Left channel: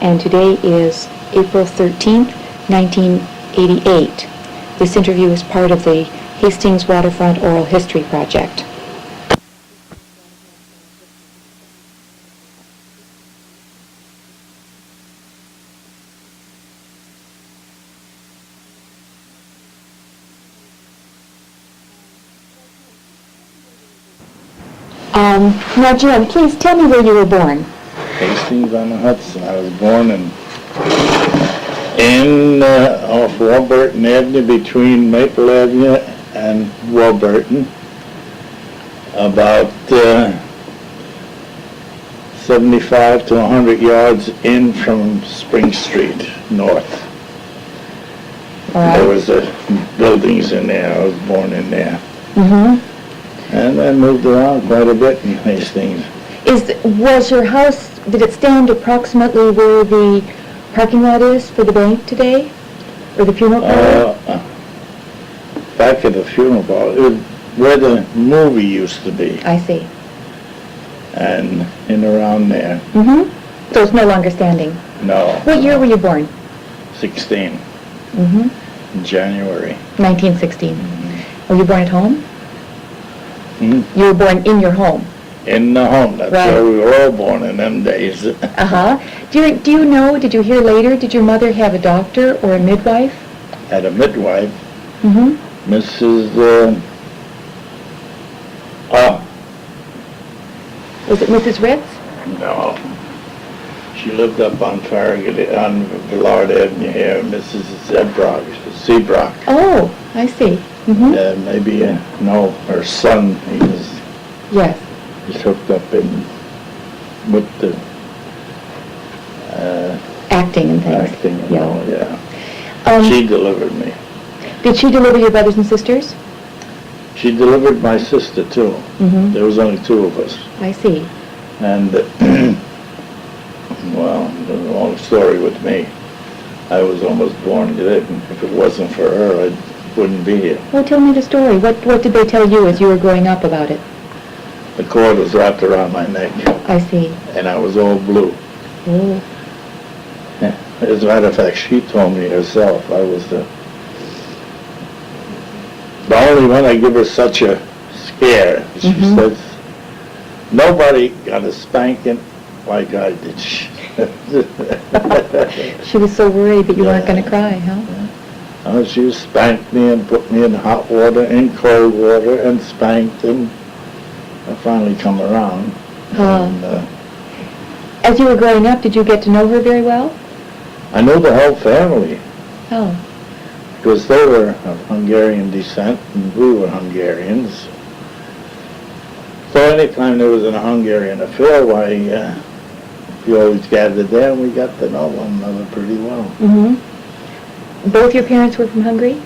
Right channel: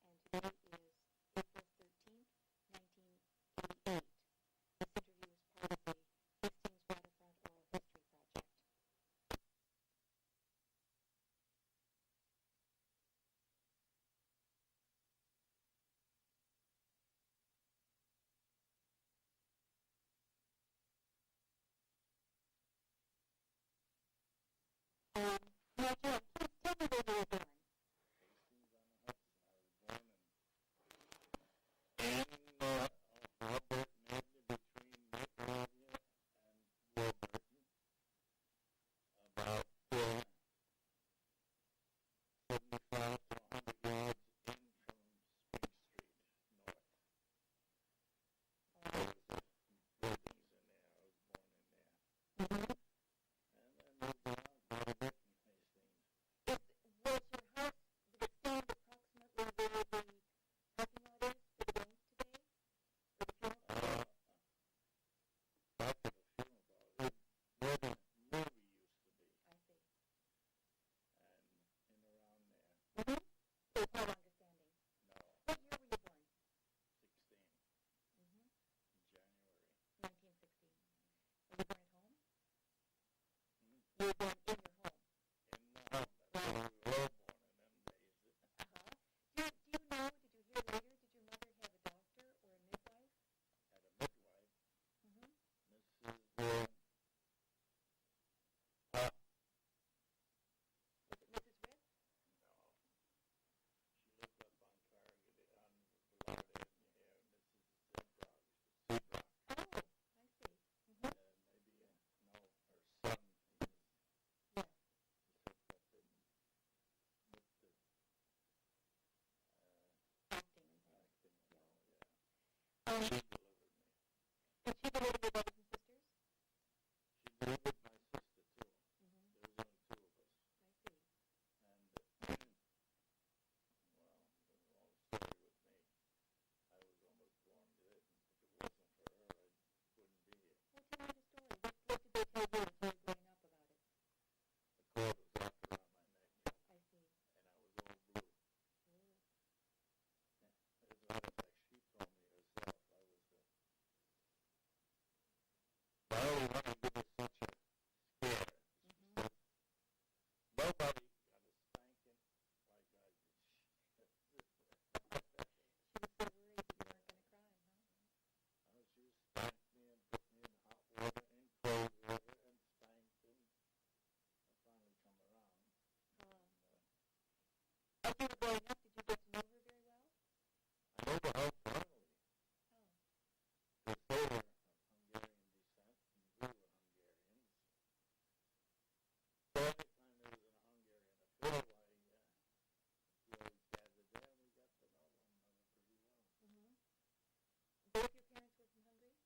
and today is April 13th, 1988. This interview is part of the Hastings Waterfront Oral History Project. Now, Jim, please tell me where you were born. Hastings-on-Hudson. I was born off Warburton Avenue, between Maple Avenue and Warburton, about 75 to 100 yards in from Spring Street, north. All right. There was buildings in there. I was born in there. Mm-hmm. And I moved around quite a bit in Hastings. Was your house, did it stand approximately where the parking lot is for the bank today? Or the funeral parlor? Back at the funeral parlor, where the movie used to be. I see. And in around there. Mm-hmm. So it's no longer standing? No. What year were you born? 16. Mm-hmm. In January. 1916. Mm-hmm. Were you born at home? Hmm? You were born in your home? In the home. That's Right. where we were all born in them days. Uh-huh. Do you know, did you hear later, did your mother have a doctor or a midwife? Had a midwife, Mm-hmm. Mrs. Was it Mrs. Ritz? No. She lived up on Farragut, on Villard Avenue here, Mrs. Seabrock. Oh, I see. Mm-hmm. Maybe, no, her son, Yes. he's hooked up with the Acting and things. acting and Yeah. all, yeah. She delivered me. Did she deliver your brothers and sisters? She delivered my sister, too. Mm-hmm. There was only two of us. I see. And, well, the long story with me. I was almost born dead. If it wasn't for her, I wouldn't be here. Well, tell me the story. What did they tell you as you were growing up about it? The cord was wrapped around my neck, I see. and I was all blue. Oh. As a matter of fact, she told me herself I was the only one. I give her such a scare. She Mm-hmm. says, nobody got a spanking like I did. She was so worried that you weren't going to cry, huh? She spanked me and put me in hot water, in cold water, and spanked, and I finally come around. And, As you were growing up, did you get to know her very well? I knew the whole family, Oh. because they were of Hungarian descent, and we were Hungarians. So anytime there was a Hungarian affair, why, we always gathered there, and we got to know one another pretty well. Mm-hmm. Both your parents were from Hungary?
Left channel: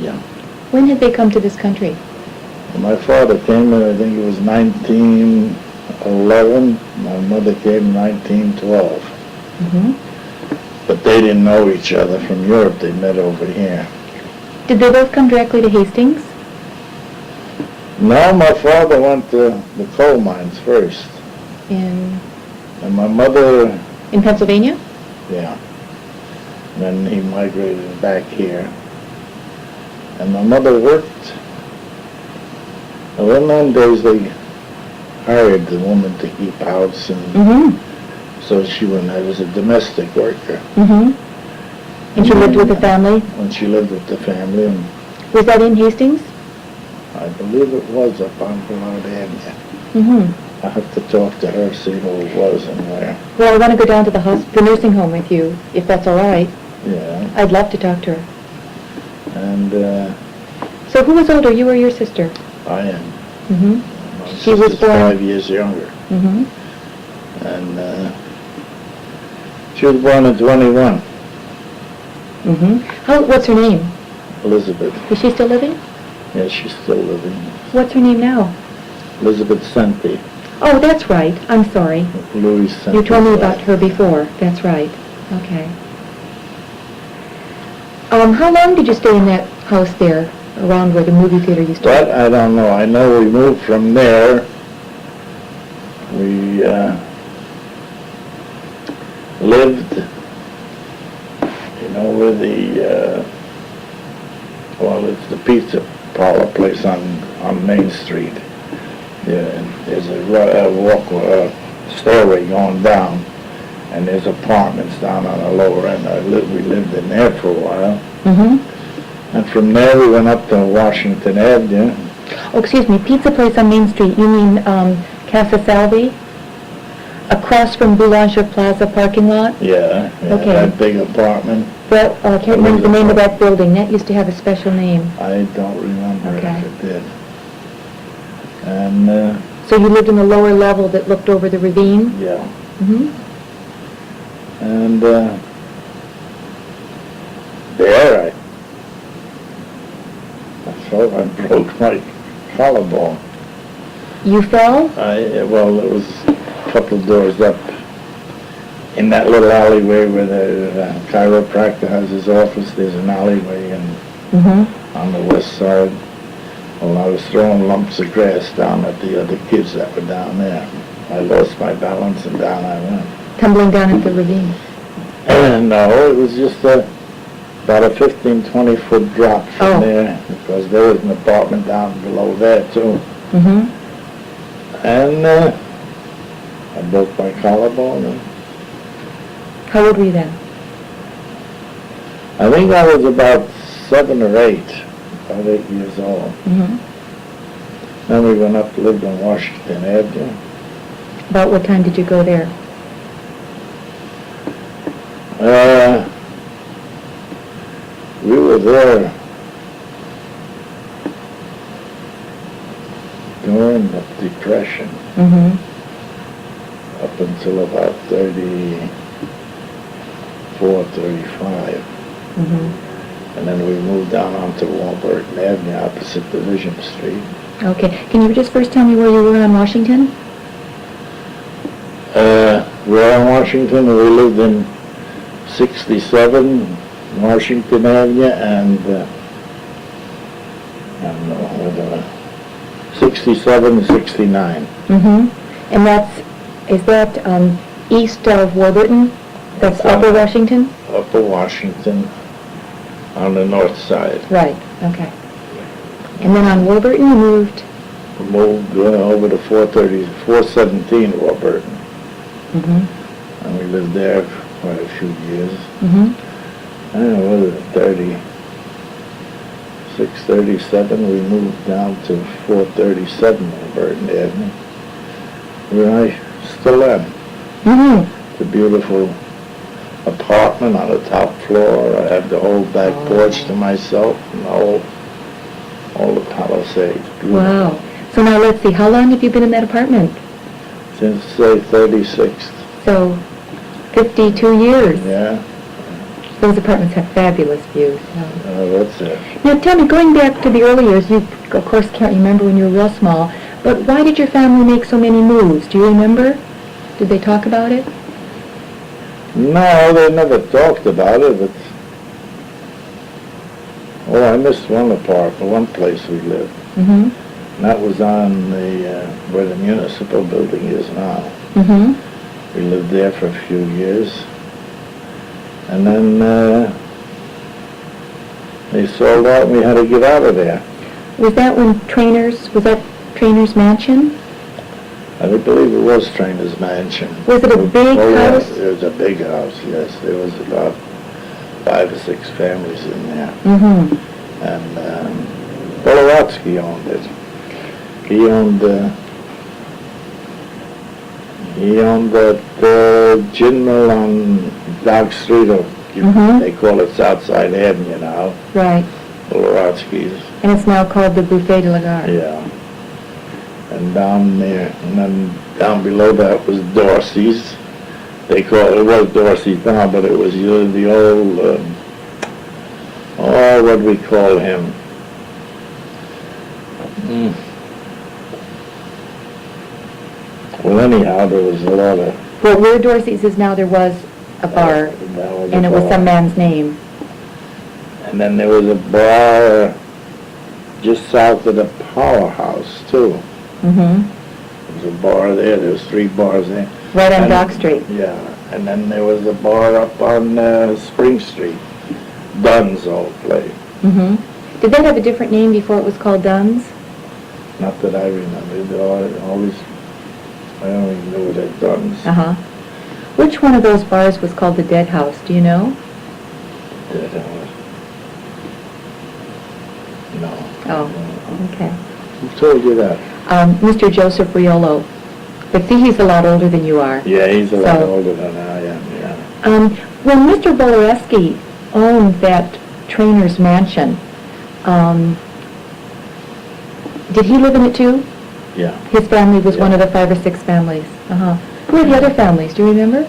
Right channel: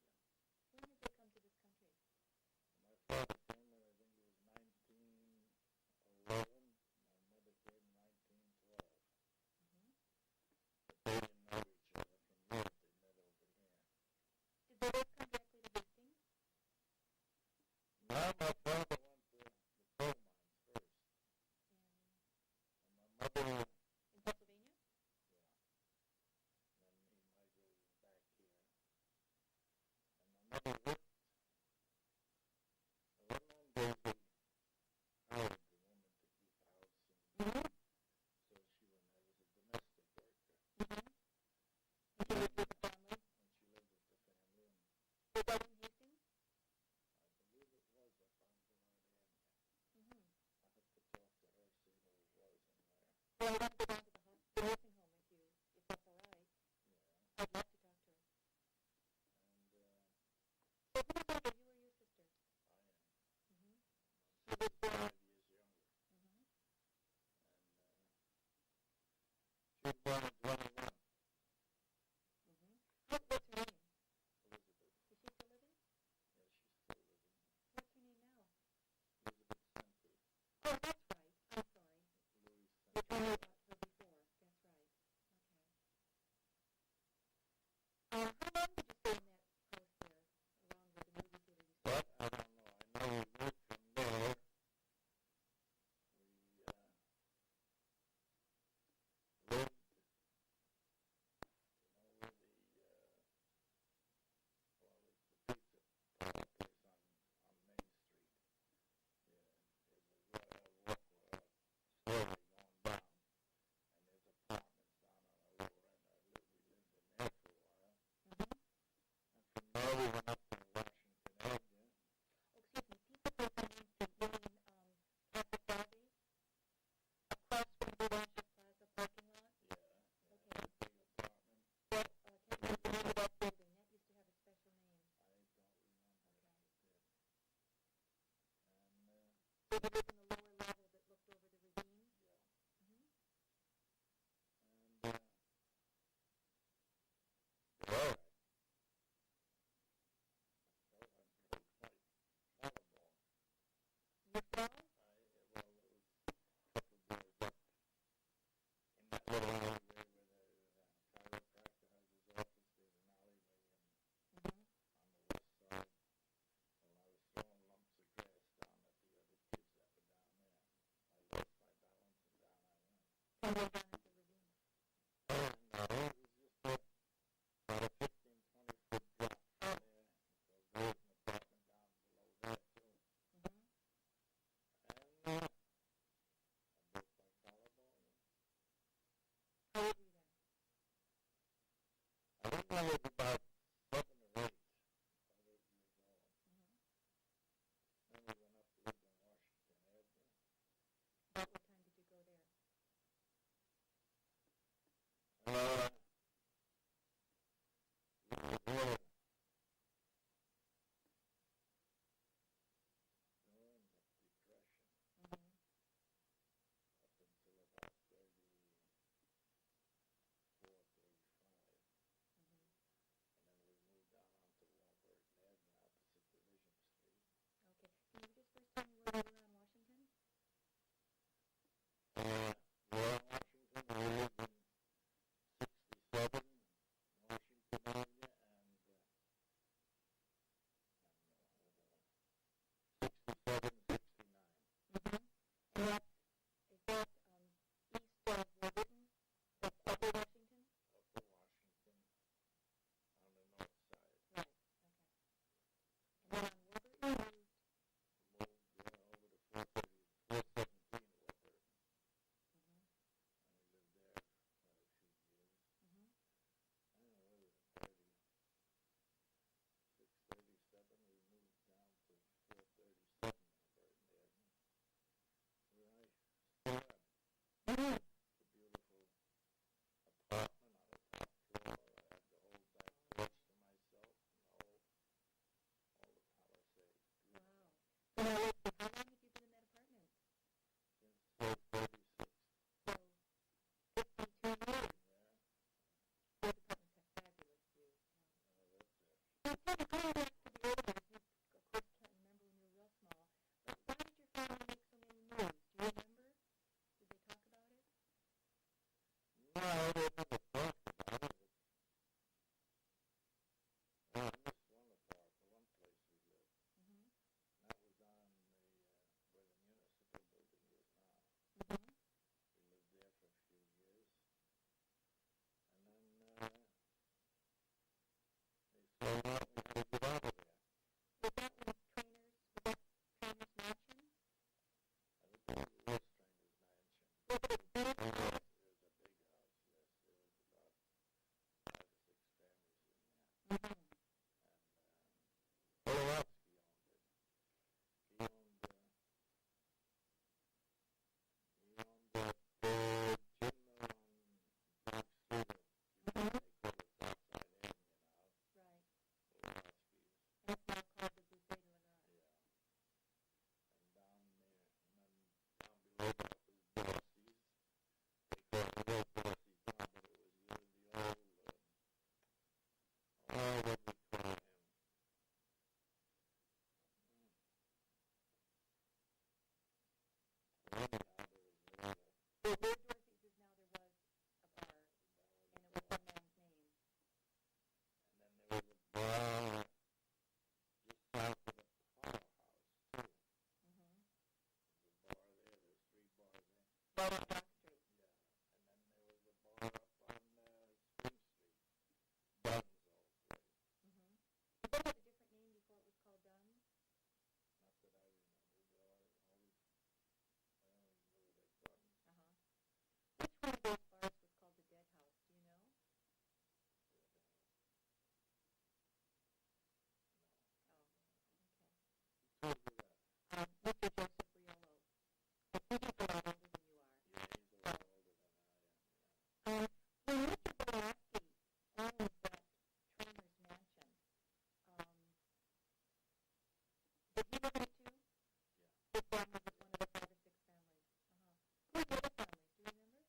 Yeah. When had they come to this country? And my father came in, I think it was 1911. My mother came in 1912. Mm-hmm. But they didn't know each other from Europe. They met over here. Did they both come directly to Hastings? No, my father went to the coal mines first. In And my mother, Pennsylvania? yeah. Then he migrated back here. And my mother worked. Well, in those days they hired the woman to keep house, and Mm-hmm. so she went as a domestic worker. Mm-hmm. And she lived with the family? When she lived with the family, and Was that in Hastings? I believe it was up on Villard Avenue. Mm-hmm. I have to talk to her, see who it was and where. Well, I want to go down to the nursing home with you, if that's all right. Yeah. I'd love to talk to her. And So who was older, you or your sister? I am. Mm-hmm. My She was sister's born- 5 years younger. Mm-hmm. And she was born in 21, Mm-hmm. What's her name? Elizabeth. Is she still living? Yeah, she's still living. What's her name now? Elizabeth Senti. Oh, that's right. I'm sorry. Louis Senti. You told me about her before. That's right. Okay. How long did you stay in that house there, around where the movie theater used to be? That I don't know. I know we moved from there. We lived, where it's the pizza parlor place on Main Street. Yeah, and there's a stairway going down, and there's apartments down on the lower end. We lived in there for a while. Mm-hmm. And from there we went up to Washington Avenue. Oh, excuse me, pizza place on Main Street, you mean Casa Salvi? Across from Boulanger Plaza parking lot? Yeah, Okay. that big apartment. Well, I can't remember the name of that building. That used to have a special name. I don't remember Okay. if it did. And, So you lived in the lower level that looked over the ravine? yeah. Mm-hmm. And, there I felt I broke my collarbone. You fell? Well, it was a couple of doors up in that little alleyway where the chiropractor has his office. There's an alleyway Mm-hmm. on the west side. Well, I was throwing lumps of grass down at the other kids that were down there. I lost my balance and down I went. Tumbling down into the ravine? No, it was just about a 15, 20-foot drop from there, because there was an apartment down below there, too. Mm-hmm. And I broke my collarbone. And How old were you then? I think I was about 7 or 8, about 8 years old. Mm-hmm. Then we went up to live on Washington Avenue. About what time did you go there? We were there during the Depression, Mm-hmm. up until about 34, 35. Mm-hmm. And then we moved down onto Warburton Avenue opposite Division Street. Okay. Can you just first tell me where you were on Washington? We're on Washington, we lived in 67 Washington Avenue and, I don't know, whether 67 and 69. Mm-hmm. And is that east of Warburton? That's Upper Washington? Upper Washington on the north side. Right, okay. And then on Warburton you moved? Moved over to 417 Warburton. Mm-hmm. And we lived there for quite a few years. Mm-hmm. I don't know, what was it, 37, we moved down to 437 Warburton Avenue, where I still am. Mm-hmm. It's a beautiful apartment on the top floor. I have the whole back porch to myself and all the palisades. Beautiful. Wow. So now let's see, how long have you been in that apartment? Since, say, 36. So, 52 years. Yeah. Those apartments have fabulous views. That's it. Now tell me, going back to the early years, you of course can't remember when you were real small, but why did your family make so many moves? Do you remember? Did they talk about it? No, they never talked about it, but... Oh, I missed one place we lived. Mm-hmm. And that was on where the municipal building is now. Mm-hmm. We lived there for a few years. And then they sold out and we had to get out of there. Was that Trainer's Mansion? I believe it was Trainer's Mansion. Was it a big house? Yeah, it was a big house, yes. There was about 5 or 6 families in there. Mm-hmm. And Bolowatsky owned it. He owned that gin mill on Dog Street, or Mhm. they call it Southside Avenue now, Right. Bolowatsky's. And it's now called the Buffet de la Gare. Yeah. And down there, and then down below that was Dorsey's. It was Dorsey's now, but it was the old, what do we call him? Well, anyhow, there was a lot of... Well, where Dorsey's is now, there was a bar, and it was some man's name. And then there was a bar just south of the powerhouse, too. Mm-hmm. There was a bar there. There was 3 bars there. Right on And- Dock Street. Yeah. And then there was a bar up on Spring Street. Dunn's old place. Mm-hmm. Did that have a different name before it was called Dunn's? Not that I remember. They always, I don't even know what that Dunn's. Uh-huh. Which one of those bars was called the Dead House? Do you know? Dead House. No. Oh, okay. Who told you that? Mr. Joseph Riolo. But see, he's a lot older than you are. Yeah, he's a lot So- older than I am, yeah. When Mr. Bolereski owned that trainer's mansion, did he live in it too? Yeah. His family was one Yeah. of the 5 or 6 families. Uh-huh. Who are the other families? Do you remember?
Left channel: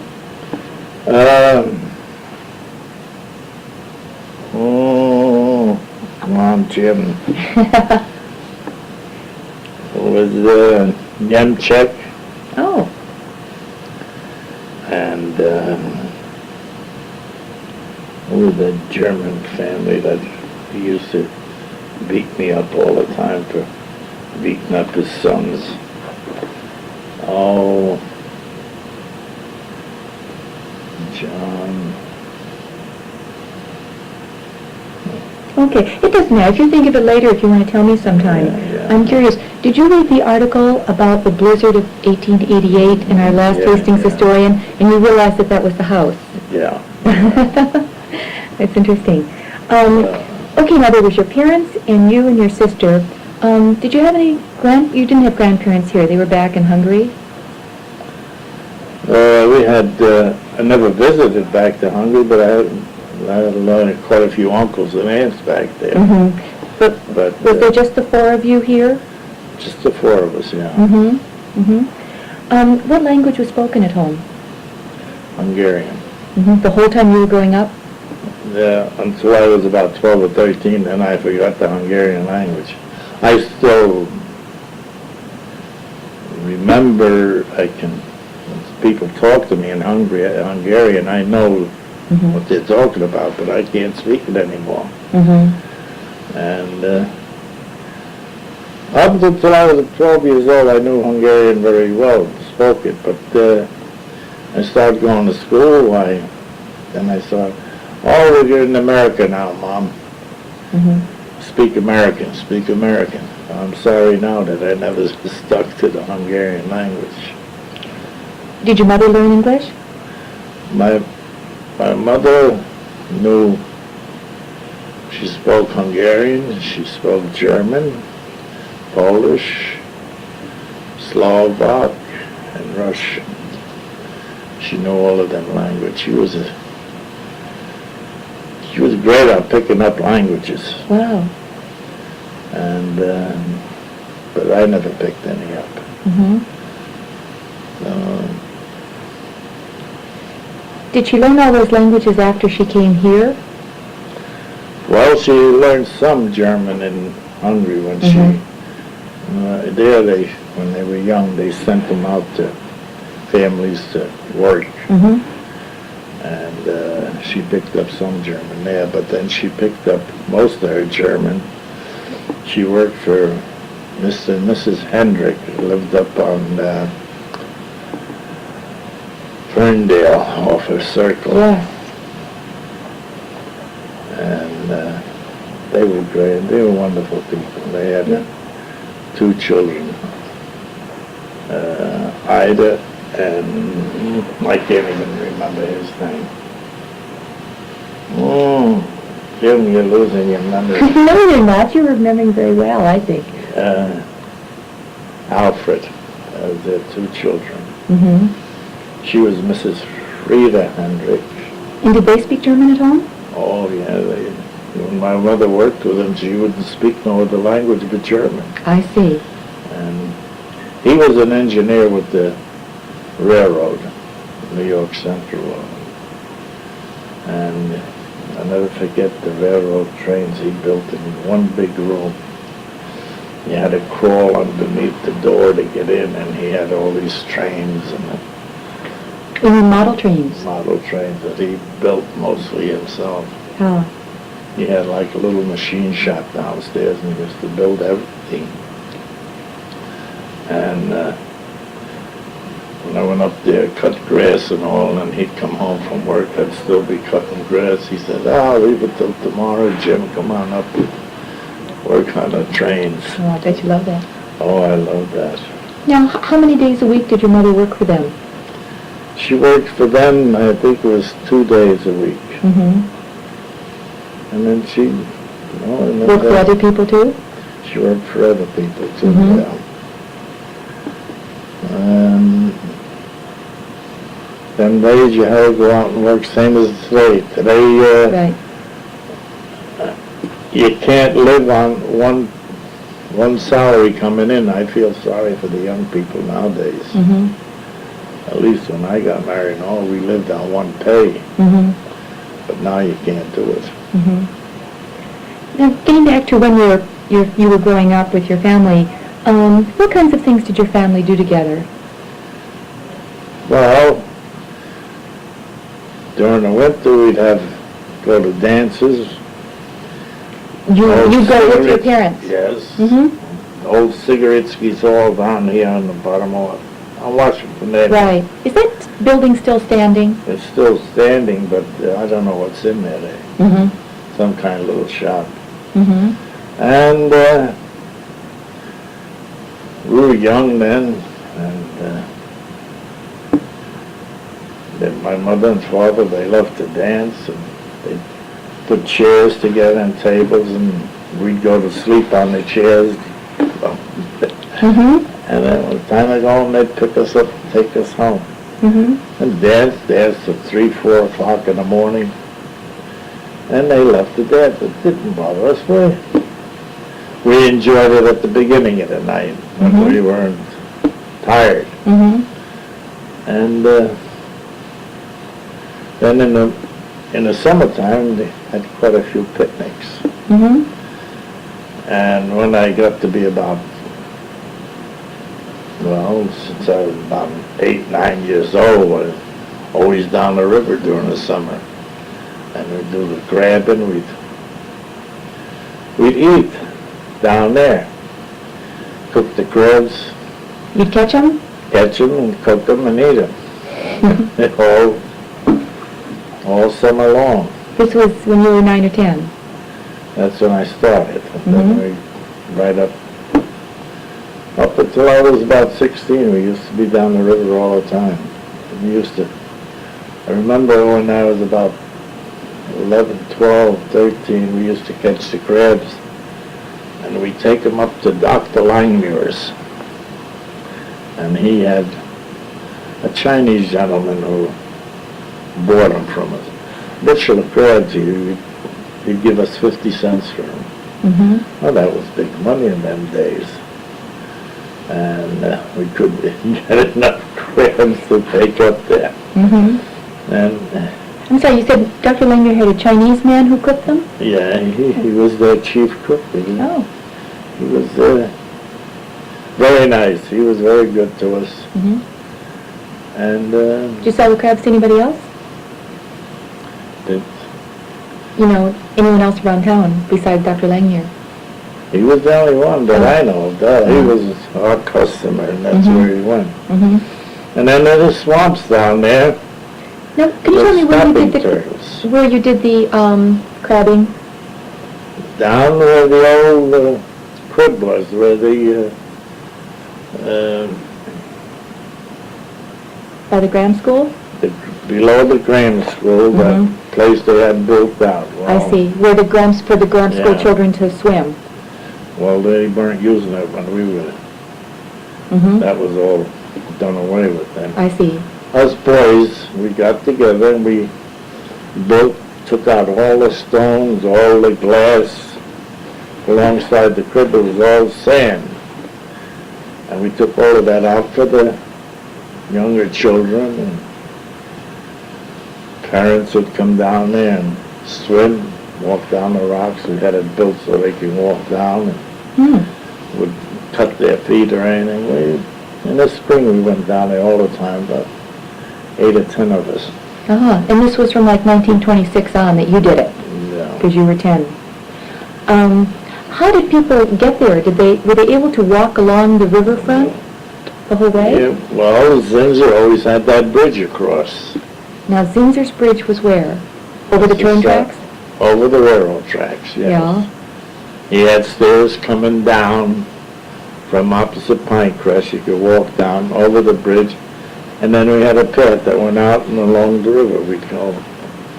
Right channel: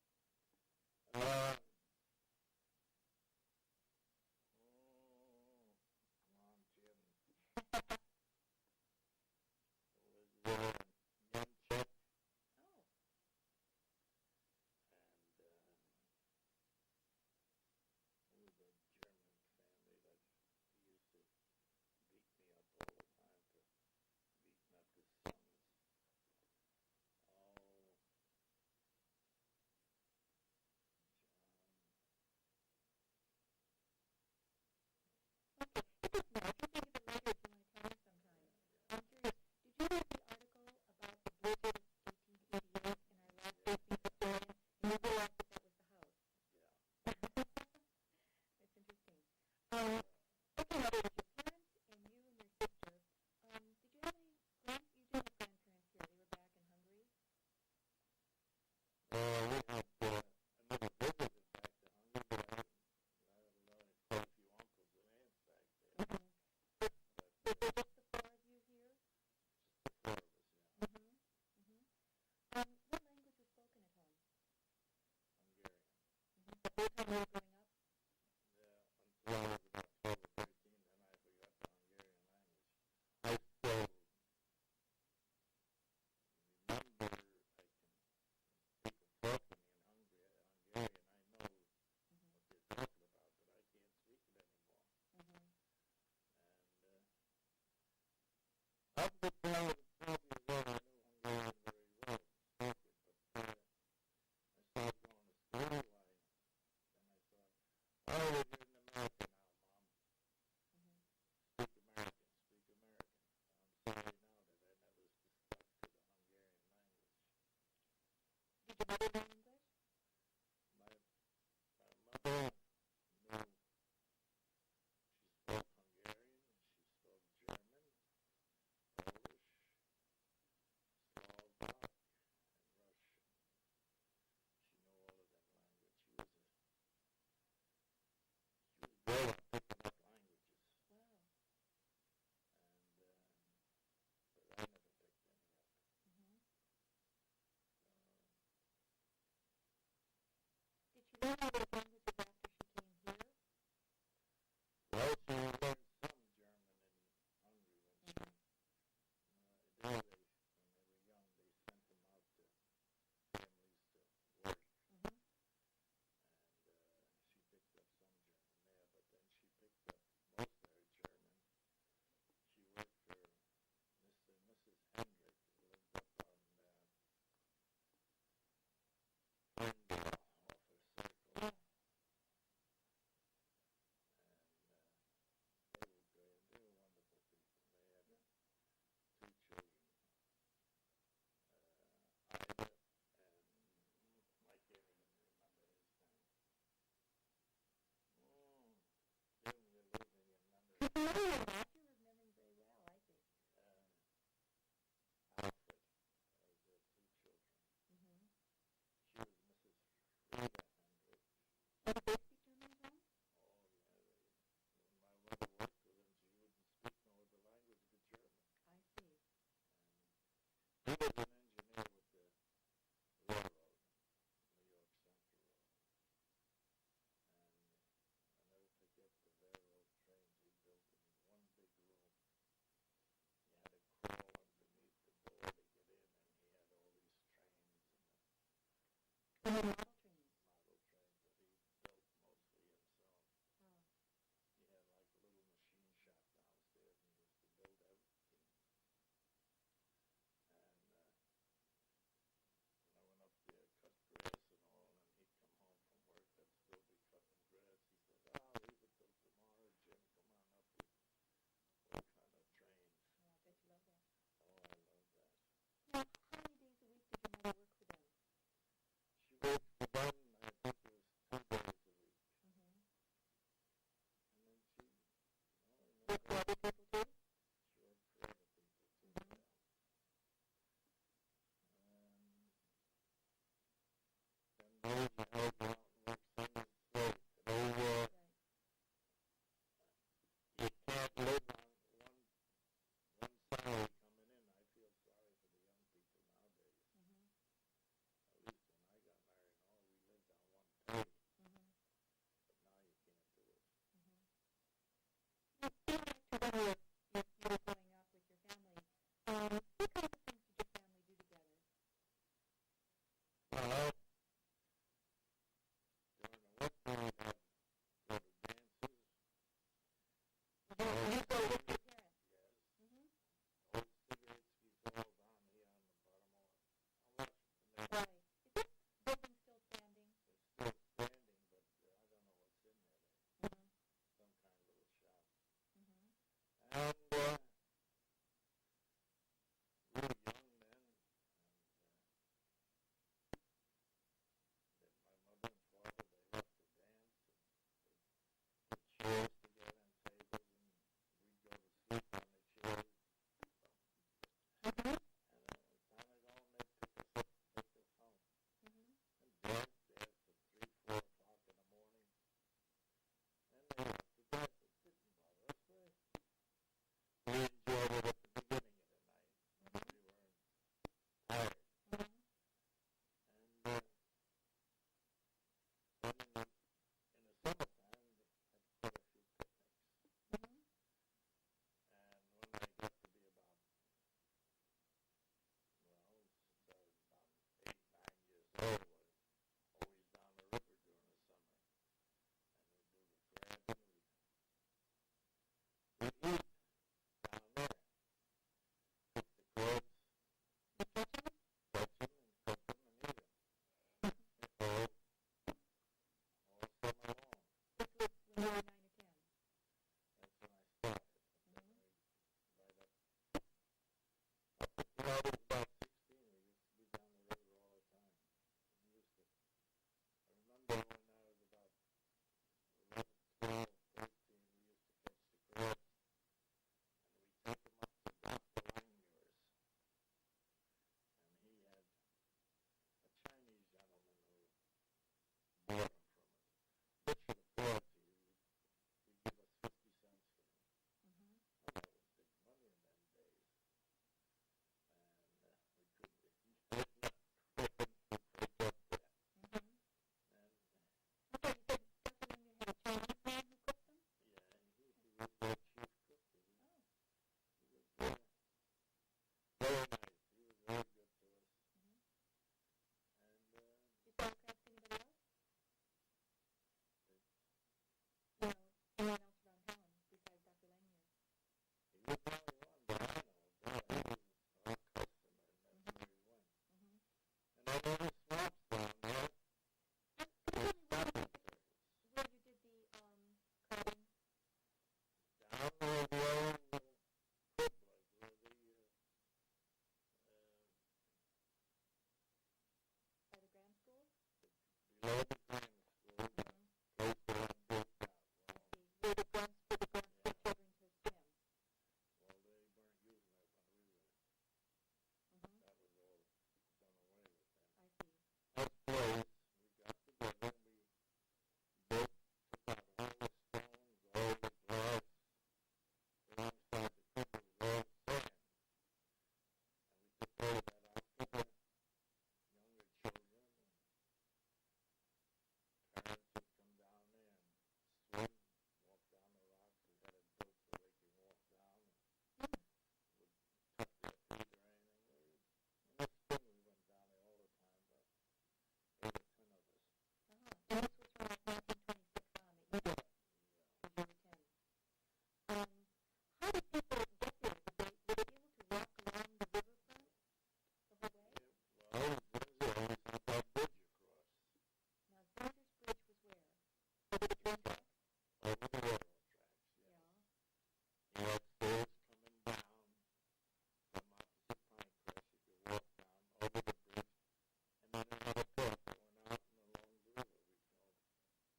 Oh, come on, Jim. It was Nemchek Oh. and who was the German family that used to beat me up all the time for beating up his sons. Oh, John. Okay. It doesn't matter. If you think of it later, if you want to tell me sometime. Yeah. I'm curious. Did you read the article about the blizzard of 1888 in our last Yeah, Hastings yeah. historian, and you realized that that was the house? Yeah. That's interesting. Okay, now there was your parents and you and your sister. Did you have any you didn't have grandparents here. They were back in Hungary? We had, I never visited back to Hungary, but I had quite a few uncles and aunts back there. Mm-hmm. But Was there just the 4 of you here? just the 4 of us, yeah. Mm-hmm. Mm-hmm. What language was spoken at home? Hungarian. Mm-hmm. The whole time you were growing up? Yeah, until I was about 12 or 13, then I forgot the Hungarian language. I still remember, when people talk to me in Hungarian, I know Mm-hmm. what they're talking about, but I can't speak it anymore. Mm-hmm. And up until I was 12 years old, I knew Hungarian very well, spoke it, but I started going to school, then I saw, oh, we're in America now, Mom. Mm-hmm. Speak American, speak American. I'm sorry now that I never stuck to the Hungarian language. Did your mother learn English? My mother knew, she spoke Hungarian, she spoke German, Polish, Slovak, and Russian. She knew all of them languages. She was great at picking up languages. Wow. And but I never picked any up. Mm-hmm. Did she learn all those languages after she came here? Well, she learned some German in Hungary when when they were young, they sent them out to families to work. Mm-hmm. And she picked up some German there, but then she picked up most of her German. She worked for Mr. and Mrs. Hendrick, who lived up on Ferndale off of Circle. Yeah. And they were great. They were wonderful people. They had Yeah. 2 children, Ida and I can't even remember his name. Jim, you're losing your memory. No, you're not. You're remembering very well, I think. Alfred, their 2 children. Mm-hmm. She was Mrs. Frida Hendrick. And did they speak German at home? Oh, yeah. When my mother worked with them, she wouldn't speak no other language but German. I see. And he was an engineer with the railroad, New York Central. And I'll never forget the railroad trains he built in one big room. You had to crawl underneath the door to get in, and he had all these trains and You mean model trains? model trains that he built mostly himself. Oh. He had like a little machine shop downstairs, and he used to build everything. And when I went up there, cut grass and all, and he'd come home from work, I'd still be cutting grass. He said, leave it till tomorrow, Jim, come on up, work on the trains. Oh, I bet you love that. Oh, I love that. Now, how many days a week did your mother work for them? She worked for them, I think it was 2 days a week. Mm-hmm. And then she, Work for other people too? She worked for other people too, Mhm. yeah. Them days you had to go out and work same as today. Today, Right. you can't live on one salary coming in. I feel sorry for the young people nowadays. Mm-hmm. At least when I got married and all, we lived on one pay. Mm-hmm. But now you can't do it. Mm-hmm. Now, getting back to when you were growing up with your family, what kinds of things did your family do together? Well, during the winter we'd go to dances. You go with your cigarettes, parents? Yes. Mm-hmm. Old cigarette skis all down here on the bottom of Washington Avenue. Right. Is that building still standing? It's still standing, but I don't know what's in there. Mm-hmm. Some kind of little shop. Mm-hmm. And we were young then, and then my mother and father, they loved to dance, and they put chairs together and tables, and we'd go to sleep on the chairs. Mm-hmm. And then when the time to go home, they'd pick us up and take us home. Mm-hmm. And dance till 3, 4 o'clock in the morning. And they left the dance. It didn't bother us. We enjoyed it at the beginning of the night when Mhm. we weren't tired. Mm-hmm. And then in the summertime, they had quite a few picnics. Mm-hmm. And when I got to be about, since I was about 8, 9 years old, I was always down the river during the summer. And we'd do the grabbing, we'd eat down there. Cook the crabs, You'd catch them? catch them and cook them and eat them. all summer long. This was when you were 9 or 10? That's when I started. And then Mhm. we, up until I was about 16, we used to be down the river all the time. I remember when I was about 11, 12, 13, we used to catch the crabs, and we'd take them up to Dr. Langmuir's. And he had a Chinese gentleman who bought them from us. Bushel of crabs, he'd give us 50 cents for them. Mm-hmm. Well, that was big money in them days. And we couldn't get enough crabs to take up there. Mm-hmm. And I'm sorry, you said Dr. Langer had a Chinese man who cooked them? yeah, he was their chief cook. Oh. He was very nice. He was very good to us. Mm-hmm. And Did you sell the crabs to anybody else? it, Anyone else around town besides Dr. Langmuir? he was the only one that I know of. He Oh. was our customer, and that's Mhm. where he went. Mm-hmm. And then there's the swamps down there. Now, can you tell me where Turtles. you did the crabbing? Down where the old crib was, where By the Graham School? below the grammar school, Mhm. that place they had built out. I Well, see. Where for the Graham School Yeah. children to swim. Well, they weren't using it when we were. Mm-hmm. That was all done away with then. I see. Us boys, we got together and we took out all the stones, all the glass. Alongside the crib, it was all sand. And we took all of that out for the younger children, and parents would come down there and swim, walk down the rocks. We had it built so they could walk down Hmm. and would cut their feet or anything. In the spring we went down there all the time, about 8 or 10 of us. Uh-huh. And this was from like 1926 on that you did it, Yeah. because you were 10. How did people get there? Were they able to walk along the riverfront? the whole way? Yeah, well, Zinzer always had that bridge across. Now, Zinzer's Bridge was where? Over the train tracks? Over the railroad tracks, yes. Yeah. He had stairs coming down from opposite Pinecrest. You could walk down over the bridge, and then we had a path that went out and along the river, we call it.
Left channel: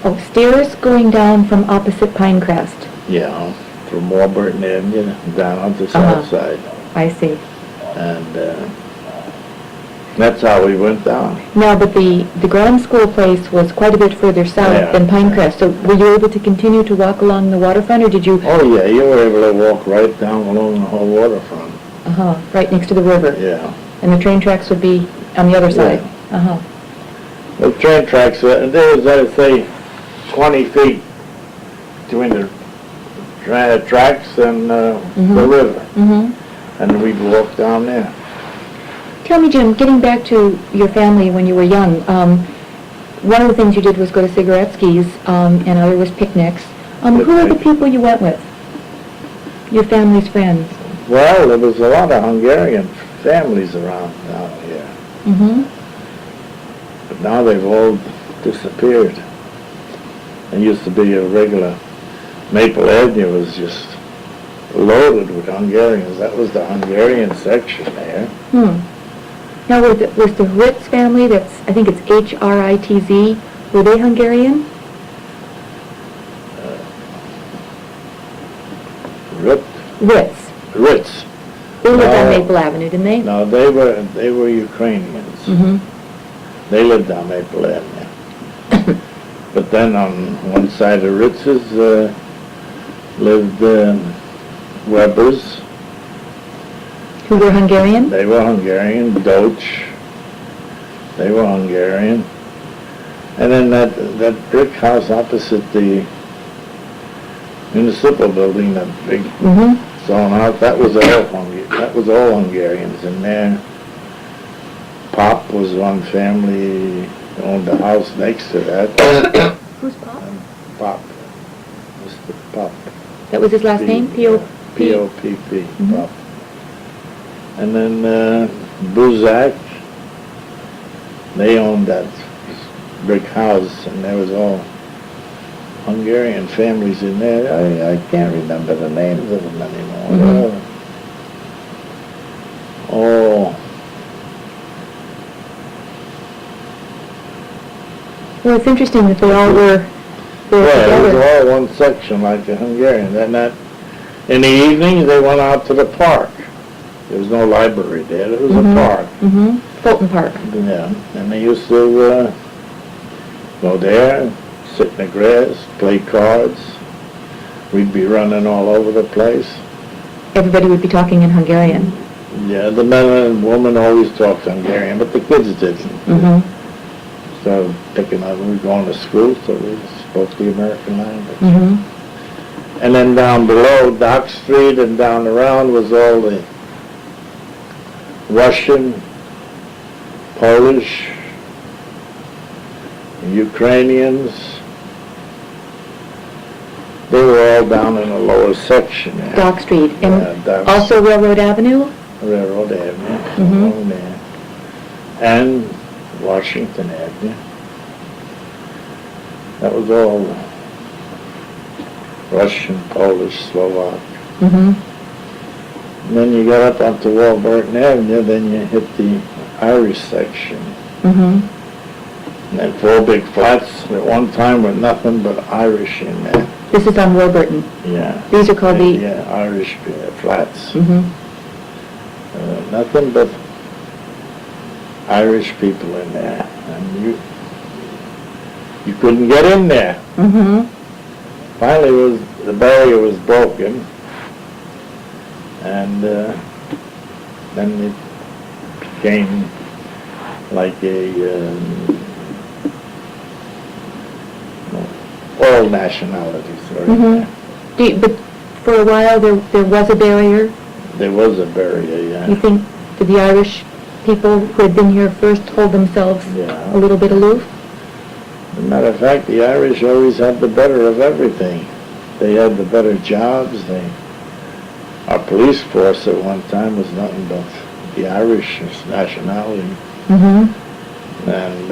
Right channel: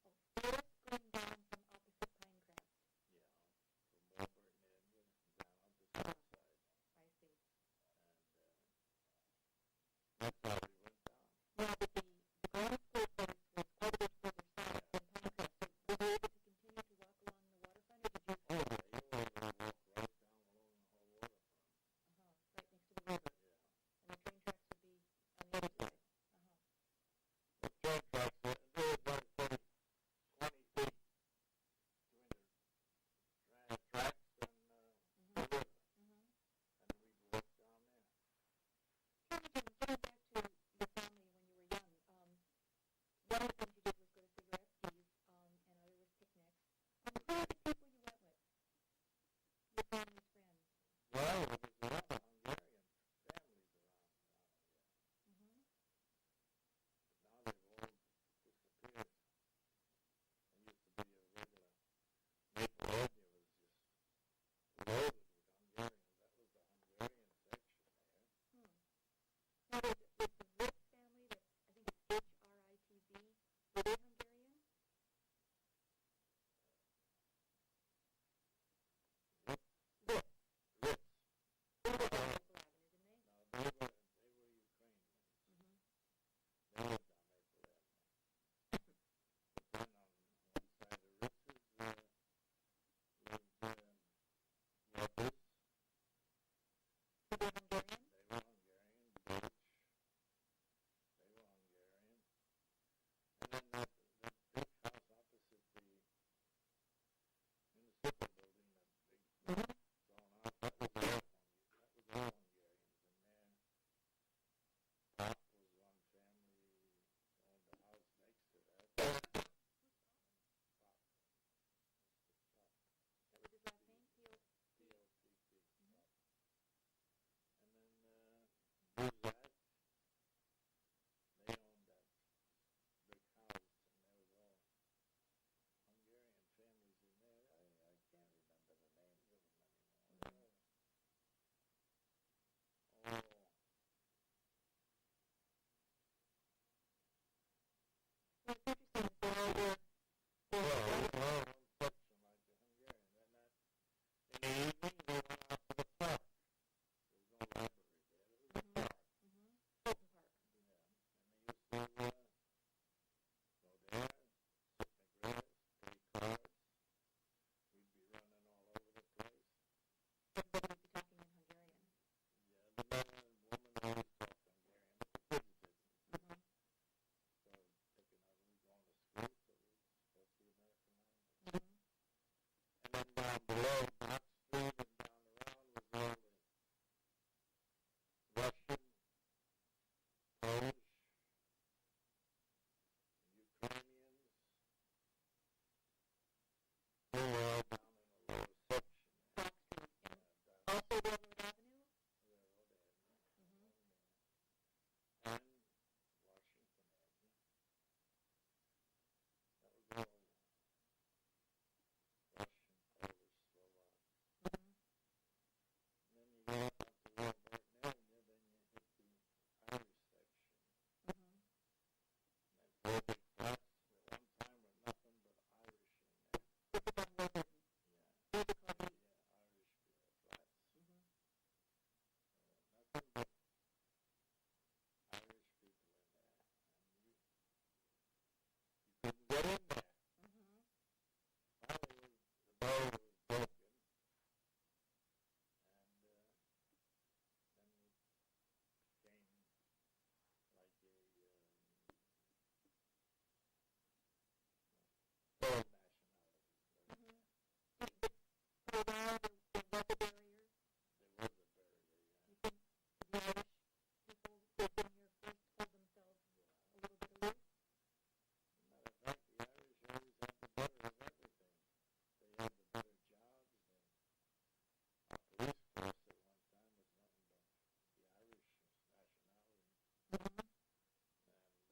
Oh, stairs going down from opposite Pinecrest. Yeah, from Warburton Avenue down on the Uh-huh. south side. I see. And that's how we went down. Now, but the grammar school place was quite a bit further south Yeah. than Pinecrest, so were you able to continue to walk along the waterfront, or did you, Oh, yeah, you were able to walk right down along the whole waterfront. right next to the river? Yeah. And the train tracks would be on the other side? Yeah. The train tracks, there was, I'd say, 20 feet between the tracks and the river. Mm-hmm. And we'd walk down there. Tell me, Jim, getting back to your family when you were young, one of the things you did was go to Cigaretskis, and other was picnics. Who were the people you went with? Your family's friends? Well, there was a lot of Hungarian families around down here. Mm-hmm. But now they've all disappeared. There used to be a regular, Maple Avenue was just loaded with Hungarians. That was the Hungarian section there. Now, was the Ritz family, I think it's H-R-I-T-Z, were they Hungarian? Ritz. Ritz. They lived on No. Maple Avenue, didn't they? No, they were Ukrainians. Mm-hmm. They lived on Maple Avenue. But then on one side of Ritz's lived Webbers. Who were Hungarian? They were Hungarian. Doach. They were Hungarian. And then that brick house opposite the municipal building, that big Mm-hmm. stone house, that was all Hungarians in there. Pop was one family, owned the house next to that. Who's Pop? Pop. Mr. Pop. That was his last name? P-O-P? P-O-P-P, Mhm. Pop. And then Buzak, they owned that brick house, and there was all Hungarian families in there. I can't remember the names of them anymore. Mhm. Oh, Well, it's interesting that they all were there yeah, it was together. all one section like the Hungarian. Then in the evenings, they went out to the park. There was no library there. There was a park. Mm-hmm. Fulton Park. Yeah, and they used to go there, sit in the grass, play cards. We'd be running all over the place. Everybody would be talking in Hungarian. Yeah, the men and women always talked Hungarian, but the kids didn't. Mm-hmm. So picking up, we were going to school, so we spoke the American language. Mm-hmm. And then down below, Dock Street and down around was all the Russian, Polish, Ukrainians. They were all down in the lower section there. Dock Street. And Yeah, Dock also Railroad Avenue? Railroad Avenue, Mhm. along there. And Washington Avenue. That was all Russian, Polish, Slovak. Mm-hmm. And then you got up onto Warburton Avenue, then you hit the Irish section. Mm-hmm. And then 4 big flats at one time with nothing but Irish in there. This is on Warburton. Yeah. These are called the... Yeah, Irish flats. Mm-hmm. Nothing but Irish people in there. And you couldn't get in there. Mm-hmm. Finally, the barrier was broken. And then it became like all nationalities were in Mm-hmm. there. But for a while there was a barrier. There was a barrier, You yeah. think, did the Irish people who had been here first hold themselves Yeah. a little bit aloof? As a matter of fact, the Irish always had the better of everything. They had the better jobs. Our police force at one time was nothing but the Irish nationality, Mm-hmm. and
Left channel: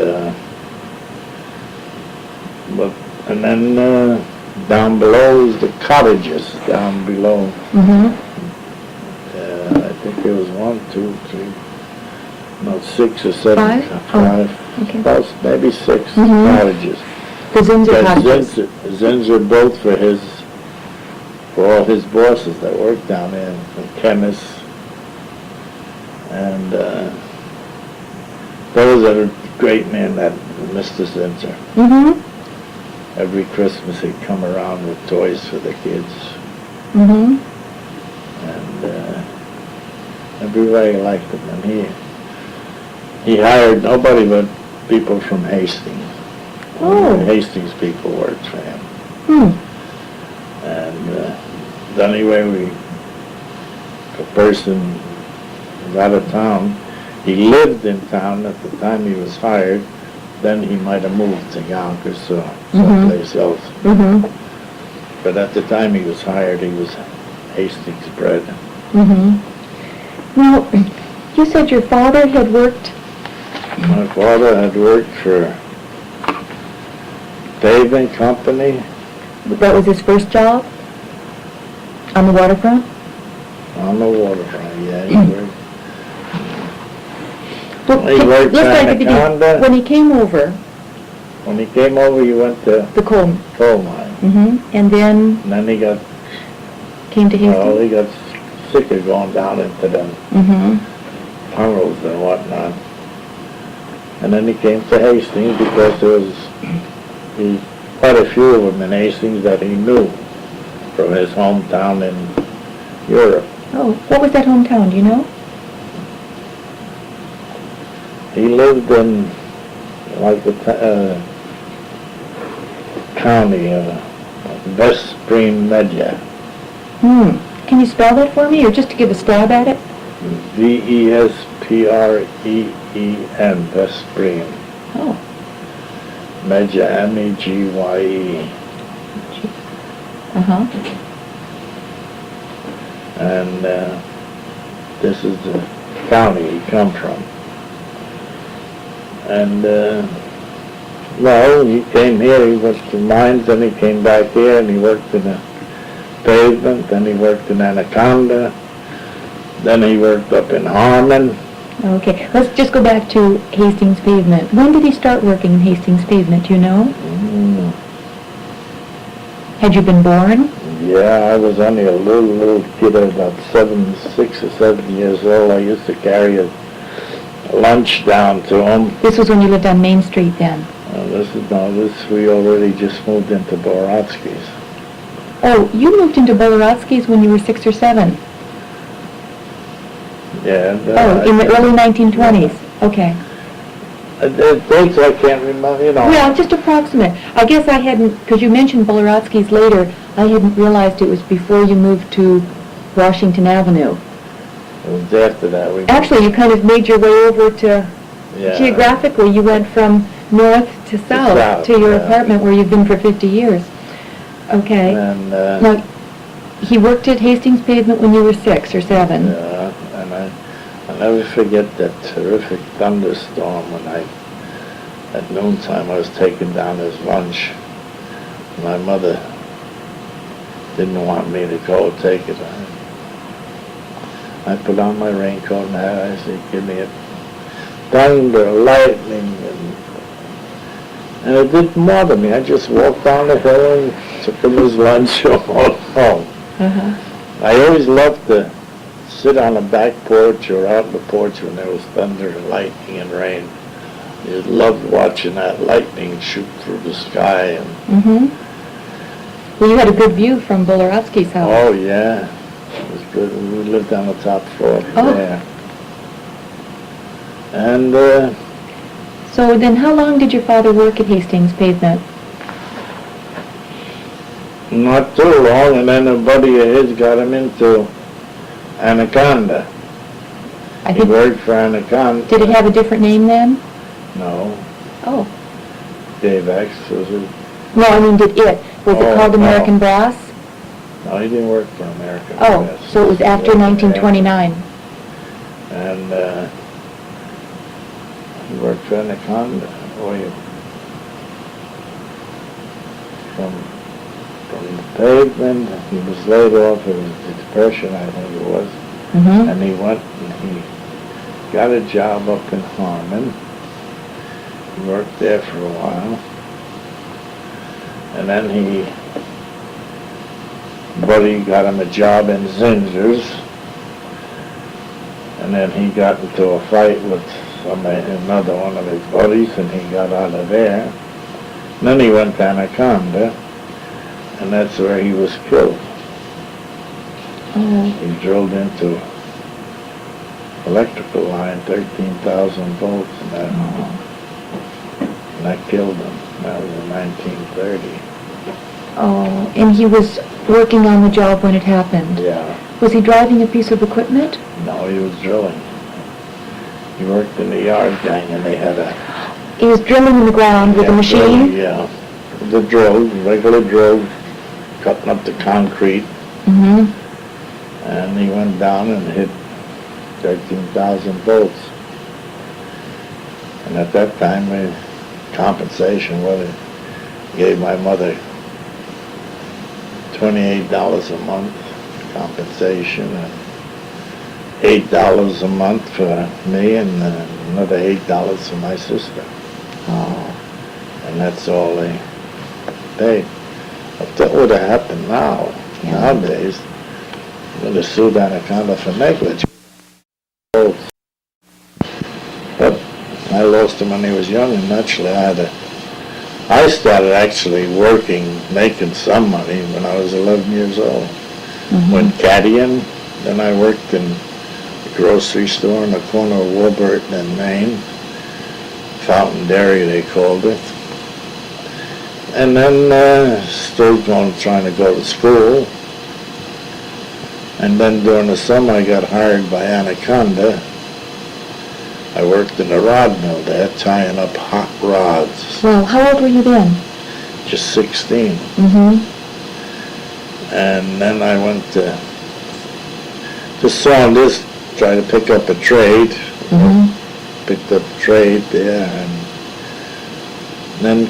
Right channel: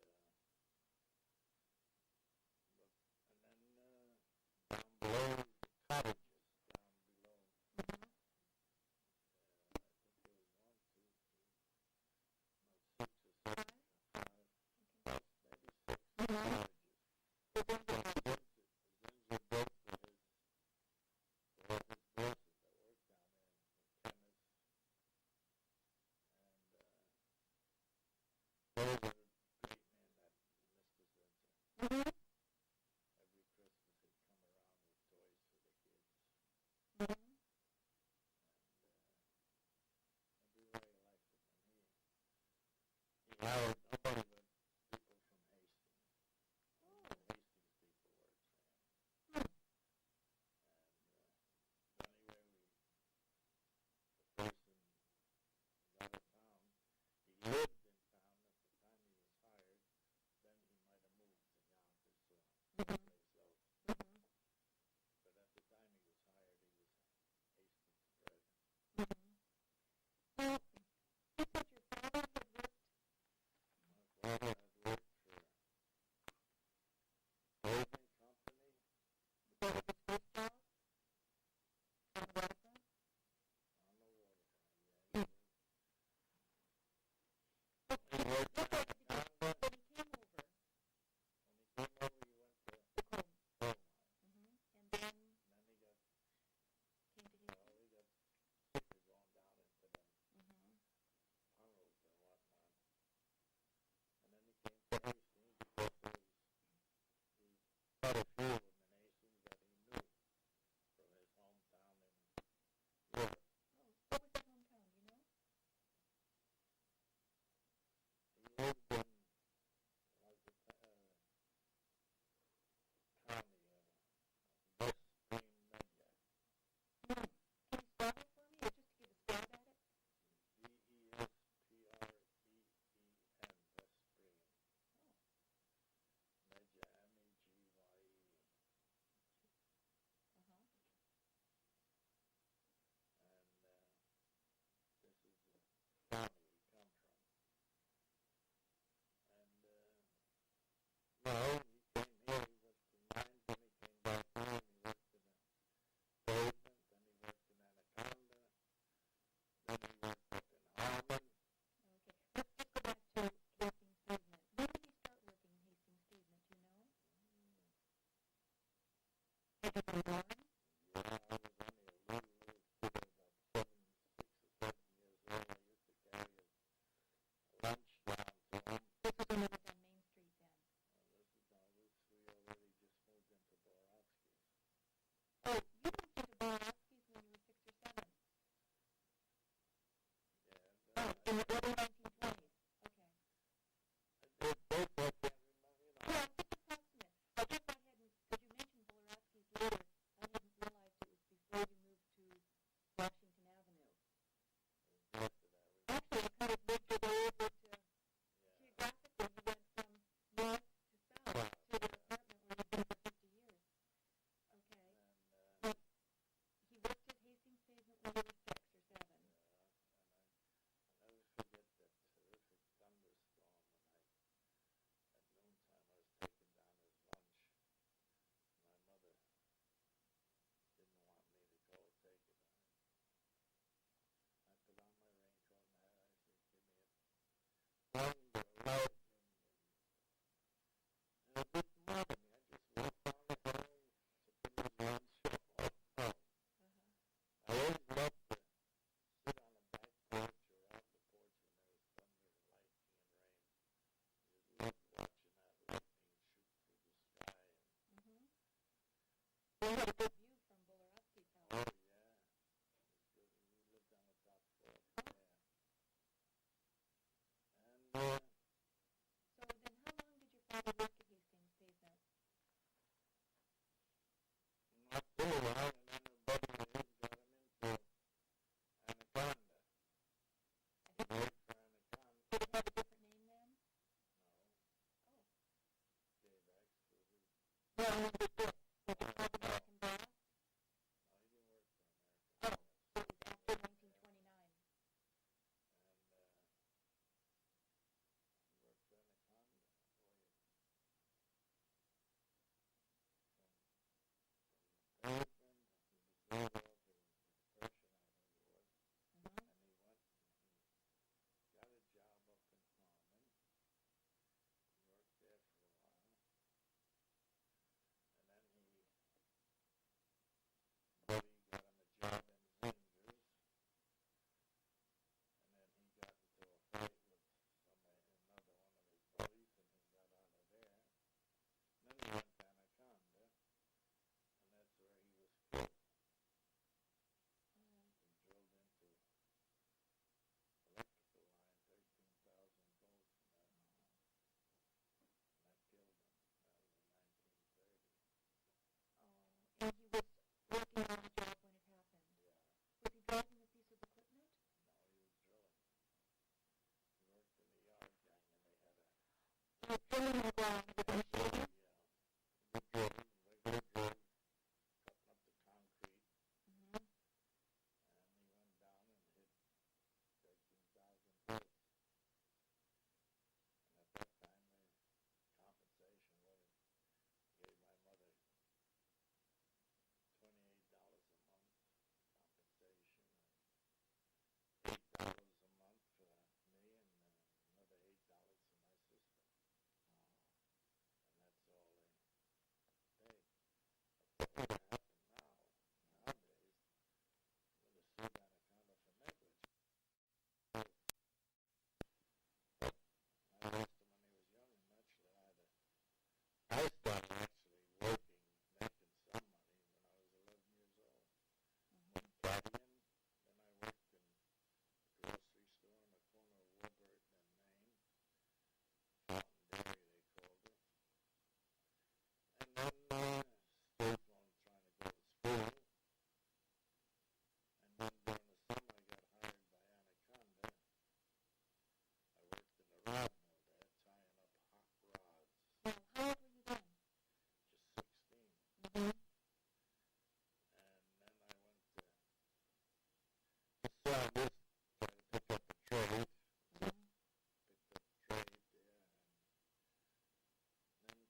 and then down below is the cottages down below. Mm-hmm. I think there was 1, 2, 3, no, 6 or 7, Five? five, Okay. about maybe 6 Mhm. cottages. The Zinser That cottages. Zinser built for all his bosses that worked down there, the chemists, and those are a great man, that Mr. Zinser. Mm-hmm. Every Christmas he'd come around with toys for the kids, Mm-hmm. and everybody liked him, and he hired nobody but people from Hastings. Oh. Hastings people worked for him. Hmm. And anyway, a person was out of town. He lived in town at the time he was hired. Then he might have moved to Yonkers or someplace else. Mm-hmm. But at the time he was hired, he was Hastings bred. Mm-hmm. Now, you said your father had worked. My father had worked for paving company That was his first job on the waterfront. on the waterfront. Yeah, he worked. Well, He worked let's at start at the beginning. Anaconda. When he came over, When he came over, he went to the coal. coal mine. Mm-hmm. And then And then he got, came to Hastings. well, he got sick of going down into the Mm-hmm. tunnels and whatnot. And then he came to Hastings because there was quite a few of them in Hastings that he knew from his hometown in Europe. Oh, what was that hometown? Do you know? He lived in like the county of Veszprém megye. Hmm. Can you spell that for me, or just to give a stab at it? Vespreen, Veszprém. Oh. Megye, M-E-G-Y-E. Uh-huh. And this is the county he come from. And, well, he came here, he went to mines, then he came back here, and he worked in the pavement, then he worked in Anaconda, then he worked up in Harmon. Okay, let's just go back to Hastings Pavement. When did he start working in Hastings Pavement, do you know? Mm, Had you been born? yeah, I was only a little kid, about 6 or 7 years old. I used to carry a lunch down to him. This was when you lived on Main Street then? We already just moved into Borotsky's. Oh, you moved into Bolorotsky's when you were 6 or 7? Yeah. Oh, in the early 1920s? Okay. The dates I can't remember, you know. Well, just approximate. I guess I hadn't, because you mentioned Bolorotsky's later, I hadn't realized it was before you moved to Washington Avenue. It was after that. Actually, you kind of made your way over to, Yeah. geographically, you went from north to south to your yeah. apartment where you've been for 50 years. Okay. And, Now, he worked at Hastings Pavement when you were 6 or 7. yeah, and I'll never forget that terrific thunderstorm when at noontime, I was taking down his lunch. My mother didn't want me to go take it. I put on my raincoat and hat. I said, give me a thunder, lightning, and it didn't bother me. I just walked down the hill and took him his lunch and walked home. Uh-huh. I always loved to sit on the back porch or out on the porch when there was thunder and lightning and rain. I just loved watching that lightning shoot through the sky. And, Mm-hmm. Well, you had a good view from Bolorotsky's house. oh, yeah. It was good. We lived on the top floor Oh. there. And So then how long did your father work at Hastings Pavement? not too long, and then a buddy of his got him into Anaconda. I He think, worked for Anaconda. did it have a different name then? No, Oh. Gavacs was it? No, I mean, did it? Was it Oh, called no. American Brass? No, he didn't work for American Oh, Brass. so it was after 1929. And he worked for Anaconda. From the pavement, he was laid off. It was the Depression, I think it was. Mm-hmm. And he went and he got a job up in Harmon. He worked there for a while. And then Buddy got him a job in Zinger's. And then he got into a fight with another one of his buddies, and he got out of there. And then he went to Anaconda, and that's where he was killed. Oh. He drilled into electrical line, 13,000 volts, and that killed him. That was in 1930. Oh, and he was working on the job when it happened. Yeah. Was he driving a piece of equipment? No, he was drilling. He worked in the yard gang, and they had a... He was drilling in the ground with a machine? Yeah. The drill, regular drill, cutting up the concrete. Mm-hmm. And he went down and hit 13,000 volts. And at that time, compensation, gave my mother $28 a month compensation, and $8 a month for me, and another $8 for my sister. Oh. And that's all they paid. If that would have happened nowadays, I'm going to sue Anaconda for negligence. But I lost him when he was young, and naturally I started actually working, making some money when I was 11 years old. Mm-hmm. Went caddying, then I worked in a grocery store in the corner of Warburton and Maine. Fountain Dairy, they called it. And then still trying to go to school. And then during the summer I got hired by Anaconda. I worked in the rod mill there, tying up hot rods. Well, how old were you then? Just 16. Mm-hmm. And then I went to Saunders, try to pick up a trade. Mm-hmm. Picked up a trade there, and then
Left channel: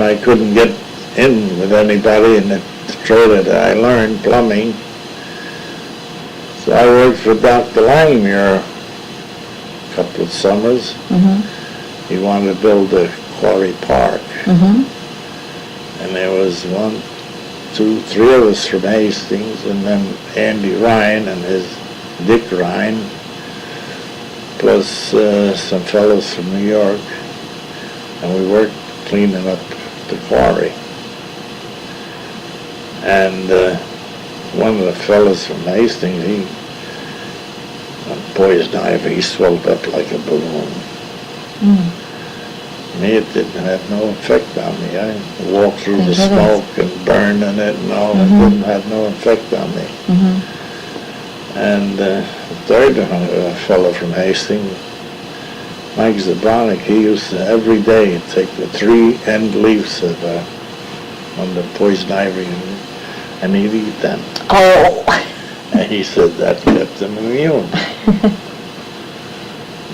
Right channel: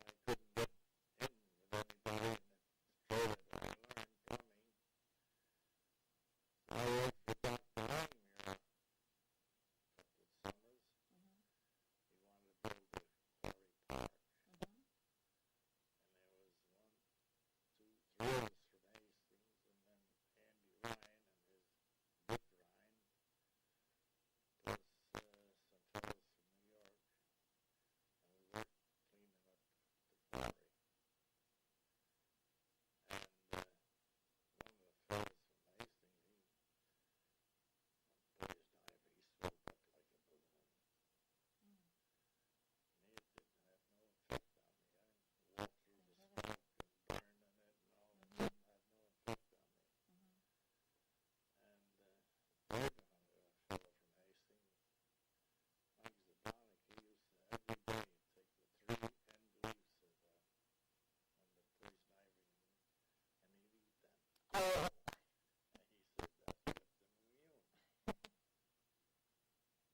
I couldn't get in with anybody in the trade that I learned, plumbing. So I worked for Dr. Langmuir a couple of summers. Mm-hmm. He wanted to build a quarry park. Mm-hmm. And there was 1, 2, 3 of us from Hastings, and then Andy Ryan and his Dick Ryan, plus some fellows from New York, and we worked cleaning up the quarry. And one of the fellows from Hastings, on poison ivy, he swelled up like a balloon. Mm. Me, it didn't have no effect on me. I walked through the Thank smoke goodness. and burned in it and all. Mm-hmm. It didn't have no effect on me. Mm-hmm. And the third fellow from Hastings, Mike Zabronik, he used to every day take the 3 end leaves of on the poison ivy and he'd eat them. Oh. And he said that kept him immune.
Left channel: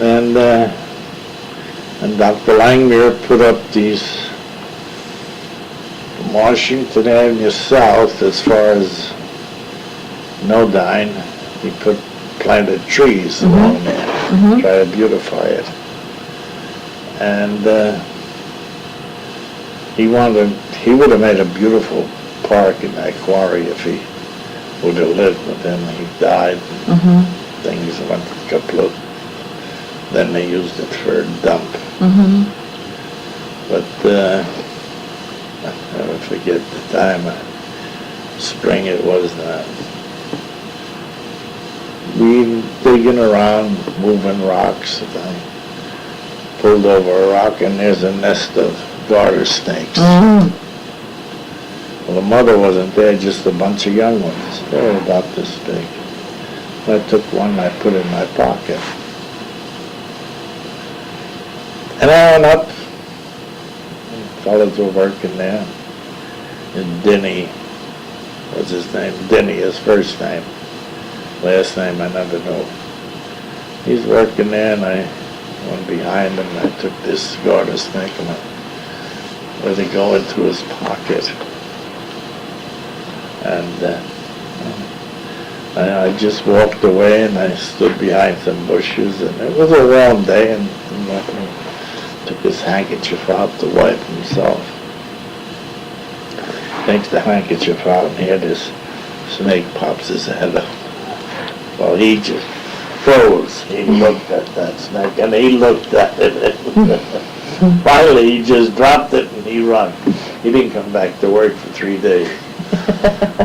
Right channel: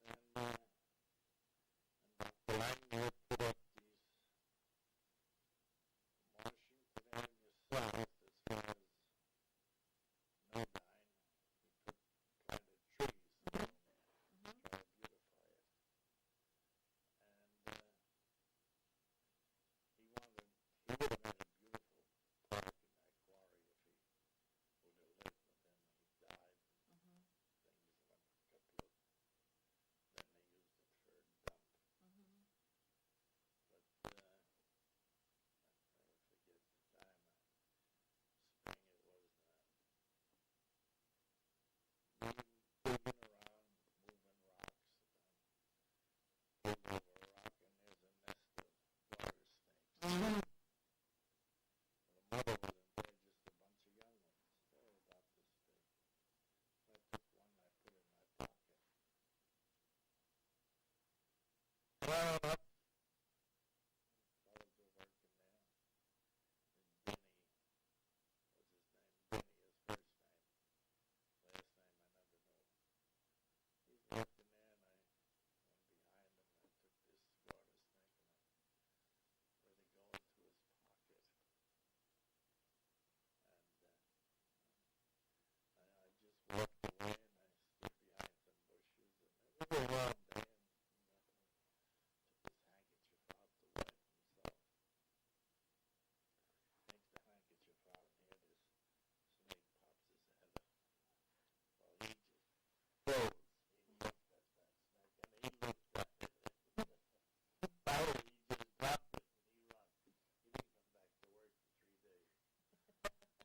And Dr. Langmuir put up these from Washington Avenue South, as far as Nodine, he planted trees Mm-hmm. along there, Mm-hmm. try to beautify it. And he would have made a beautiful park in that quarry if he would have lived, but then he died. Mm-hmm. Things went kaput. Then they used it for a dump. Mm-hmm. But I never forget the time of spring it was. We digging around, moving rocks. And I pulled over a rock, and there's a nest of garter snakes. Mm-hmm. Well, the mother wasn't there, just a bunch of young ones. They were about this big. I took one and I put it in my pocket. And I went up. Fellas were working there. And Denny was his name. Denny, his first name. last name I never know. He's working there, and I went behind him, and I took this garter snake and I let it go into his pocket. And I just walked away, and I stood behind some bushes, and it was a warm day, and he took his handkerchief out to wipe himself. Takes the handkerchief out, and here this snake pops his head up. Well, he just froze. He looked at that snake, and he looked at it. Finally, he just dropped it, and he run. He didn't come back to work for 3 days.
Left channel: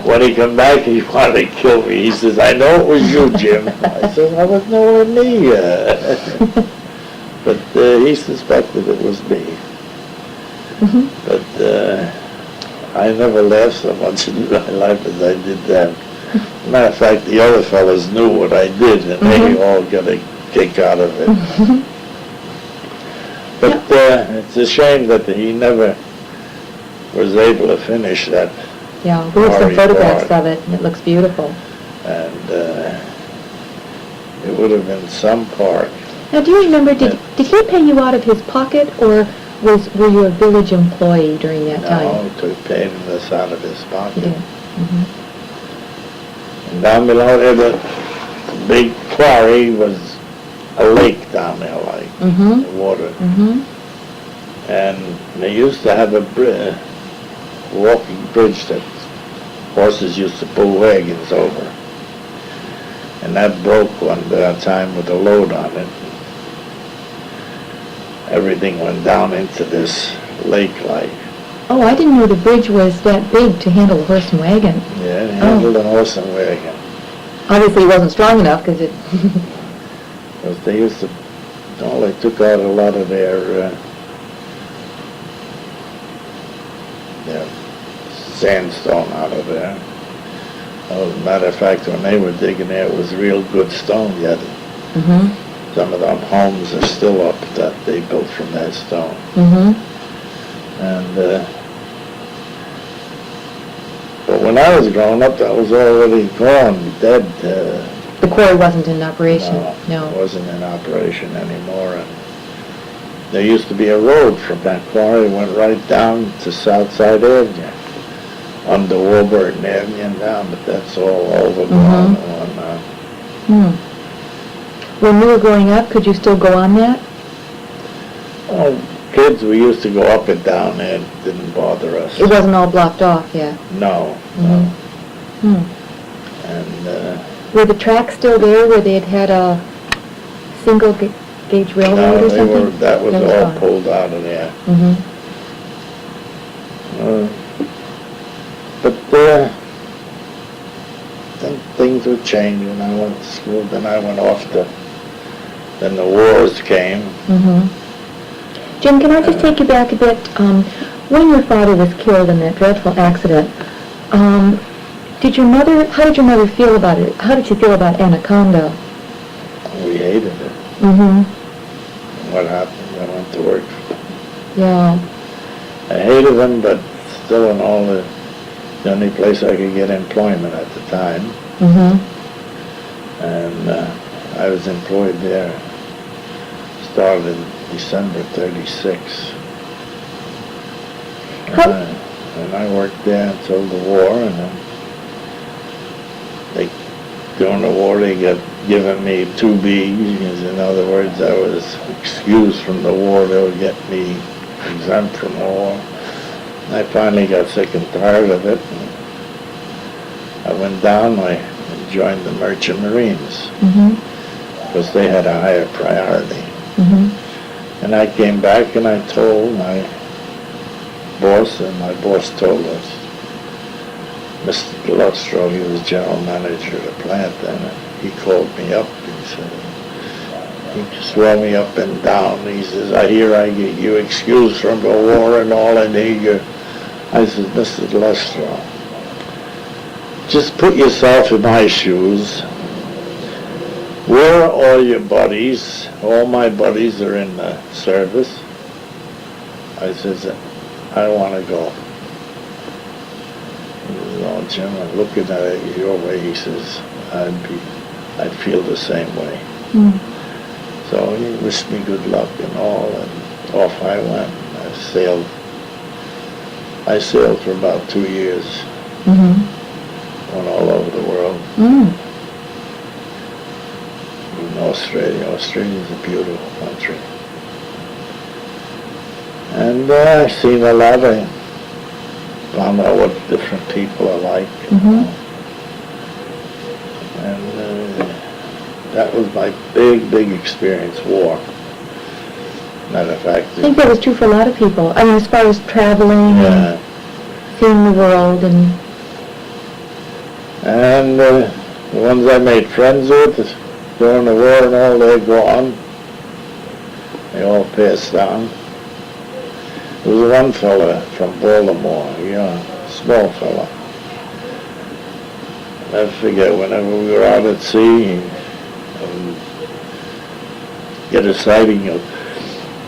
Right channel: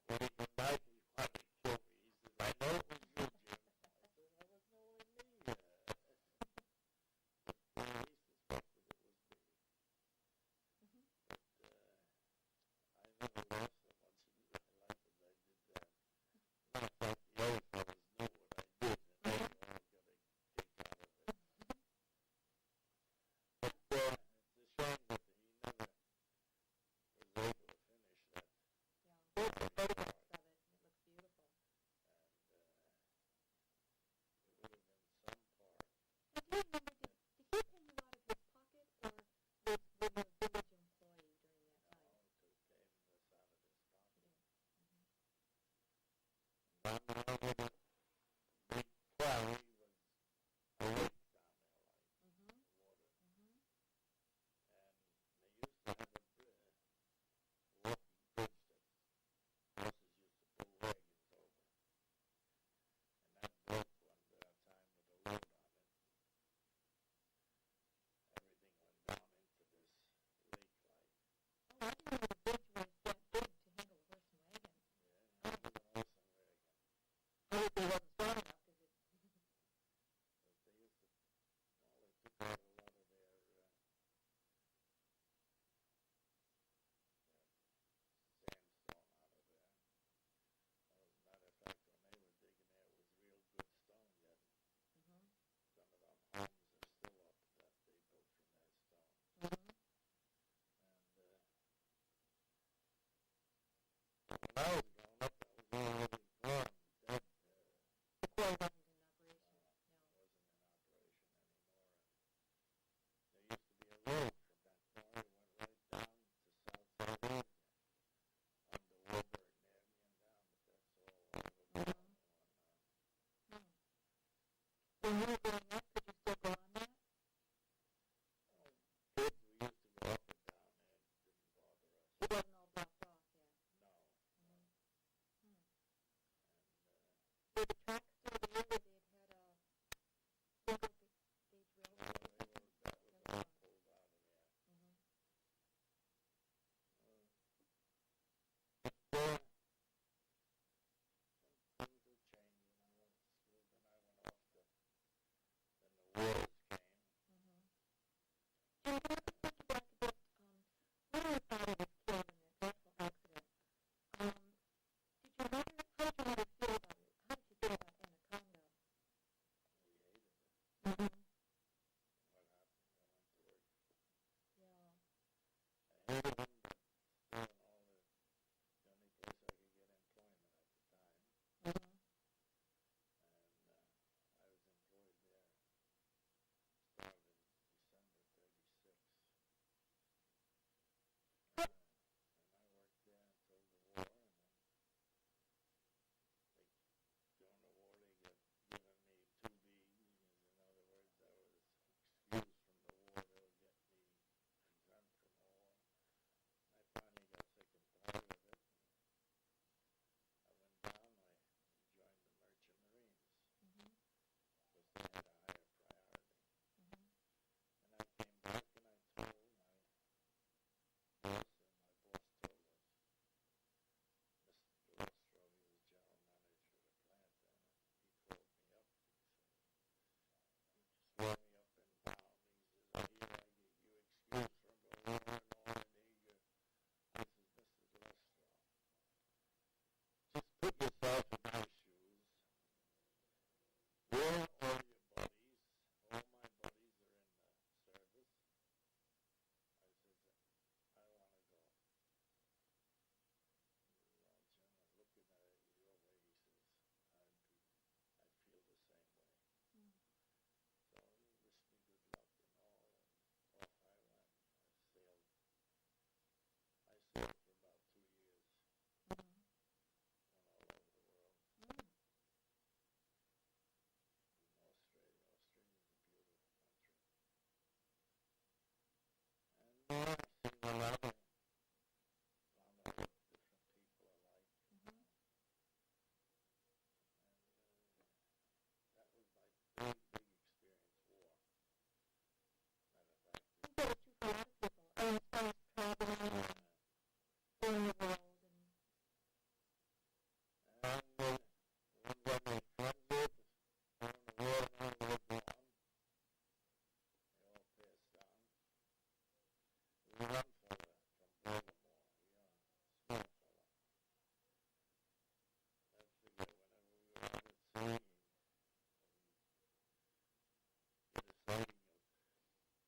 When he come back, he wanted to kill me. He says, "I know it was you, Jim." I said, "I was nowhere near." But he suspected it was me. But I never laughed so much in my life as I did then. Matter of fact, the other fellas knew what I did, and they all got a kick out of it. But it's a shame that he never was able to finish that. Yeah, we have some photographs of it, and it looks beautiful. And it would have been some park. Now, do you remember, did he pay you out of his pocket, or were you a village employee during that time? No, he took paid us out of his pocket. He did. And down below there, the big quarry was a lake down there, like water. And they used to have a walking bridge that horses used to pull wagons over. And that broke one time with a load on it. Everything went down into this lake like. Oh, I didn't know the bridge was that big to handle a horse and wagon. Yeah, it handled a horse and wagon. Obviously, it wasn't strong enough because it... Because they used to, they took out a lot of their sandstone out of there. As a matter of fact, when they were digging there, it was real good stone yet. Some of them homes are still up that they built from that stone. And but when I was growing up, that was already gone, dead. The quarry wasn't in operation. No, it wasn't in operation anymore. And there used to be a road from that quarry that went right down to Southside Avenue, under Warburton Avenue and down, but that's all overgrown and whatnot. When you were growing up, could you still go on that? Oh, kids, we used to go up and down there. It didn't bother us. It wasn't all blocked off, yeah. No. And were the tracks still there where they had a single gauge railroad or something? That was all gone. Pulled out of there. But then things were changing. I went to school, then I went off then the wars came. Jim, can I just take you back a bit? When your father was killed in that dreadful accident, how did your mother feel about it? How did she feel about Anaconda? We hated it. What happened? I went to work. Yeah. I hated them, but still the only place I could get employment at the time. And I was employed there. Started in December 36. And I worked there until the war, and then during the war they got given me 2Bs, because in other words I was excused from the war. They would get me exempt from the war. I finally got sick and tired of it. And I went down, I joined the Merchant Marines, because they had a higher priority. And I came back and I told my boss, and my boss told us, Mr. Lustro, he was general manager of the plant then, and he called me up. He said, he swore me up and down. He says, I hear I get you excused from the war and all, and I said, Mr. Lustro, just put yourself in my shoes. Where are all your buddies? All my buddies are in the service. I says, I want to go. He says, oh, Jim, I'm looking at it your way. He says, I'd be I'd feel the same way. Mm. So he wished me good luck and all, and off I went. I sailed for about 2 years, Mm-hmm. went all over the world. Mm. In Australia. Australia's a beautiful country. And I've seen a lot. I found out what different people are like. Mm-hmm. And that was my big experience, war. Matter of fact, I think that was true for a lot of people. I mean, as far as traveling yeah. and seeing the world and... And the ones I made friends with during the war and all, they're gone. They all passed on. There was one fella from Baltimore, small fella. I forget, whenever we were out at sea, get a sighting of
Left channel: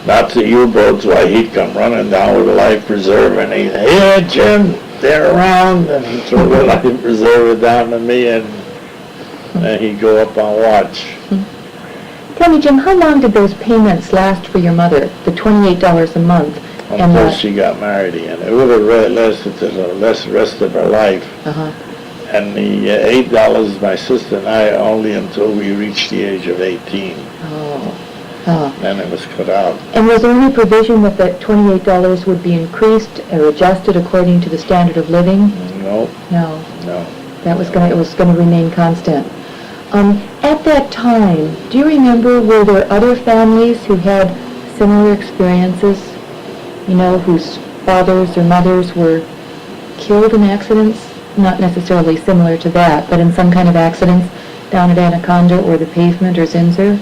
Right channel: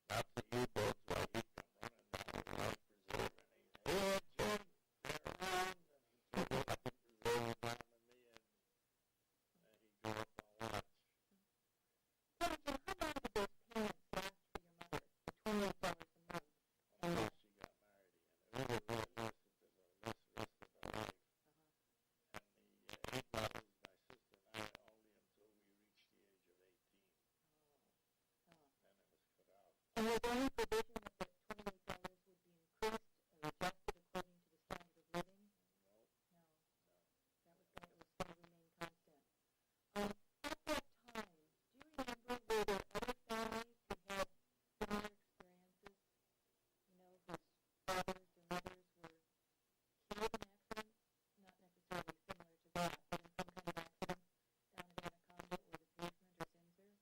Nazi U-boats, why he'd come running down with a life preserver and he'd say, "Yeah, Jim, they're around," and he'd throw the life preserver down to me and he'd go up on watch. Tell me, Jim, how long did those payments last for your mother, the $28 a month? Until she got married again. It would have lasted to the rest of her life. Uh-huh. And the $8 my sister and I only until we reached the age of 18. Oh. Oh. Then it was cut out. And was there any provision that the $28 would be increased or adjusted according to the standard of living? No. No. No. It was going to remain constant. At that time, do you remember, were there other families who had similar experiences? You know, whose fathers or mothers were killed in accidents? Not necessarily similar to that, but in some kind of accidents down at Anaconda or the pavement or Zinzer?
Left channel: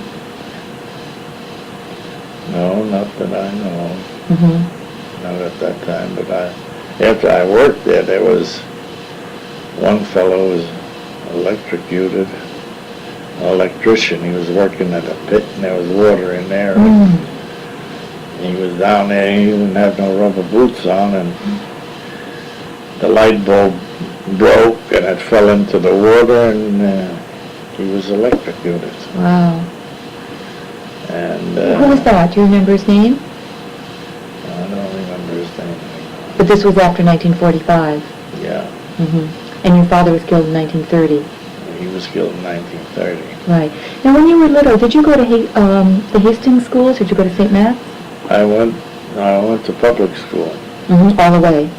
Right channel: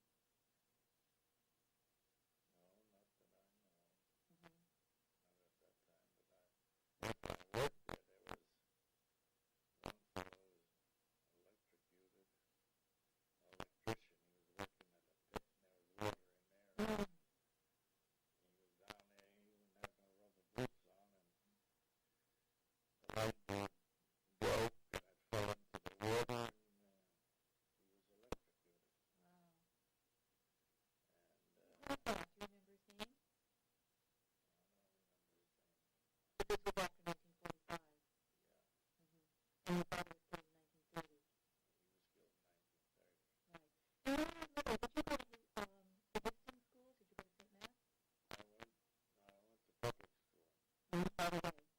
No, not that I know of. Mm-hmm. Not at that time, but after I worked there was one fellow who was electrocuted, an electrician. He was working at a pit and there was water in there. Mm. He was down there, he didn't have no rubber boots on, and the light bulb broke and it fell into the water and he was electrocuted. Wow. And Who was that? Do you remember his name? I don't remember his name. But this was after 1945. Yeah, Mm-hmm. And your father was killed in 1930. he was killed in 1930. Right. Now, when you were little, did you go to the Hastings schools? Did you go to St. Matt's? I went to public school. Mm-hmm. All the way.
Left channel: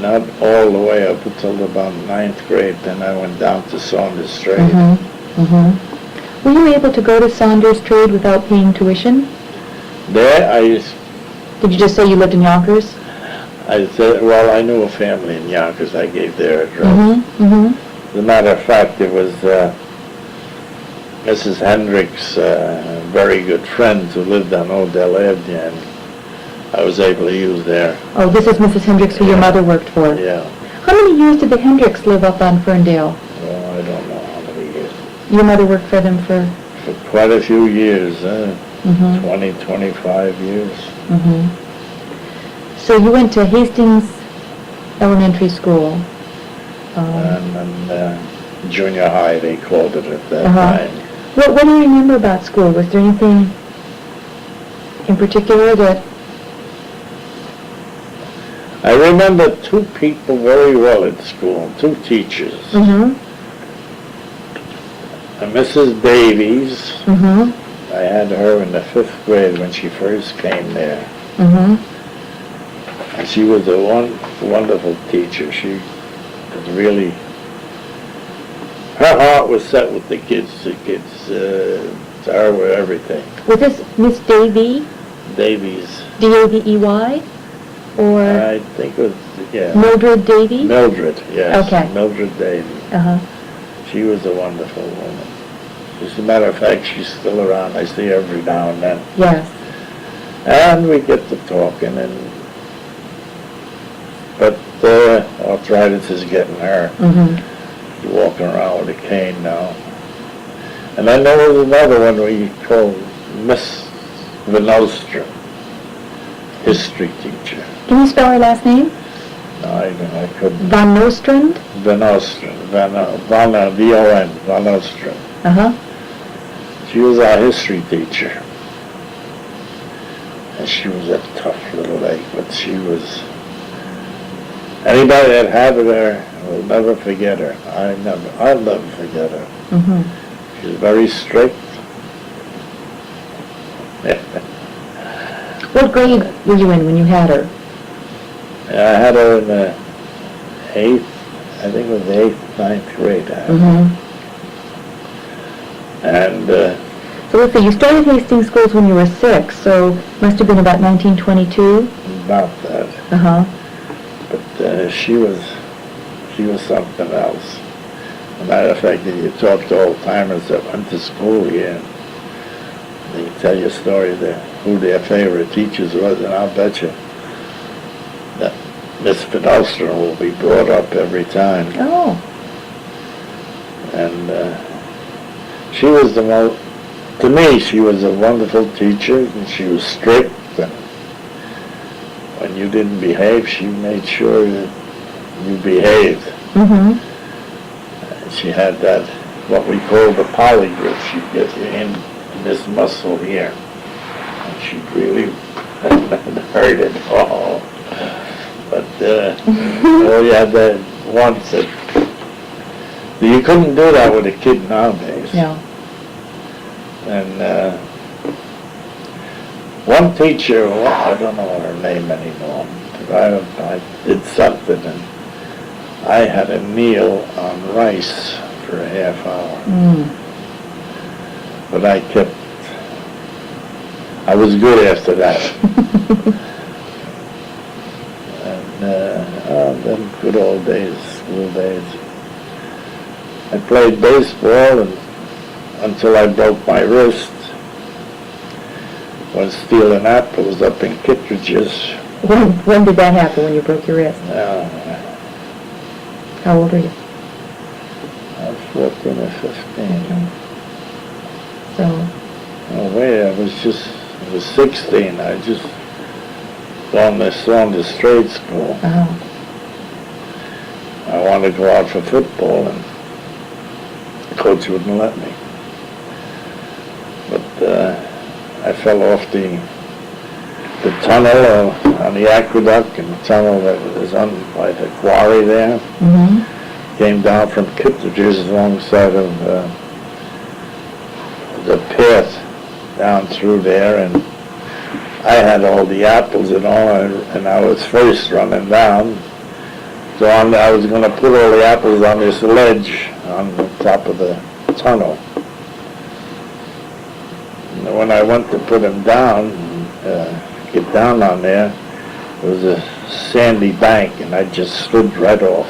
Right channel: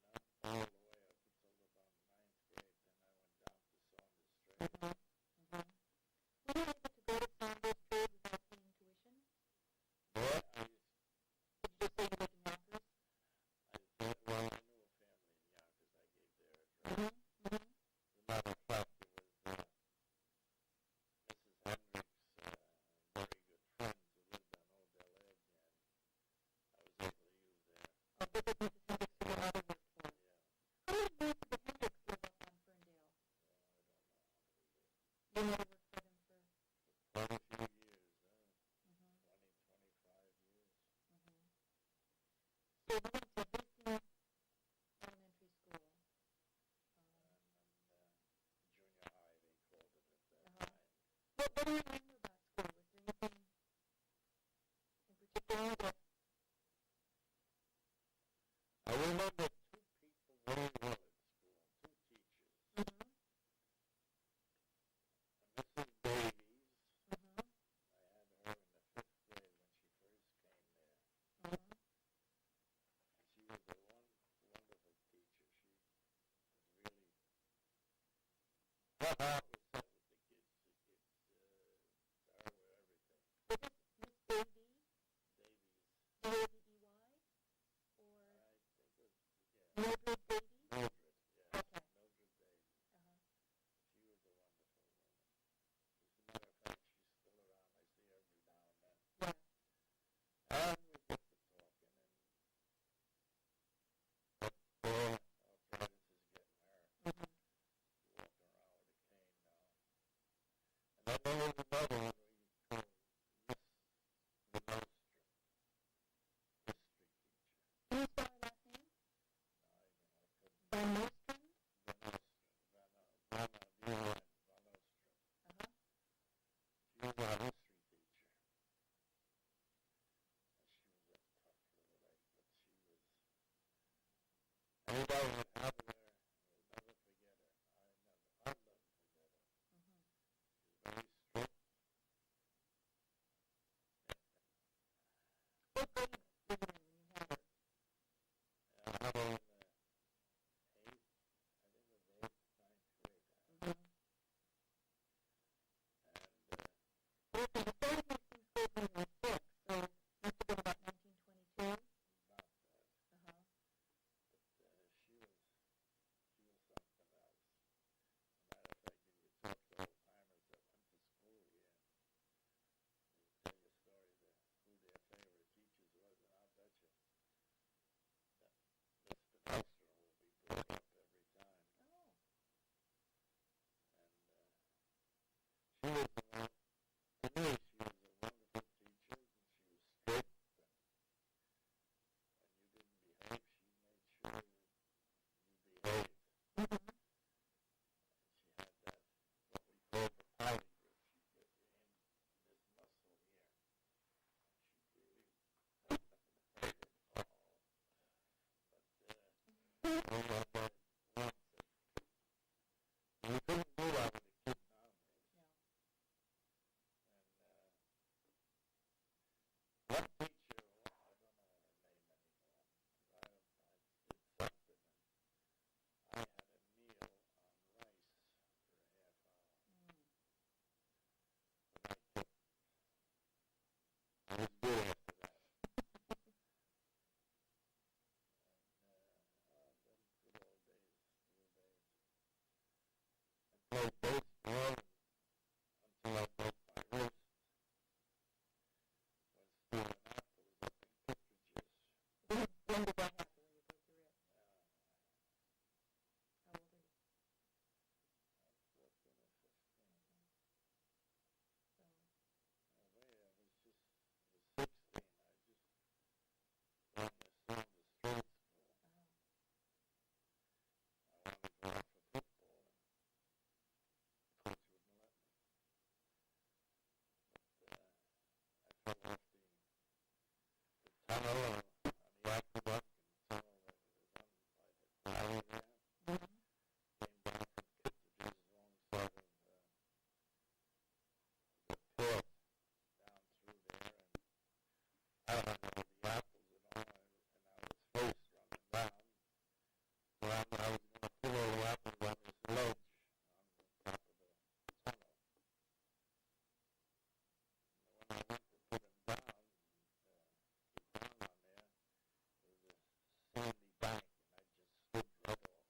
Not all the way up until about 9th grade. Then I went down to Saunders Trade. Mm-hmm. Mm-hmm. Were you able to go to Saunders Trade without paying tuition? There Did you just say you lived in Yonkers? I said, well, I knew a family in Yonkers. I gave their address. Mm-hmm. Mm-hmm. As a matter of fact, it was Mrs. Hendricks' very good friends who lived on Odell Avenue, and I was able to use their... Oh, this is Mrs. Hendricks, who your mother worked for. Yeah. How many years did the Hendricks live up on Ferndale? Well, I don't know how many years. Your mother worked for them for... For quite a few years, Mm-hmm. 20, 25 years. Mm-hmm. So you went to Hastings Elementary School. And then junior high, they called it at that time. What do you remember about school? Was there anything in particular that... I remember two people very well at school, two teachers. Mm-hmm. Mrs. Davies, Mm-hmm. I had her in the 5th grade when she first came there. Mm-hmm. And she was a wonderful teacher. She was really... Her heart was set with the kids. The kids, to her were everything. Was this Miss Davy? Davies. D-A-V-E-Y? Or I think it was, yeah. Mildred Davy? Mildred, yes. Okay. Mildred Davy. Uh-huh. She was a wonderful woman. As a matter of fact, she's still around. I see her every now and then. Yes. And we get to talking, but arthritis is getting her. Mm-hmm. She's walking around with a cane now. And then there was another one we called Miss Van Ostrom, history teacher. Can you spell her last name? No, I couldn't. Van Nostrand? Van Ostrom, V-O-N, Van Ostrom. Uh-huh. She was our history teacher. And she was a tough little lady, but she was... Anybody that had her will never forget her. I'll never forget her. Mm-hmm. She was very strict. What grade were you in when you had her? I had her in the 8th, I think it was the 8th, 9th grade. Mm-hmm. And So let's see, you started Hastings schools when you were 6, so must have been about 1922? about that. Uh-huh. But she was something else. As a matter of fact, if you talk to old-timers that went to school here, they can tell you a story of who their favorite teachers was, and I'll bet you that Miss Fidelstrom will be brought up every time. Oh. And she was the most, to me, she was a wonderful teacher, and she was strict, and when you didn't behave, she made sure that you behaved. Mm-hmm. She had that, what we call the poly grip. She'd get you in this muscle here, and she'd really hurt it all. But oh, you had that once that you couldn't do that with a kid nowadays. No. And one teacher, well, I don't know her name anymore, but I did something, and I had a meal on rice for a half hour. Mm. But I was good after that. And then good old days, school days. I played baseball until I broke my wrist. Was stealing apples up in Kittredge's. When did that happen, when you broke your wrist? How old are you? I was 14 or 15. Okay. So, Oh wait, I was 16. I just gone to Saunders Trade School. uh-huh. I wanted to go out for football, and the coach wouldn't let me. But I fell off the tunnel on the aqueduct, and the tunnel that was on by the quarry there. Mm-hmm. Came down from Kittredge's alongside of the path down through there, and I had all the apples and all, and I was first running down. So I was going to put all the apples on this ledge on the top of the tunnel. And when I went to put them down, get down on there, it was a sandy bank, and I just slid right off.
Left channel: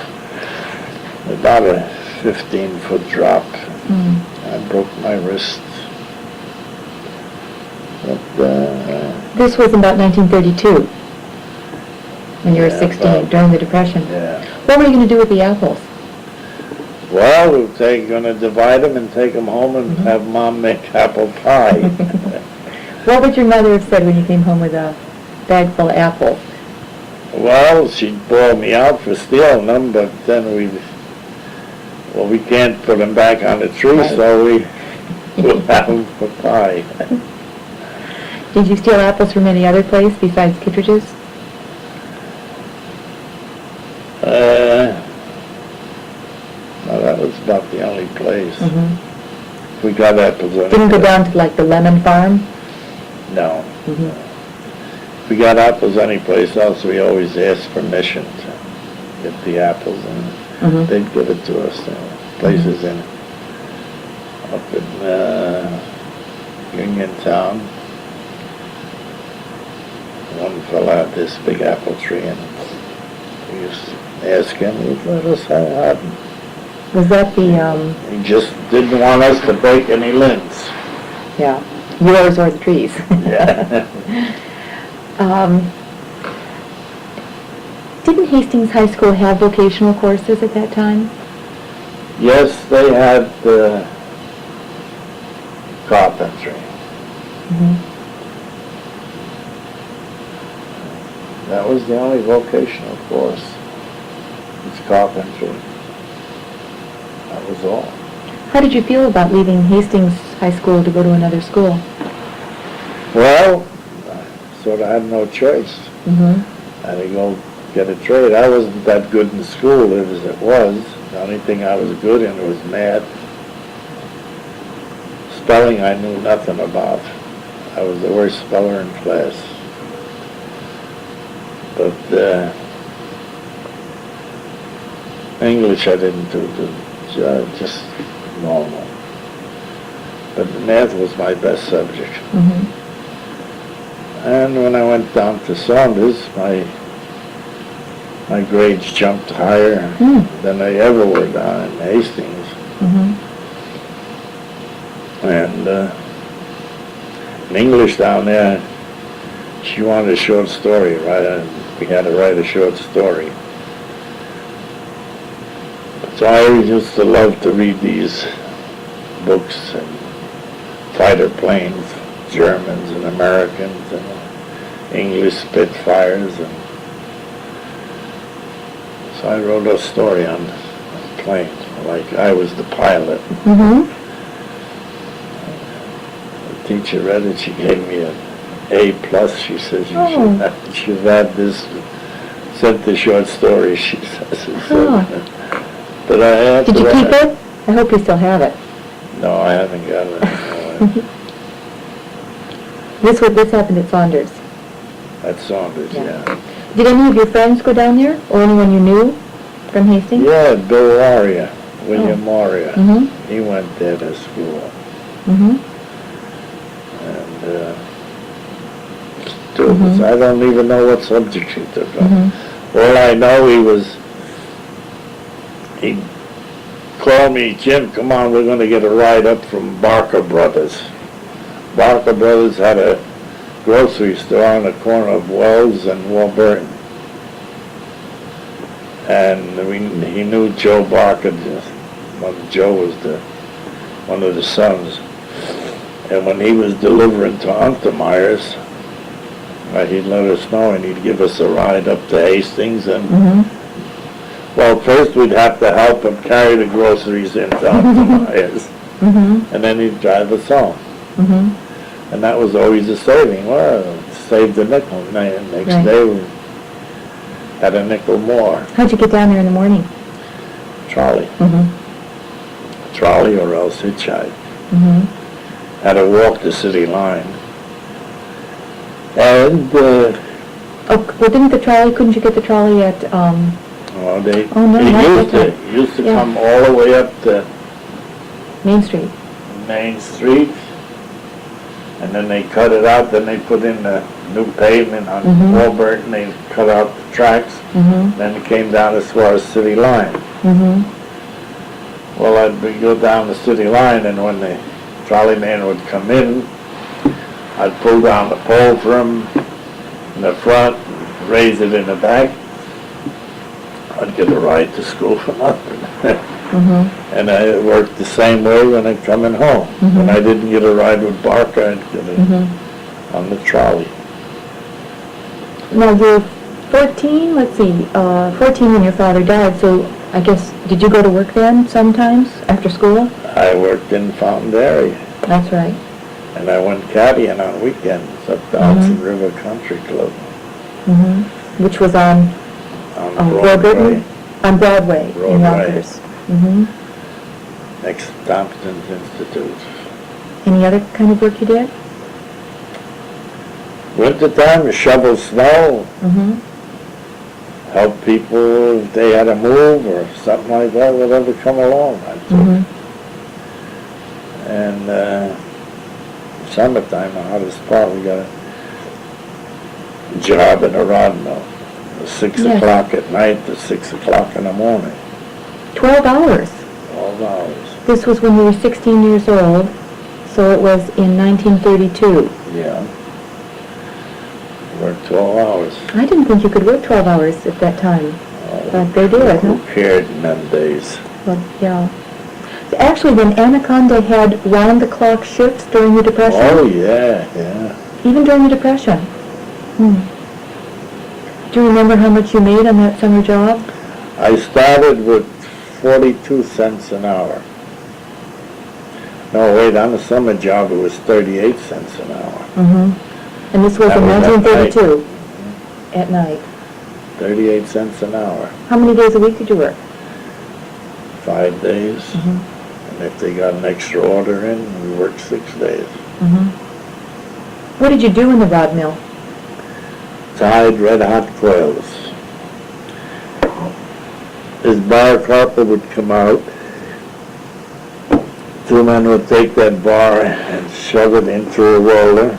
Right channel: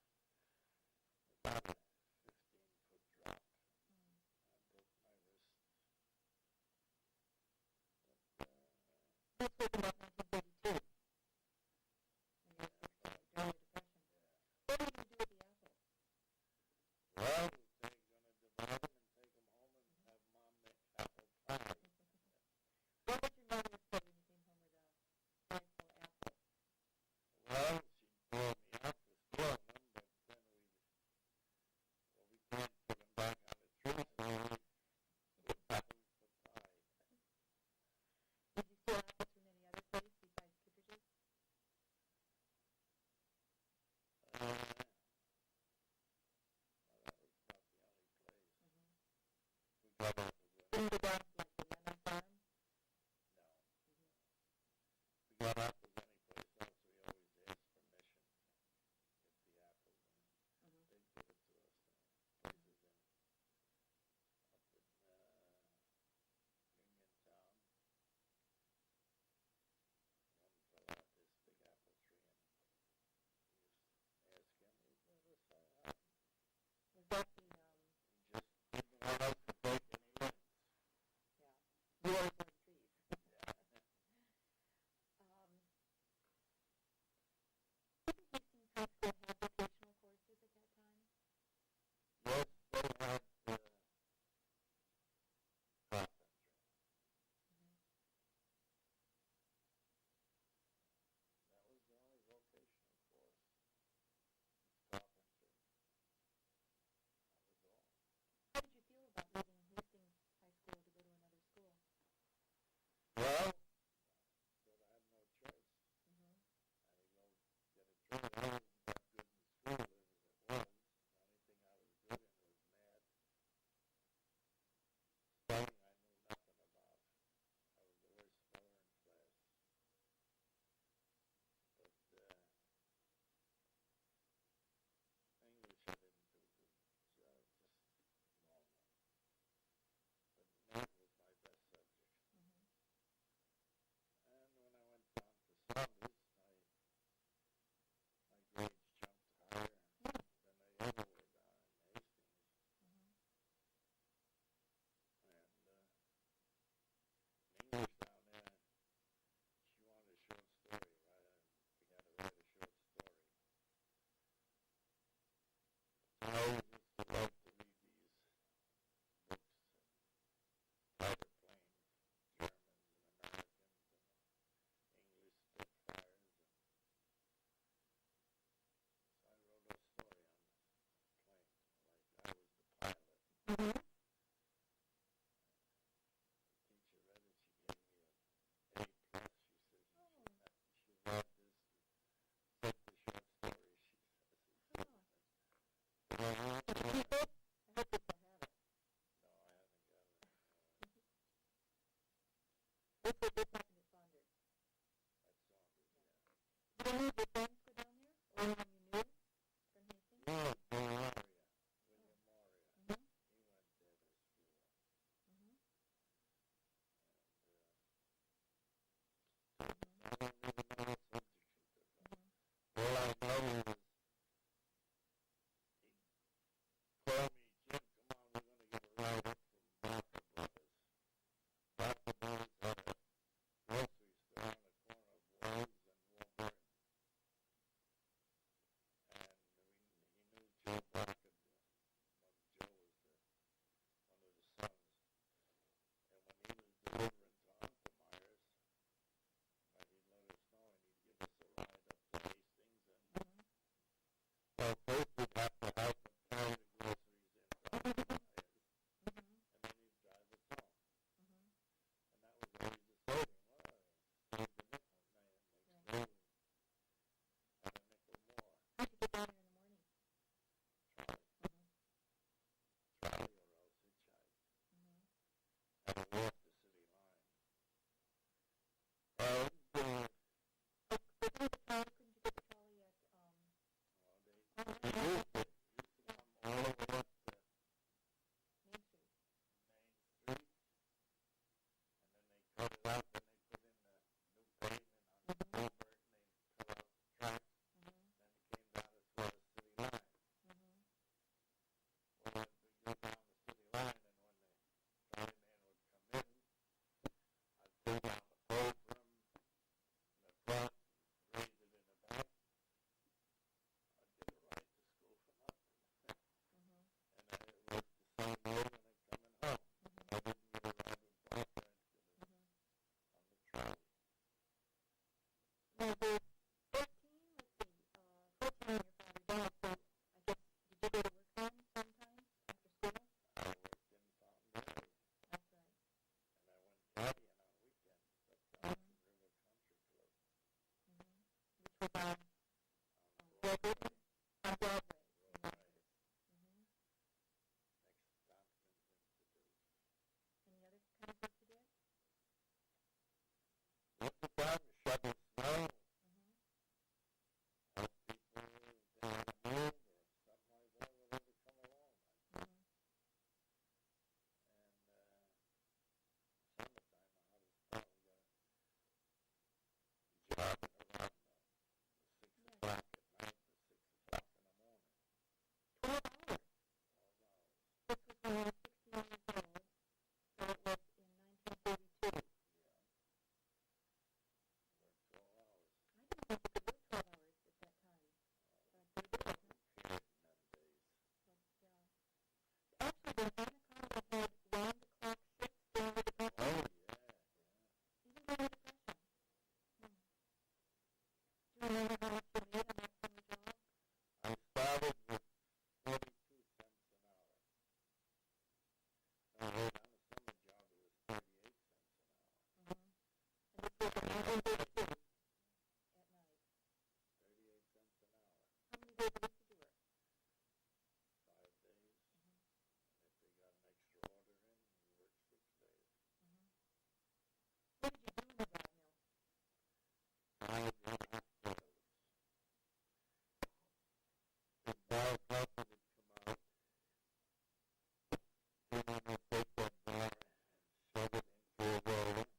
About a 15-foot drop. Mm. I broke my wrist. But, This was about 1932, when you were Yeah, 16, about- during the Depression. yeah. What were you going to do with the apples? Well, we're going to divide them and take them home and have Mom make apple pie. What would your mother have said when you came home with a bag full of apples? Well, she'd bawl me out for stealing them, but then we can't put them back on the tree, Right. so we'll have them for pie. Did you steal apples from any other place besides Kittredge's? No, that was about the only place. Mm-hmm. We got apples. Didn't go down to like the lemon farm? No. Mm-hmm. If we got apples anyplace else, we always asked permission to get the apples, and Mm-hmm. they'd give it to us. Places up in Uniontown. One fella had this big apple tree, and we used to ask him, he'd let us have them. Was that the, He just didn't want us to break any limbs. yeah, yours or the trees? Yeah. Didn't Hastings High School have vocational courses at that time? Yes, they had carpentry. Mm-hmm. That was the only vocational course. It's carpentry. That was all. How did you feel about leaving Hastings High School to go to another school? Well, I sort of had no choice. Mm-hmm. I had to go get a trade. I wasn't that good in school as it was. The only thing I was good in was math. Spelling I knew nothing about. I was the worst speller in class. But English I didn't do good, just normal. But math was my best subject. Mm-hmm. And when I went down to Saunders, my grades jumped higher than they ever were down in Hastings. Mm-hmm. And in English down there, she wanted a short story, right? We had to write a short story. So I always used to love to read these books and fighter planes, Germans and Americans and English Spitfires. And so I wrote a story on a plane, like I was the pilot. Mm-hmm. The teacher read it, she gave me an A+. She says, you should have this, sent the short story, she says. But I have Did to you write keep it? I hope you still have it. No, I haven't got it. This happened at Saunders. At Saunders, yeah. Did any of your friends go down there, or anyone you knew from Hastings? Yeah, Bill Warrior, William Warrior. Mm-hmm. He went there to school. Mm-hmm. And students, I don't even know what subject he took on. Mm-hmm. All I know he called me, Jim, come on, we're going to get a ride up from Barker Brothers. Barker Brothers had a grocery store on the corner of Wells and Warburton. And he knew Joe Barker, Joe was one of the sons. And when he was delivering to Untermeyer's, he'd let us know and he'd give us a ride up to Hastings. And well, first we'd have to help him carry the groceries into Untermeyer's. And then he'd drive us home. And that was always a saving. Well, it saved a nickel. Next day we had a nickel more. How'd you get down there in the morning? Trolley. Trolley or else hitchhike. Had to walk the city line. And well, couldn't you get the trolley at, it used to come all the way up to Main Street. Main Street, and then they cut it out, then they put in the new pavement on Warburton, they cut out the tracks, then it came down as far as city line. Well, I'd go down the city line, and when the trolley man would come in, I'd pull down the pole for him in the front, raise it in the back. I'd get a ride to school for nothing. And I worked the same way when I'm coming home. When I didn't get a ride with Barker, I'd get it on the trolley. Now, you're 14, let's see, 14 when your father died, so I guess, did you go to work then sometimes after school? I worked in Fountain Dairy. That's right. And I went caddying on weekends up the Hudson River Country Club. Which was on Broadway. On Broadway in Broadway. Yonkers. Next to Tompkins Institute. Any other kind of work you did? Wintertime, you shovel snow. Help people if they had to move or something like that, whatever come along. And summertime, the hottest part, we got a job in a rod mill. 6 o'clock at night to 6 o'clock in the morning. 12 hours. 12 hours. This was when you were 16 years old, so it was in 1932. Yeah. Worked 12 hours. I didn't think you could work 12 hours at that time, but they did, huh? Who cared in them days? Well, yeah. Actually, then Anaconda had round-the-clock shifts during the Depression? Oh, yeah, yeah. Even during the Depression? Do you remember how much you made on that summer job? I started with 42 cents an hour. No, wait, on the summer job, it was 38 cents an hour. Mm-hmm. And this was That in was at 1932? At night. 38 cents an hour, How many days a week did you work? 5 days. Mm-hmm. And if they got an extra order in, we worked 6 days. Mm-hmm. What did you do in the rod mill? Tied red-hot coils. His bar carpet would come out. 2 men would take that bar and shove it into a roller.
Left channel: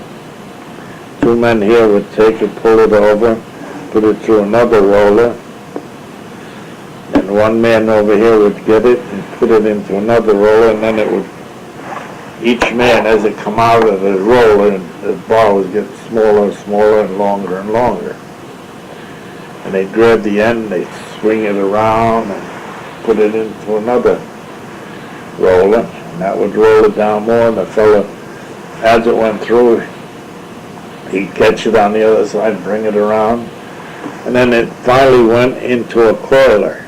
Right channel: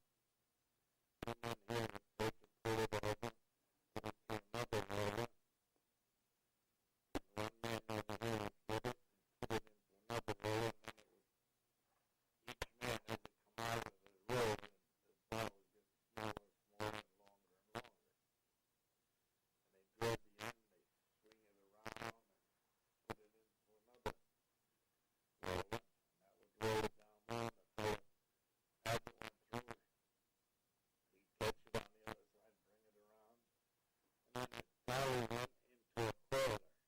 2 men here would take it, pull it over, put it through another roller. And 1 man over here would get it and put it into another roller, and then it would, each man, as it come out of the roller, the bar would get smaller and smaller and longer. And they'd grab the end, they'd swing it around and put it into another roller, and that would roll it down more, and the fella, as it went through, he'd catch it on the other side, bring it around, and then it finally went into a coiler,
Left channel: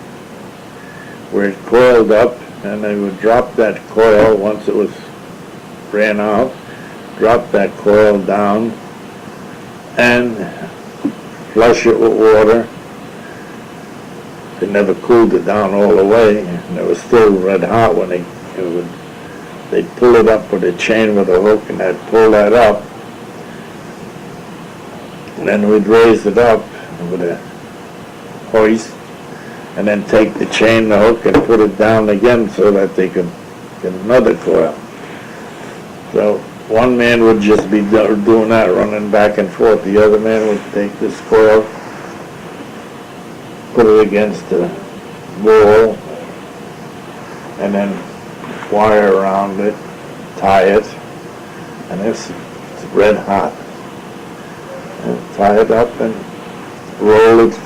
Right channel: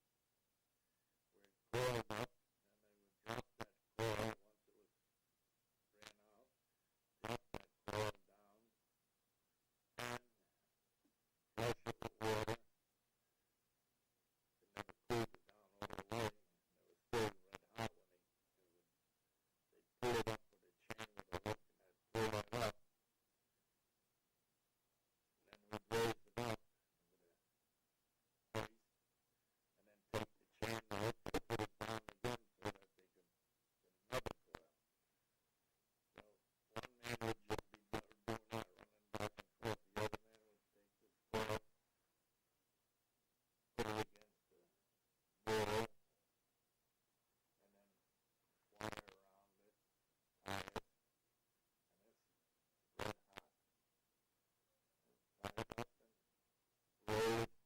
where it coiled up, and they would drop that coil once it was ran out, drop that coil down, and flush it with water. They never cooled it down all the way, and it was still red hot when they'd pull it up with a chain with a hook, and they'd pull that up, and then we'd raise it up with a hoist, and then take the chain, the hook, and put it down again so that they could get another coil. So 1 man would just be doing that, running back and forth. The other man would take this coil, put it against the wall, and then wire around it, tie it, and it's red hot. And tie it up and roll it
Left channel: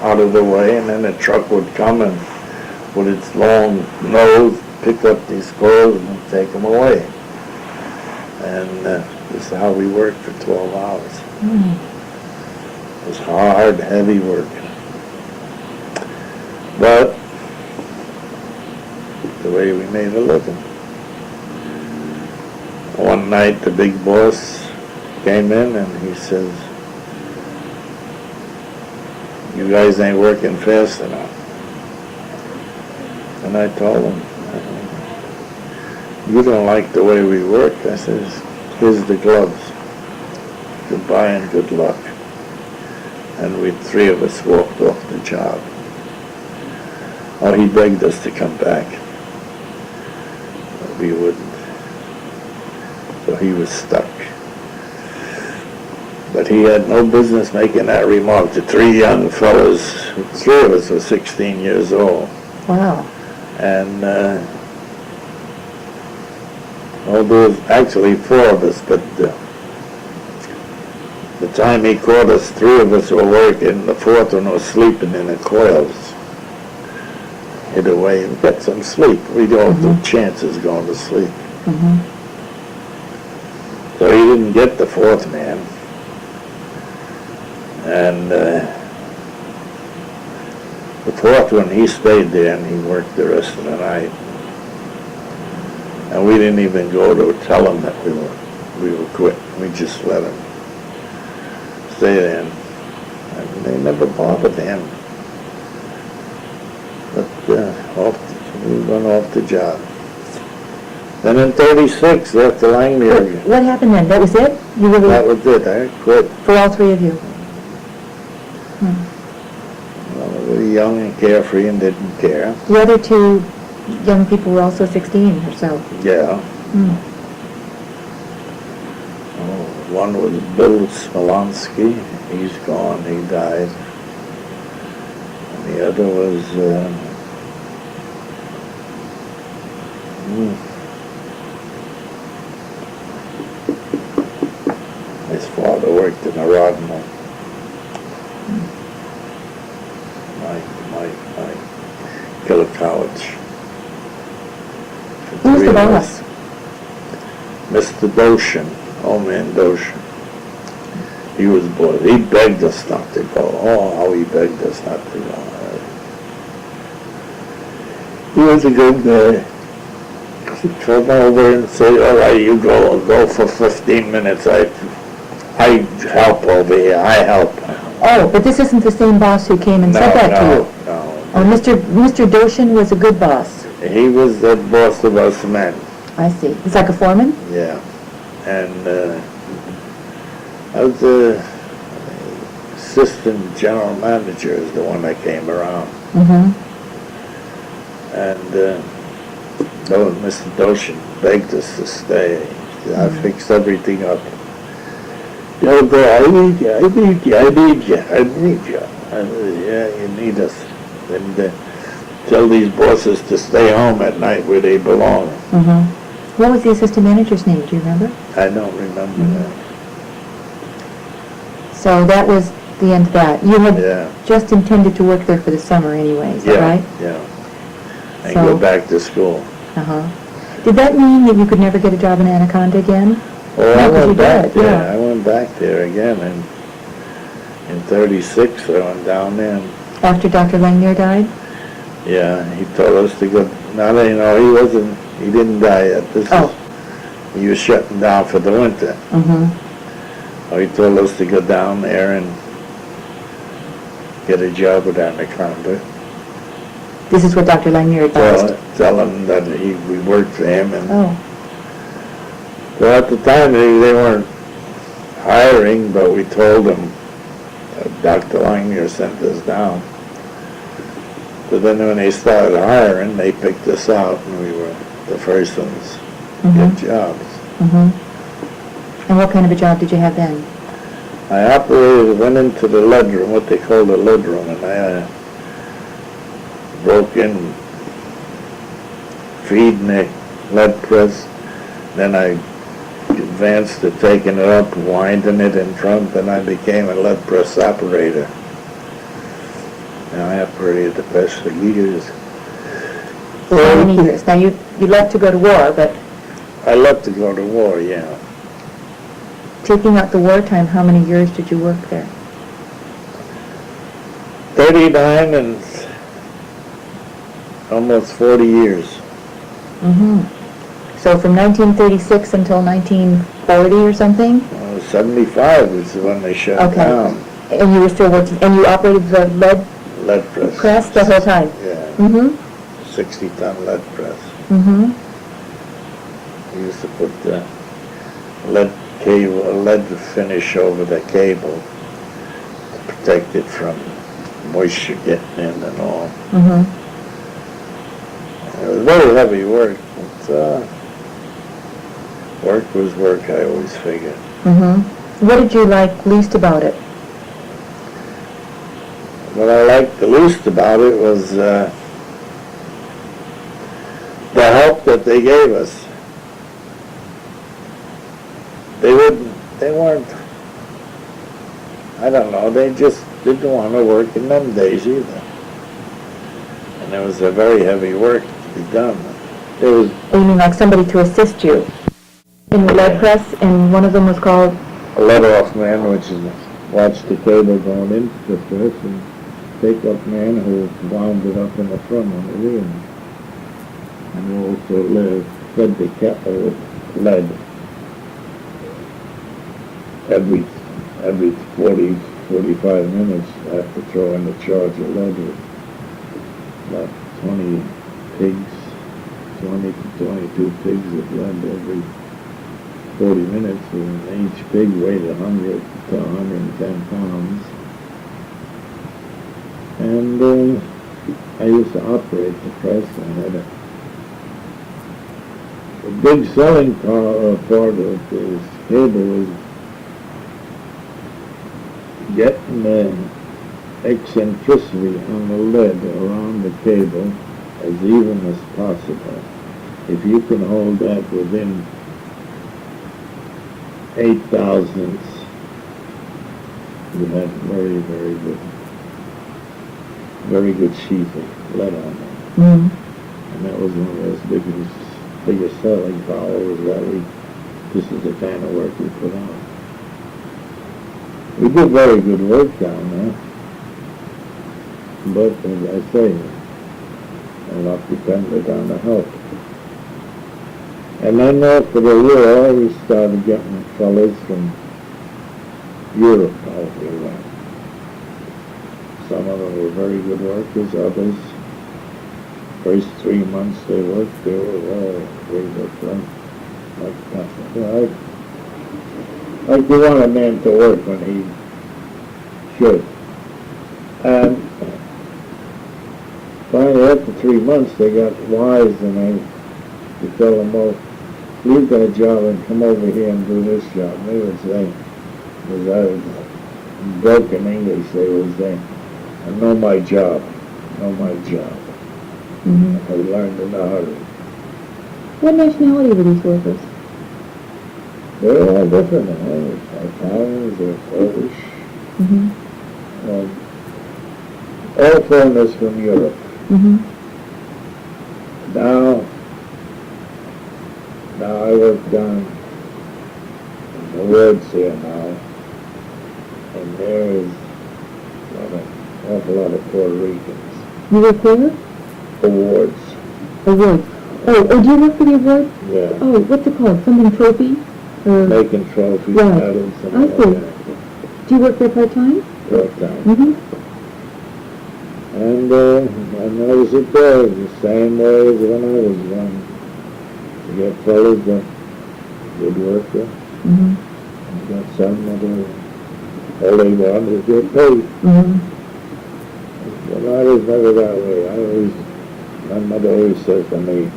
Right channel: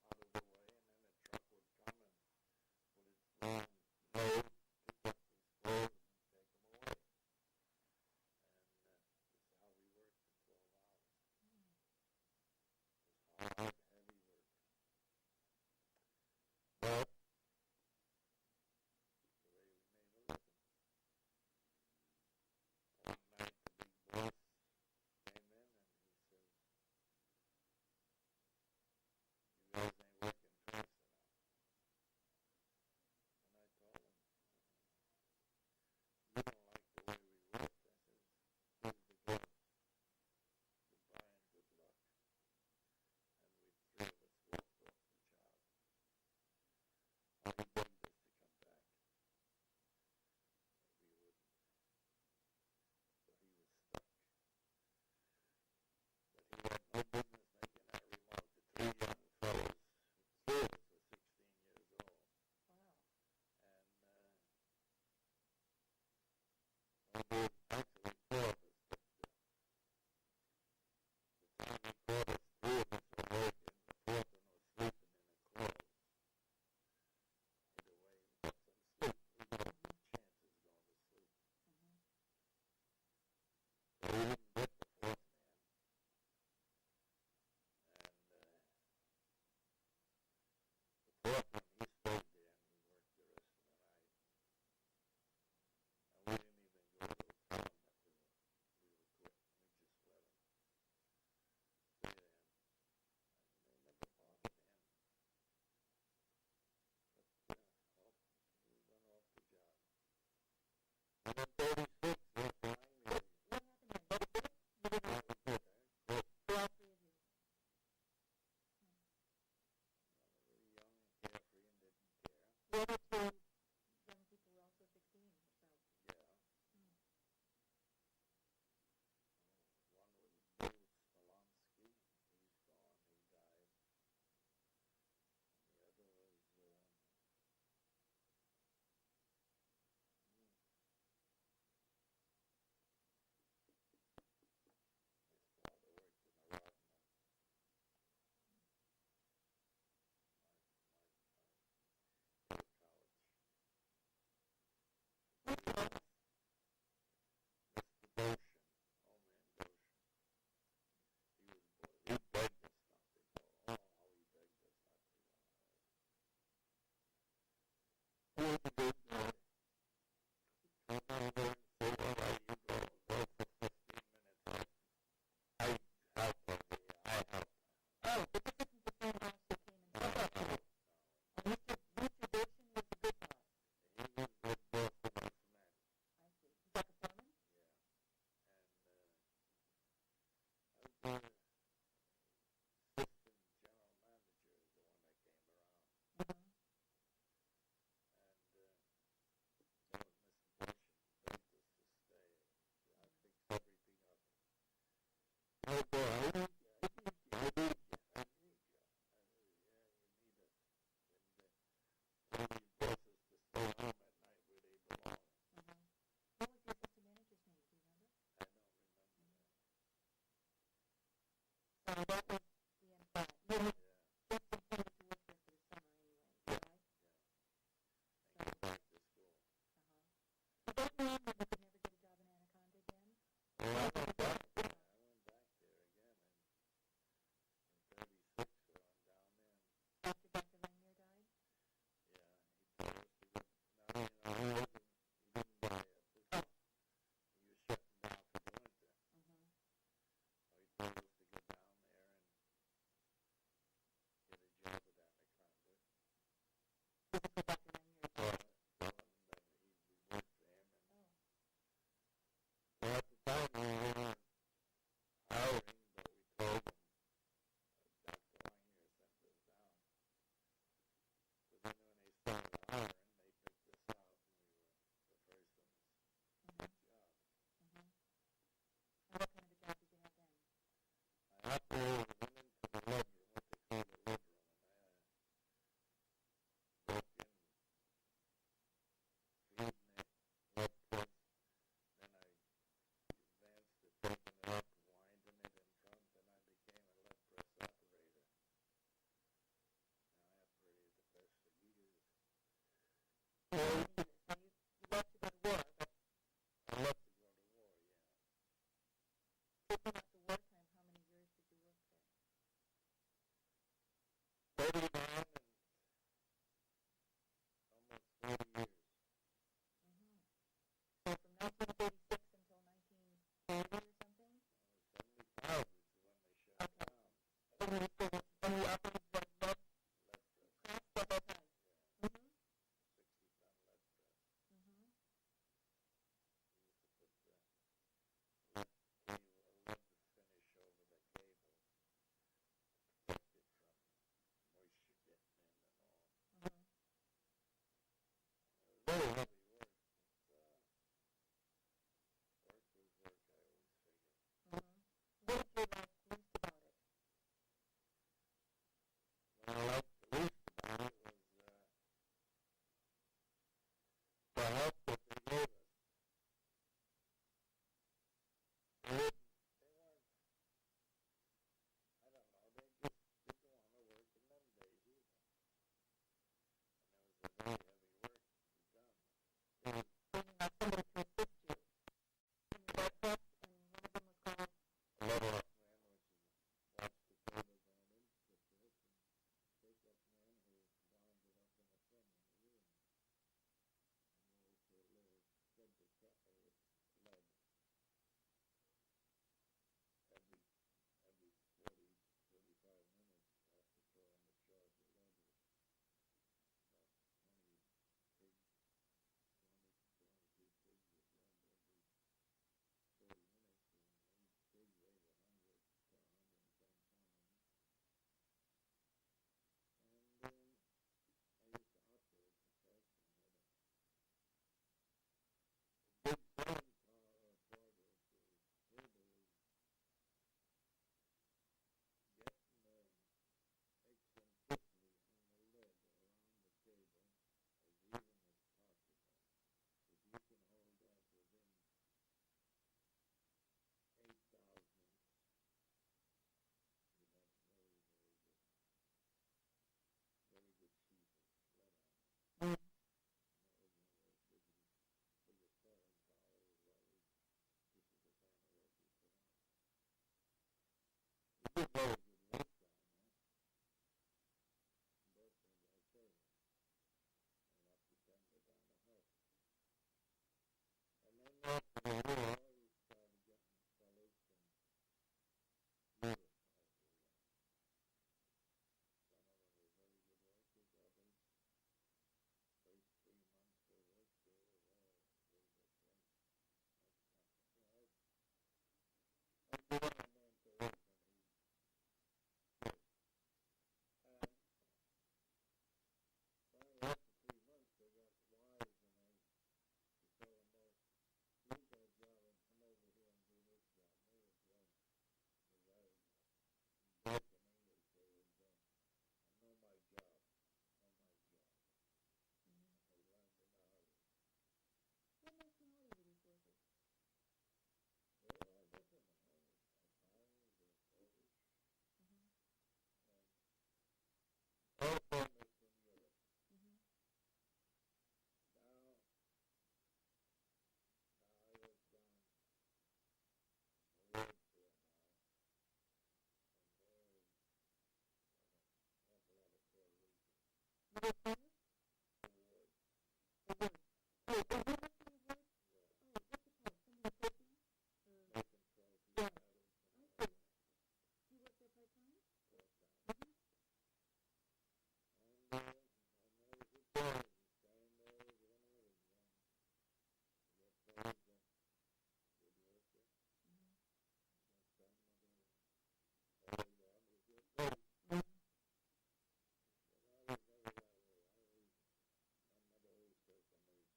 out of the way, and then a truck would come and with its long nose pick up these coils and take them away. And this is how we worked for 12 hours. Mm. It was hard, heavy work. But the way we made a living. One night the big boss came in and he says, "You guys ain't working fast enough." And I told him, "You don't like the way we work?" I says, "Here's the gloves. Goodbye and good luck." And we 3 of us walked off the job. Oh, he begged us to come back. But we wouldn't. So he was stuck. But he had no business making that remark. The 3 young fellas, 3 of us were 16 years old. Wow. And well, there was actually 4 of us, but the time he caught us, 3 of us were working, the 4th one was sleeping in the coils. Hid away and get some sleep. We don't have the chances going to sleep. Mm-hmm. So he didn't get the 4th man. And the 4th one, he stayed there and he worked the rest of the night. And we didn't even go to tell him that we were quit. We just let him stay there. And they never bothered him. But we went off the job. Then in 36, after Langley, What happened then? That was it? You really, that was it. I quit. for all 3 of you? Well, we were young and carefree and didn't care. The other 2 young people were also 16 or so. Yeah. Mm. One was Bill Smolensky. He's gone. He died. And the other was his father worked in a rod mill. Mike Gillicowicz. Who was the boss? Mr. Doshin, old man Doshin. He was bored. He begged us not to go. Oh, how he begged us not to go. He was a good guy. come over and say, all right, you go for 15 minutes. I help over here, I help. Oh, but this isn't the same boss who came and said that to you? No. Oh, Mr. Doshin was a good boss. He was the boss of us men, I see. He's like a foreman? yeah. And I was the assistant general manager is the one that came around. Mm-hmm. And Mr. Doshin begged us to stay. I fixed everything up. I need you. I said, yeah, you need us. And tell these bosses to stay home at night where they belong. Mm-hmm. What was the assistant manager's name? Do you remember? I don't remember that. So that was the end of that. You had Yeah. just intended to work there for the summer anyway, is that right? Yeah. And So- go back to school. Uh-huh. Did that mean that you could never get a job in Anaconda again? Well, No, I 'cause you went back did, there. yeah. I went back there again in 36. I went down there. And, After Dr. Langmuir died? yeah, he told us to go. Now, he didn't die yet. Oh. He was shutting down for the winter. Mm-hmm. He told us to go down there and get a job with Anaconda. This is what Dr. Langmuir advised. Tell him that we worked for him. And Oh. well, at the time they weren't hiring, but we told them Dr. Langmuir sent us down. So then when they started hiring, they picked us out, and we were the first ones to get jobs. Mm-hmm. And what kind of a job did you have then? I went into the lead room, what they call the lead room, and I broke in, feeding the lead press. Then I advanced to taking it up, winding it in front, and I became a lead press operator. Now I operated the press for years. For how many years? Now, you left to go to war, but I left to go to war, yeah. taking out the wartime, how many years did you work there? 39 and almost 40 years. Mm-hmm. So from 1936 until 1940 or something? 75 was when they shut Okay. down. And you were still working, and you operated the lead Lead press. press the whole time? Yeah, Mm-hmm. 60-ton lead press. Mm-hmm. We used to put the lead finish over the cable to protect it from moisture getting in and all. Mm-hmm. It was very heavy work, but work was work, I always figured. Mm-hmm. What did you like least about it? What I liked the least about it was the help that they gave us. They weren't, I don't know, they just didn't want to work in them days either. And it was a very heavy work to be done. It was, You mean like somebody to assist you in the lead press, and one of them was called? a let-off man, which is watch the cable going into the press, and take-up man who wound it up in the front on the rear. And also fed the kettle with lead. Every 40, 45 minutes, I have to throw in a charge of lead with about 20 pigs, 20 to 22 pigs of lead every 40 minutes, and each pig weighed 100 to 110 pounds. And I used to operate the press. I had a big selling part of this cable was getting the eccentricity on the lead around the cable as even as possible. If you can hold that within 8 thousandths, you had very good sheathing, lead on it. Mm-hmm. And that was one of those biggest selling powers that this is the kind of work we put on. We did very good work down there. But, as I say, a lot depended on the help. And then after the war, we started getting fellas from Europe out here. Some of them were very good workers, others, first 3 months they worked, they were very good, like nothing. Like you want a man to work when he should. And finally, after 3 months, they got wise and you tell them, well, leave that job and come over here and do this job. They would say, because I was broken English, they would say, I know my job, know my job. Mm-hmm. I learned in a hurry. What nationality were these workers? They're all different. Italians, they're Polish. Mm-hmm. All foreigners from Europe. Mm-hmm. Now I work down in the woods here now, and there is an awful lot of Puerto Ricans. You work where? Awards. Awards. Oh, do you work for the award? Yeah. Oh, what's it called? Something trophy? Or Making trophies, Right. medals, and I all see. that. do you work there part-time? Work down. Mm-hmm. And I noticed it there the same way as when I was young. You get fellas that good worker, Mm-hmm. you got some that all they want is get paid. Mm-hmm. But I was never that way. My mother always says to me,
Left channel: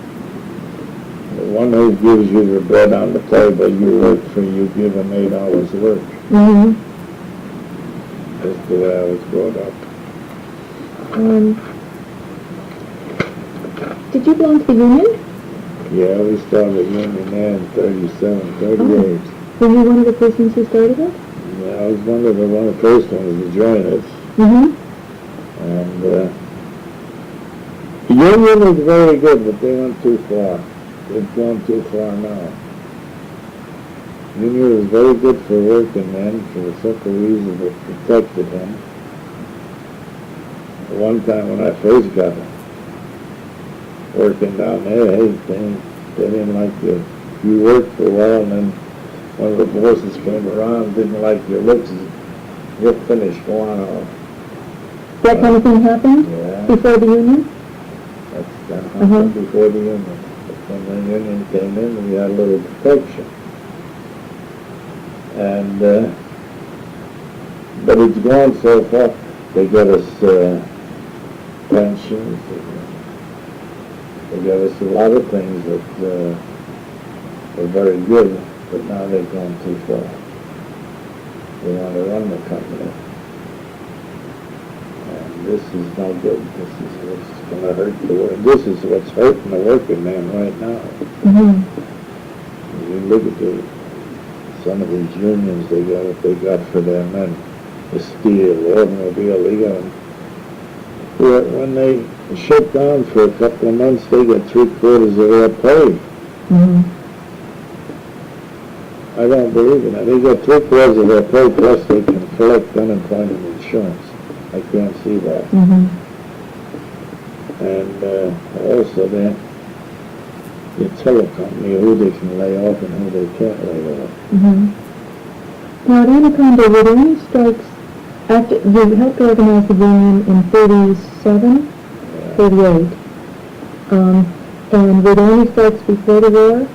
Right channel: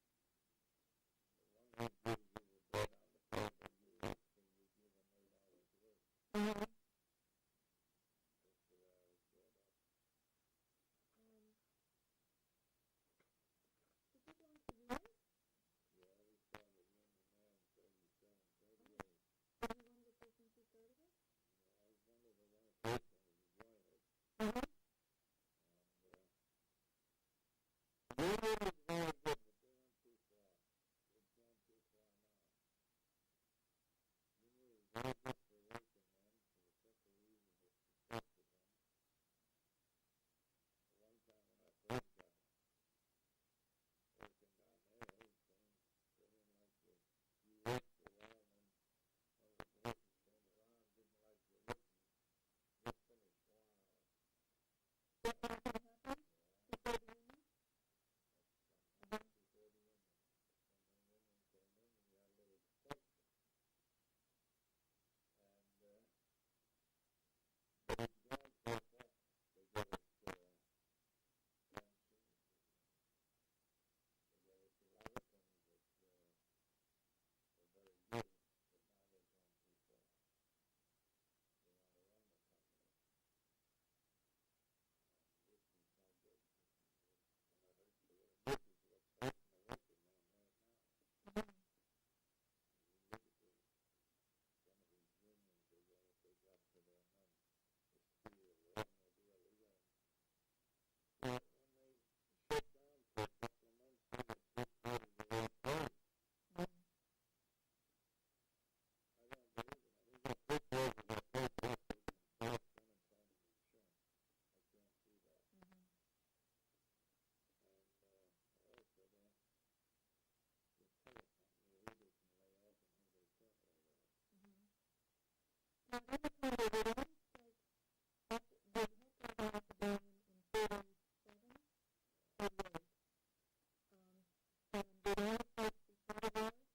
the one who gives you the bread on the table, you work for, you give him 8 hours work. Mm-hmm. That's the way I was brought up. Did you belong to the union? Yeah, we started union there in 37, 38. Were you one of the persons who started it? Yeah, I was one of the first ones to join us. Mm-hmm. And the union was very good, but they went too far. They've gone too far now. Union was very good for working men for the simple reason that it protected him. One time when I first got working down there, they didn't like you. You worked for a while, and then one of the bosses came around, didn't like your looks, you're finished, go on home. That kind of thing happened Yeah, before the union? that happened before the union. But when the union came in, we had a little protection. And, but it's gone so far, they got us pensions, they got us a lot of things that were very good, but now they've gone too far. They want to run the company. And this is no good. This is what's going to hurt the work. This is what's hurting the working man right now. Mm-hmm. You look at some of these unions, they got what they got for their men. The steel, the automobile, they got them. When they shut down for a couple of months, they got 3/4 of their pay. Mm-hmm. I don't believe in that. They got 3/4 of their pay, plus they can collect unemployment insurance. I can't see that. Mm-hmm. And also the telecompany, who they can lay off and who they can't lay off. Mm-hmm. Now, at Anaconda, were there any strikes after you helped organize the union in 37, 38? And were there any strikes before the war?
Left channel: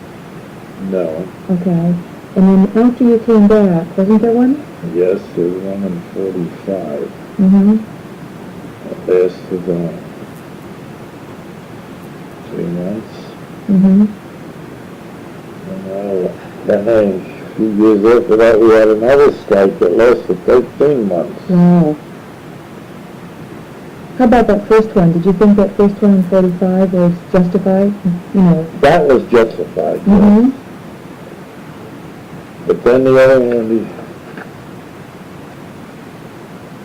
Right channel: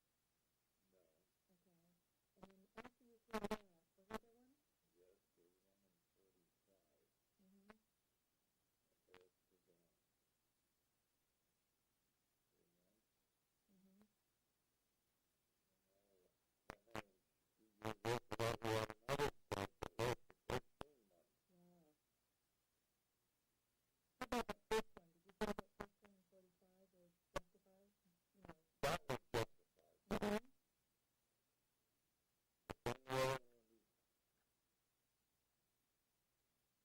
No. Okay. And then after you came back, wasn't there one? Yes, there was one in 45. Mm-hmm. That lasted 3 months. Mm-hmm. And then a few years after that, we had another strike that lasted 13 months. Wow. How about that first one? Did you think that first one in 45 was justified? You know. That was justified. Mm-hmm. But then the other one,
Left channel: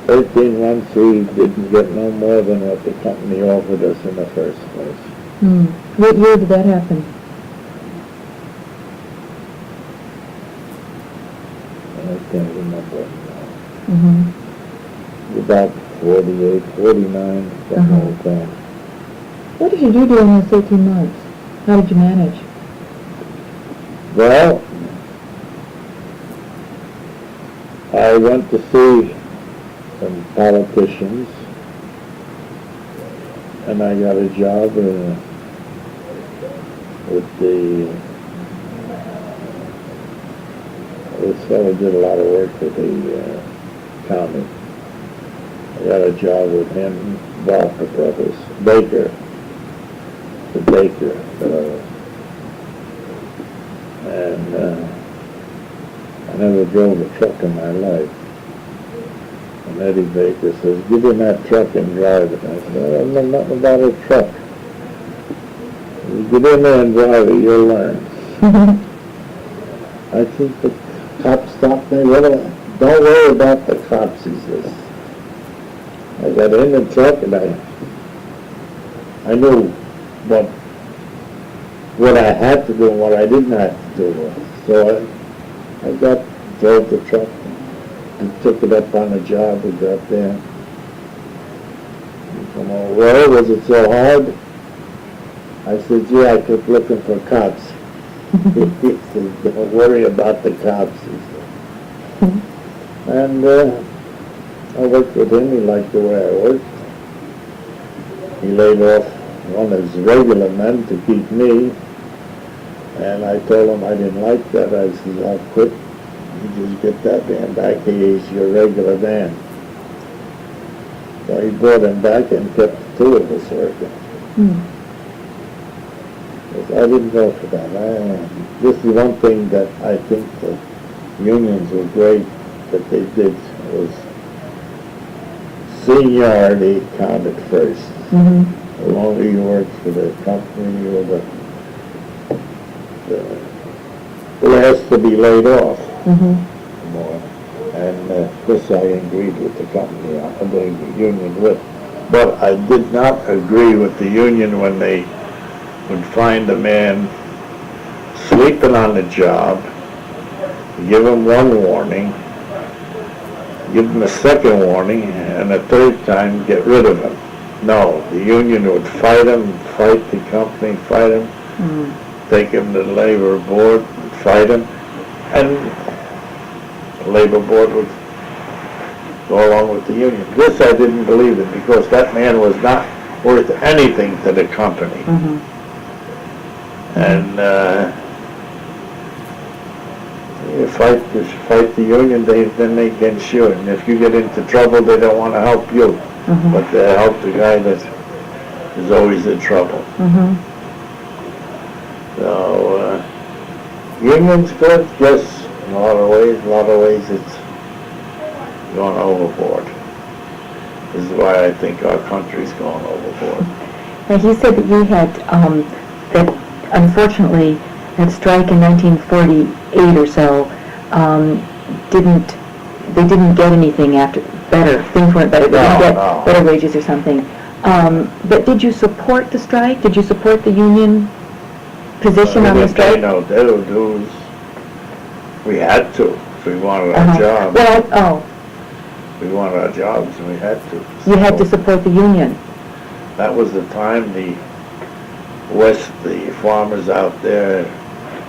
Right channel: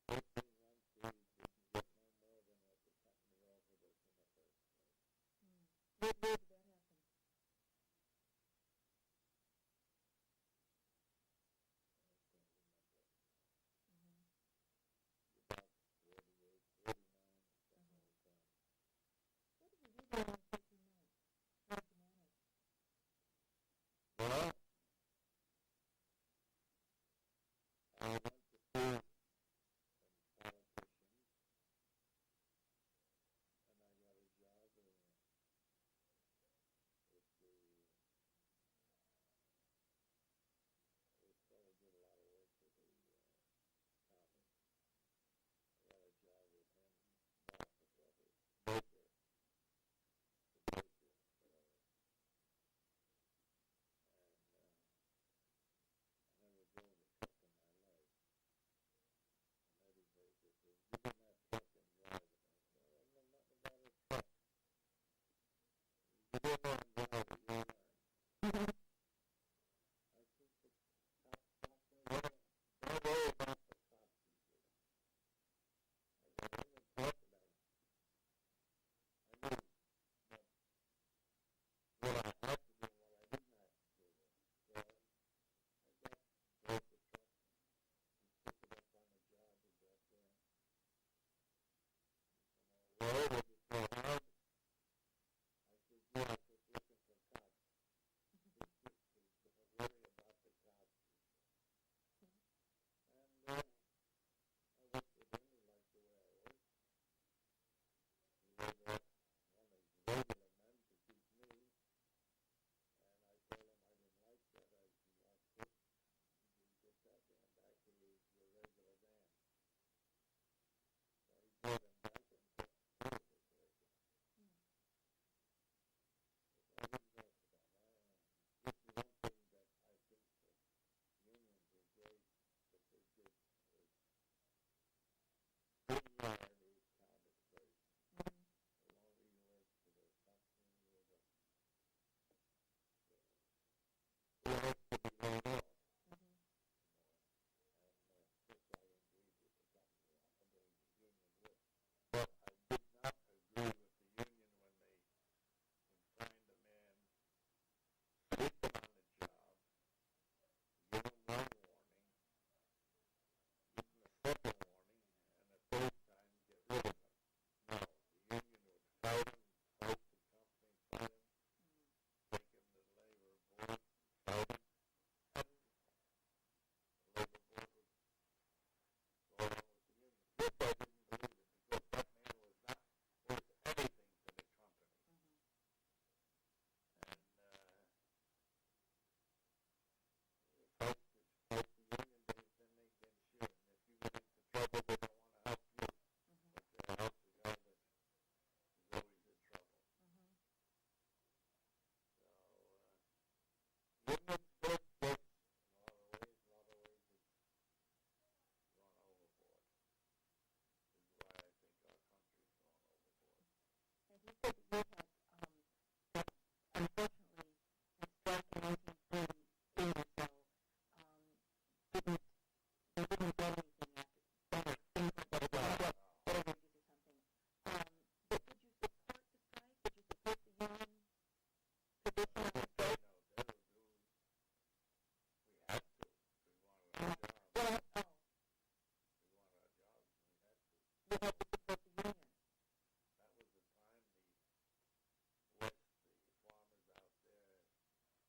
13 months, we didn't get no more than what the company offered us in the first place. Hmm. What year did that happen? I can't remember now. Mm-hmm. About 48, 49, something like that. What did you do during those 13 months? How did you manage? Well, I went to see some politicians, and I got a job with this fellow did a lot of work for the county. I got a job with him, Walker Brothers, Baker, the Baker fellow. And I never drove a truck in my life. And Eddie Baker says, "Give him that truck and drive it." I said, "I don't know nothing about a truck." "You get in there and drive it, you'll learn." I think the cop stopped me. "Well, don't worry about the cops," he says. I got in the truck and I knew what I had to do and what I didn't have to do. So I drove the truck and took it up on the job. We got there. He said, "Oh, well, was it so hard?" I said, "Yeah, I kept looking for cops." He said, "Don't worry about the cops," he said. And I worked with him. He liked the way I worked. He laid off one of his regular men to keep me. And I told him I didn't like that. I said, "I'll quit. You just get that man back. He's your regular man." So he brought him back and kept the two of us working. I didn't go for that. This is one thing that I think the unions were great that they did was seniority counted first. The longer you worked for the company, you were the last to be laid off. More. And this I agreed with the company, the union with. But I did not agree with the union when they would find a man sleeping on the job, give him one warning, give him a second warning, and a third time get rid of him. No, the union would fight him, fight the company, fight him, take him to the labor board, fight him, and the labor board would go along with the union. This I didn't believe in because that man was not worth anything to the company. And you fight the union, then they can sue. And if you get into trouble, they don't want to help you, but they help the guy that is always in trouble. So union's good, yes, in a lot of ways. A lot of ways it's going overboard. This is why I think our country's going overboard. Now, he said that you had, that unfortunately, that strike in 1948 or so, they didn't get anything after, better, things weren't better, they didn't get better wages or something. But did you support the strike? Did you support the union position on the strike? No, we had to, if we wanted our jobs. We wanted our jobs, and we had to. You had to support the union. That was the time the farmers out there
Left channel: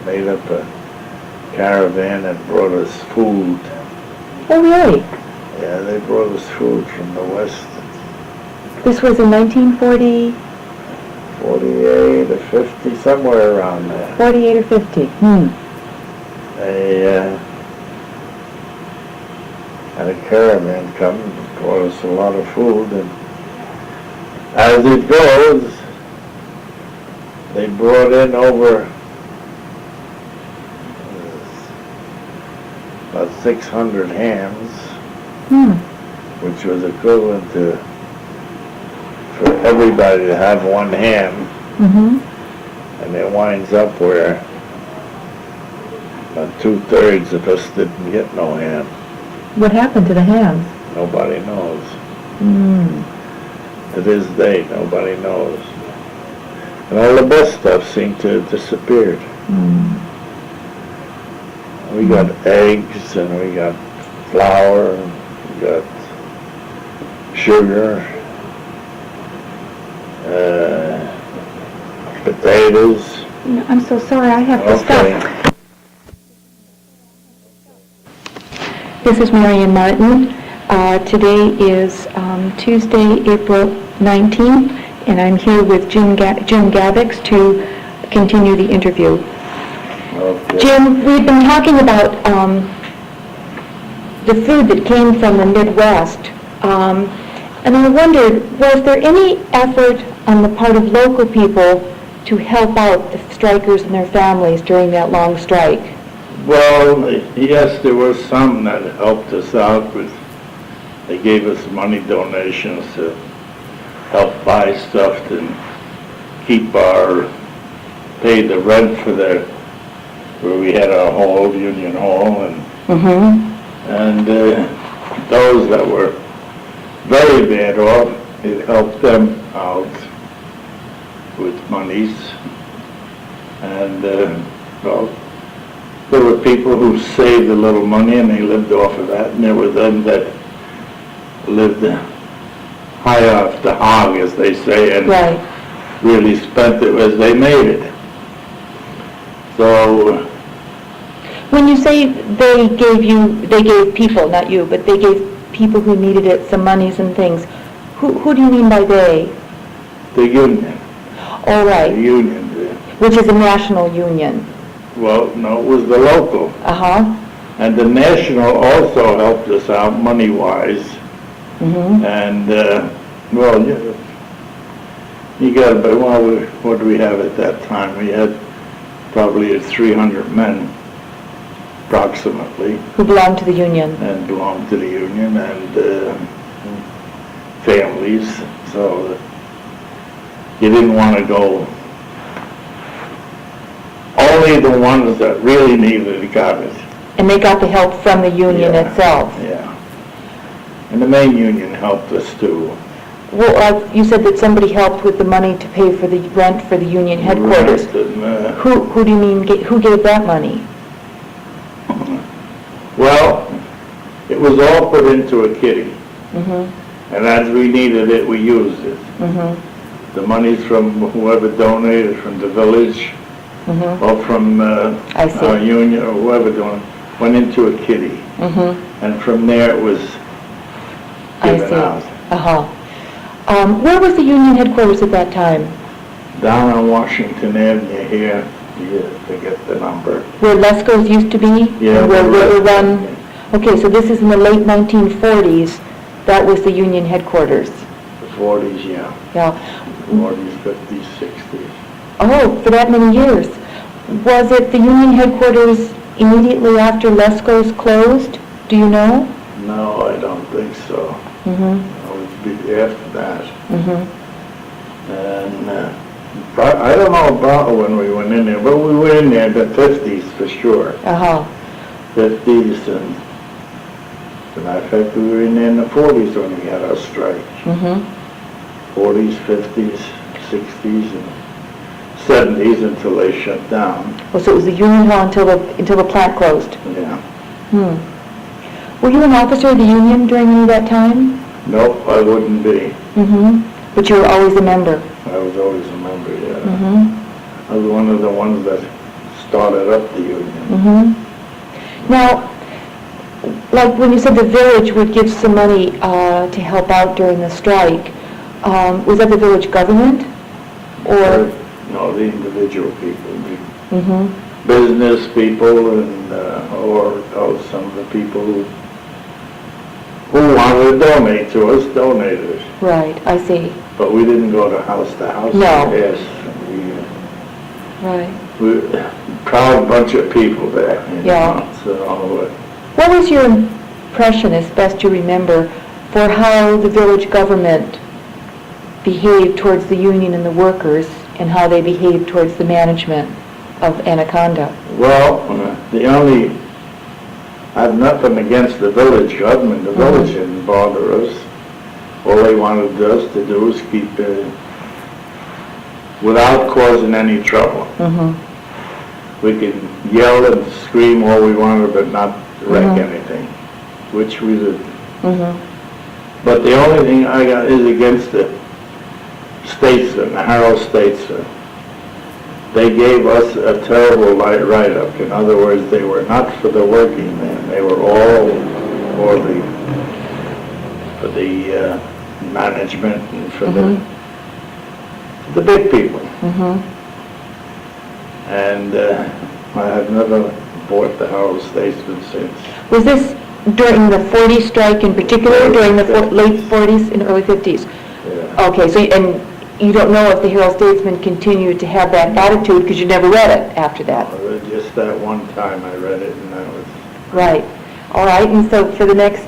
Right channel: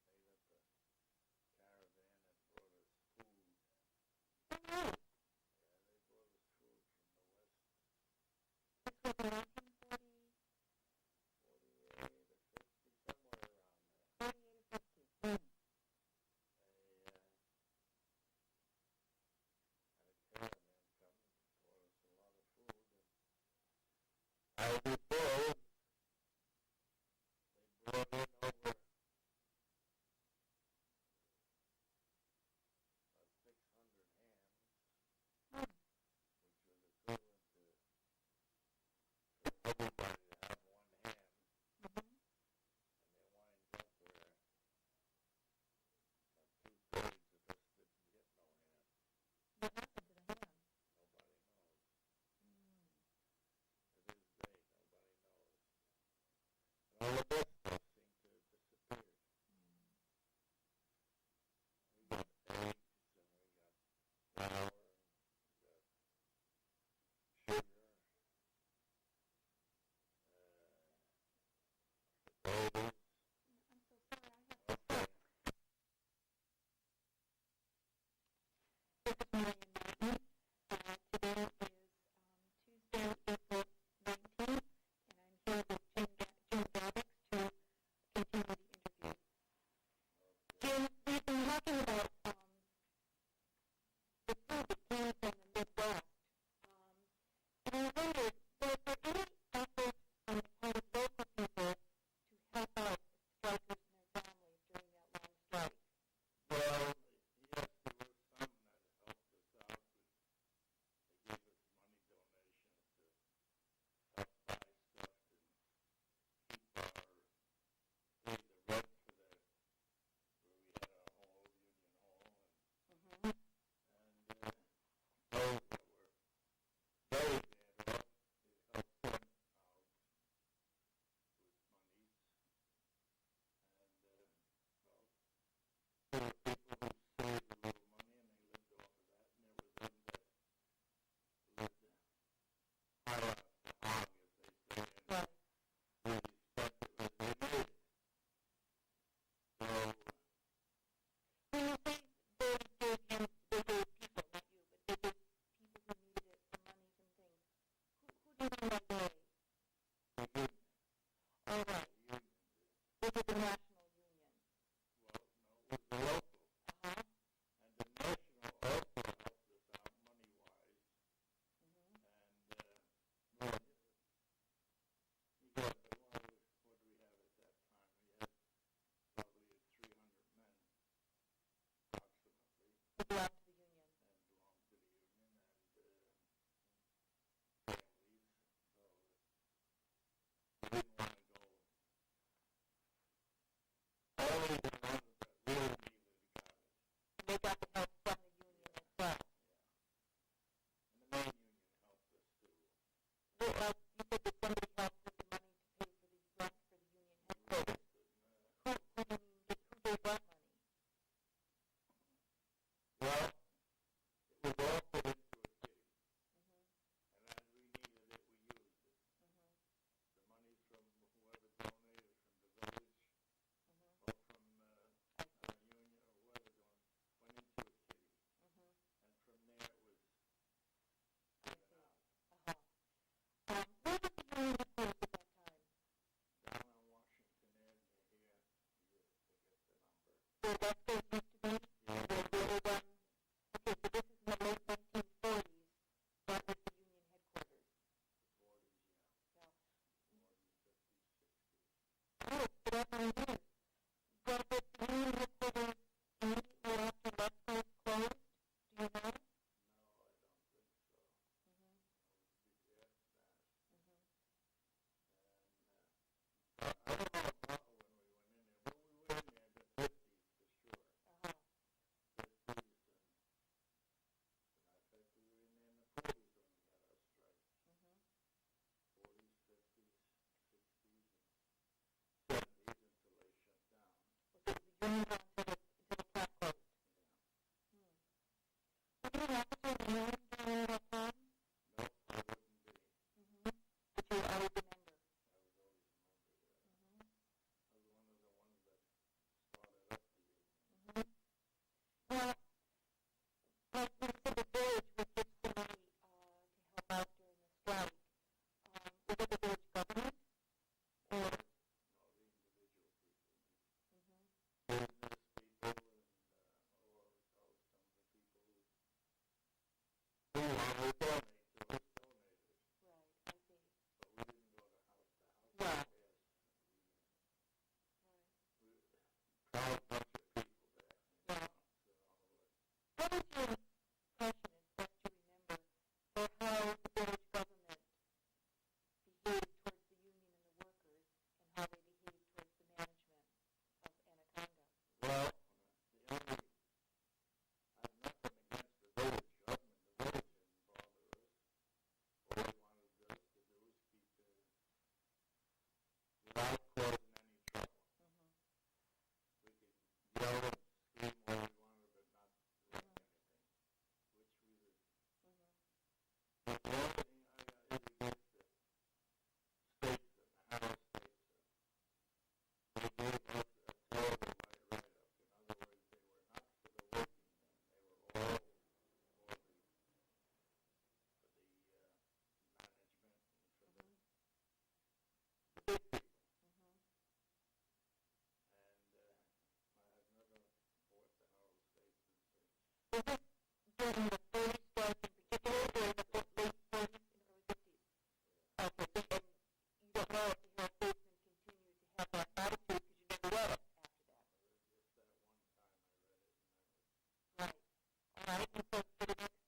made up a caravan and brought us food. Oh, really? Yeah, they brought us food from the West. This was in 1940? 48 or 50, somewhere around there. 48 or 50. They had a caravan come and brought us a lot of food, and as it goes, they brought in over about 600 hams, which was equivalent to, for everybody to have one ham, and it winds up where about 2/3 of us didn't get no ham. What happened to the hams? Nobody knows. To this day, nobody knows. And all the best stuff seemed to have disappeared. We got eggs, and we got flour, and we got sugar, potatoes. I'm so sorry, I have to stop. This is Marion Martin. Today is Tuesday, April 19th, and I'm here with Jim Gavacs to continue the interview. Okay. Jim, we've been talking about the food that came from the Midwest, and I wondered, was there any effort on the part of local people to help out the strikers and their families during that long strike? Well, yes, there were some that helped us out with, they gave us money donations to help buy stuff and keep pay the rent for where we had our hall, Union Hall, and those that were very bad off, it helped them out with monies. And, well, there were people who saved a little money and they lived off of that, and there were them that lived high off the hog, as they say, and Right. really spent it as they made it. So, When you say they gave people, not you, but they gave people who needed it some monies and things, who do you mean by they? the union, All the right, union, which is a national union. well, no, it was the local. Uh-huh. And the national also helped us out money-wise. Mm-hmm. And, well, you got about, well, what do we have at that time? We had probably 300 men, approximately, Who belonged to the union. and belonged to the union, and families. So you didn't want to go. Only the ones that really needed it got it. And they got the help from the union Yeah. itself. Yeah. And the main union helped us too. Well, you said that somebody helped with the money to pay for the rent for the union headquarters. Rent and, Who do you mean, who gave that money? well, it was all put into a kitty. Mm-hmm. And as we needed it, we used it. Mm-hmm. The monies from whoever donated, from the village, Mm-hmm. or from I see. our union, or whoever donated, went into a kitty. Mm-hmm. And from there it was I given see. out. Uh-huh. Where was the union headquarters at that time? Down on Washington Avenue here, you forget the number. Where Lesko's used to be? Yeah, And where the River Lesko, Run? Okay, so this is in the late 1940s. That was the union headquarters. The 40s, yeah. Yeah. 40s, 50s, 60s. Oh, for that many years. Was it the union headquarters immediately after Lesko's closed? Do you know? No, I don't think so. Mm-hmm. It would be after that. Mm-hmm. And I don't know about when we went in there, but we were in there in the 50s for sure. Uh-huh. 50s, and as a matter of fact, we were in there in the 40s when we had our strike. Mm-hmm. 40s, 50s, 60s, and 70s until they shut down. Oh, so it was the union hall until the plant closed? Yeah. Hmm. Were you an officer of the union during any of that time? Nope, I wouldn't be. Mm-hmm. But you were always a member? I was always a member, yeah. Mm-hmm. I was one of the ones that started up the union. Mm-hmm. Now, like when you said the village would give some money to help out during the strike, was that the village government? Or? No, the individual people, the Mm-hmm. business people, and or some of the people who wanted to donate to us donated. Right, I see. But we didn't go to house. No. Yes, Right. we proud bunch of people there. You Yeah. know, so, What was your impression, as best you remember, for how the village government behaved towards the union and the workers, and how they behaved towards the management of Anaconda? well, I have nothing against the village government. The village didn't bother us. All they wanted us to do was keep without causing any trouble. Mm-hmm. We could yell and scream all we wanted, but not wreck Mhm. anything, which we did. Mm-hmm. But the only thing I got is against the statesmen, the Harrow statesmen. They gave us a terrible write-up. In other words, they were not for the working man. They were all for the management and for Mhm. the big people. Mhm. And I have never bought the Herald Statesman since. Was this during the 40 strike in particular, or during the late 40s and early 50s? Yeah. Okay, so, and you don't know if the Herald Statesman continued to have that attitude because you never read it after that? Just that one time I read it, and that was... Right. All right, and so for the next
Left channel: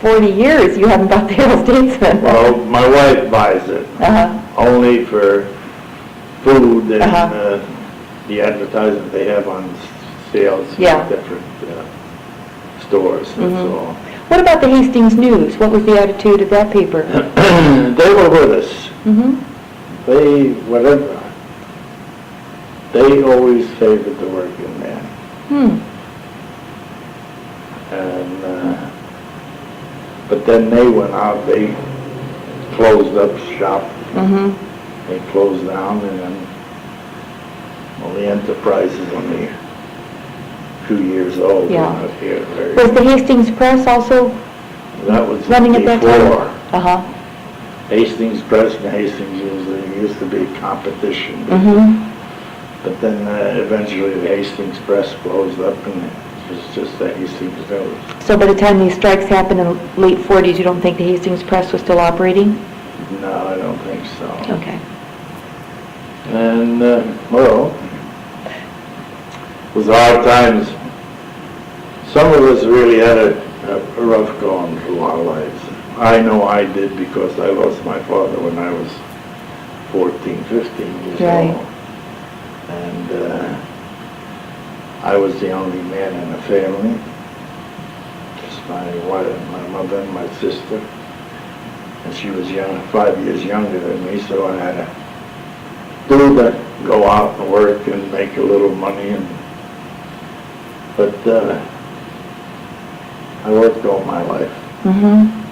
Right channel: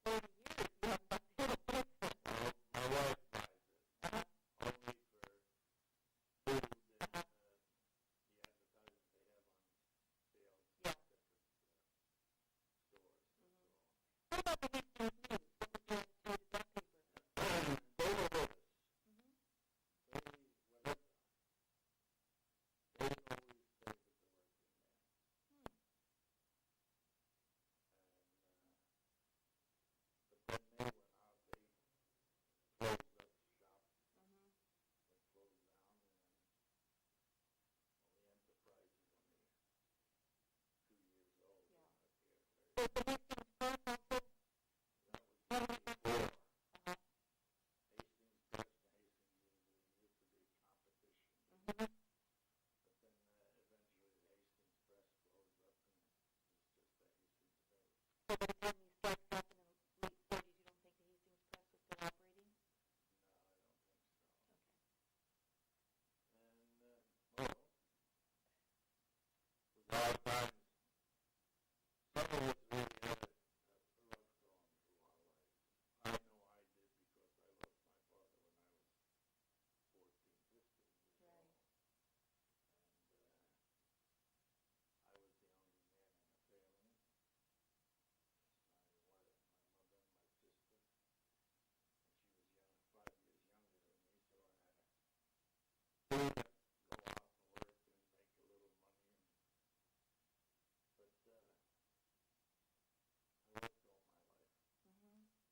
40 years, you haven't bought the Herald Statesman? Well, my wife buys it, Uh-huh. only for food and Uh-huh. the advertisement they have on sales Yeah. in different stores, that's Mhm. all. What about the Hastings News? What was the attitude of that paper? They were with us. Mm-hmm. They always favored the working man. Hmm. And, but then they went out, they closed up shop, Mm-hmm. they closed down, and then, well, the enterprise is only a few years old. Yeah. We're not here very- Was the Hastings Press also That was running at that time? before. Uh-huh. Hastings Press and Hastings News, there used to be competition. Mm-hmm. But then eventually the Hastings Press closed up, and it was just the Hastings News. So by the time these strikes happened in the late 40s, you don't think the Hastings Press was still operating? No, I don't think so. Okay. And, well, it was hard times. Some of us really had a rough going through our lives. I know I did, because I lost my father when I was 14, 15 years Right. old. And I was the only man in the family. Just my wife, my mother and my sister. And she was 5 years younger than me, so I had to go out and work and make a little money. But I worked all my life. Mm-hmm.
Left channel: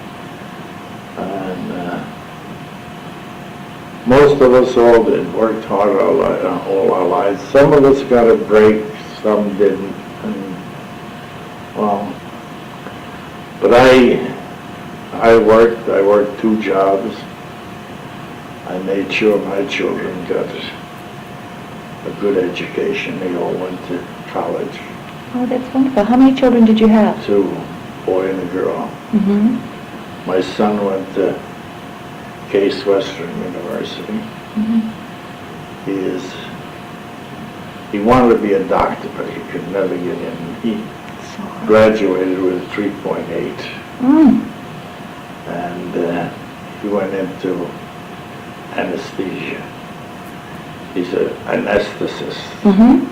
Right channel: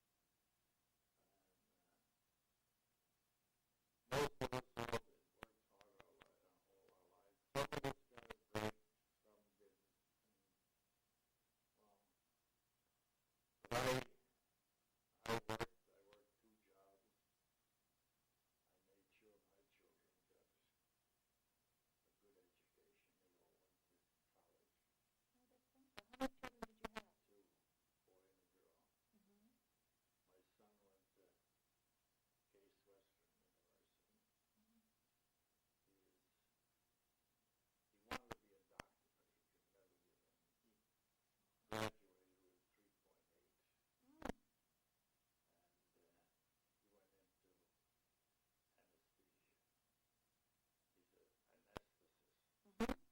And most of us all did, worked hard all our lives. Some of us got a break, some didn't. And, well, but I worked 2 jobs. I made sure my children got a good education. They all went to college. Oh, that's wonderful. How many children did you have? 2, boy and a girl. Mm-hmm. My son went to Case Western University. Mm-hmm. He wanted to be a doctor, but he could never get in. He graduated with a 3.8, Mm. and he went into anesthesia. He's an anesthetist. Mm-hmm.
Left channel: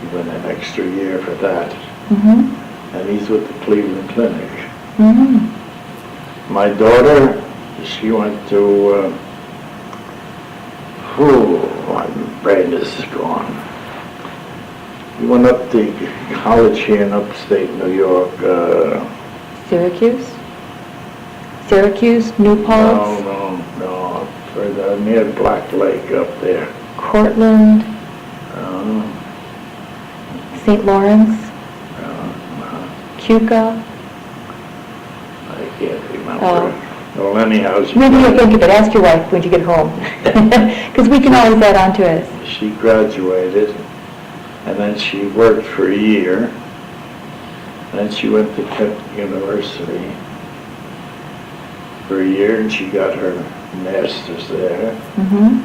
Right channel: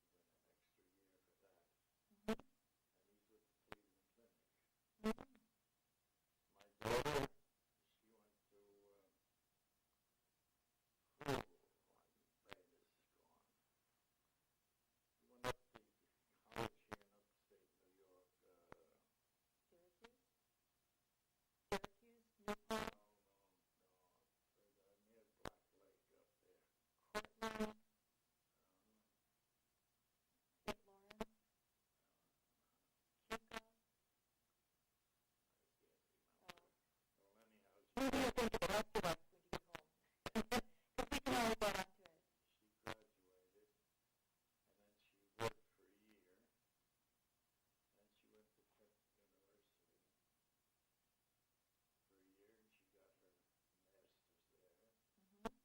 He went an extra year for that, Mm-hmm. and he's with the Cleveland Clinic. Mm-hmm. My daughter, she went to, my brain is gone. We went up to college here in upstate New York. Syracuse? Syracuse, New Paltz, No, further near Black Lake up there. Cortland, Uh, St. Lawrence, uh, Keuka. I can't remember. Oh. Well, anyhow, Maybe you'll think of it. Ask your wife when you get home. Because we can always add on to it. she graduated, and then she worked for a year. Then she went to Kent University for a year, and she got her master's there. Mm-hmm.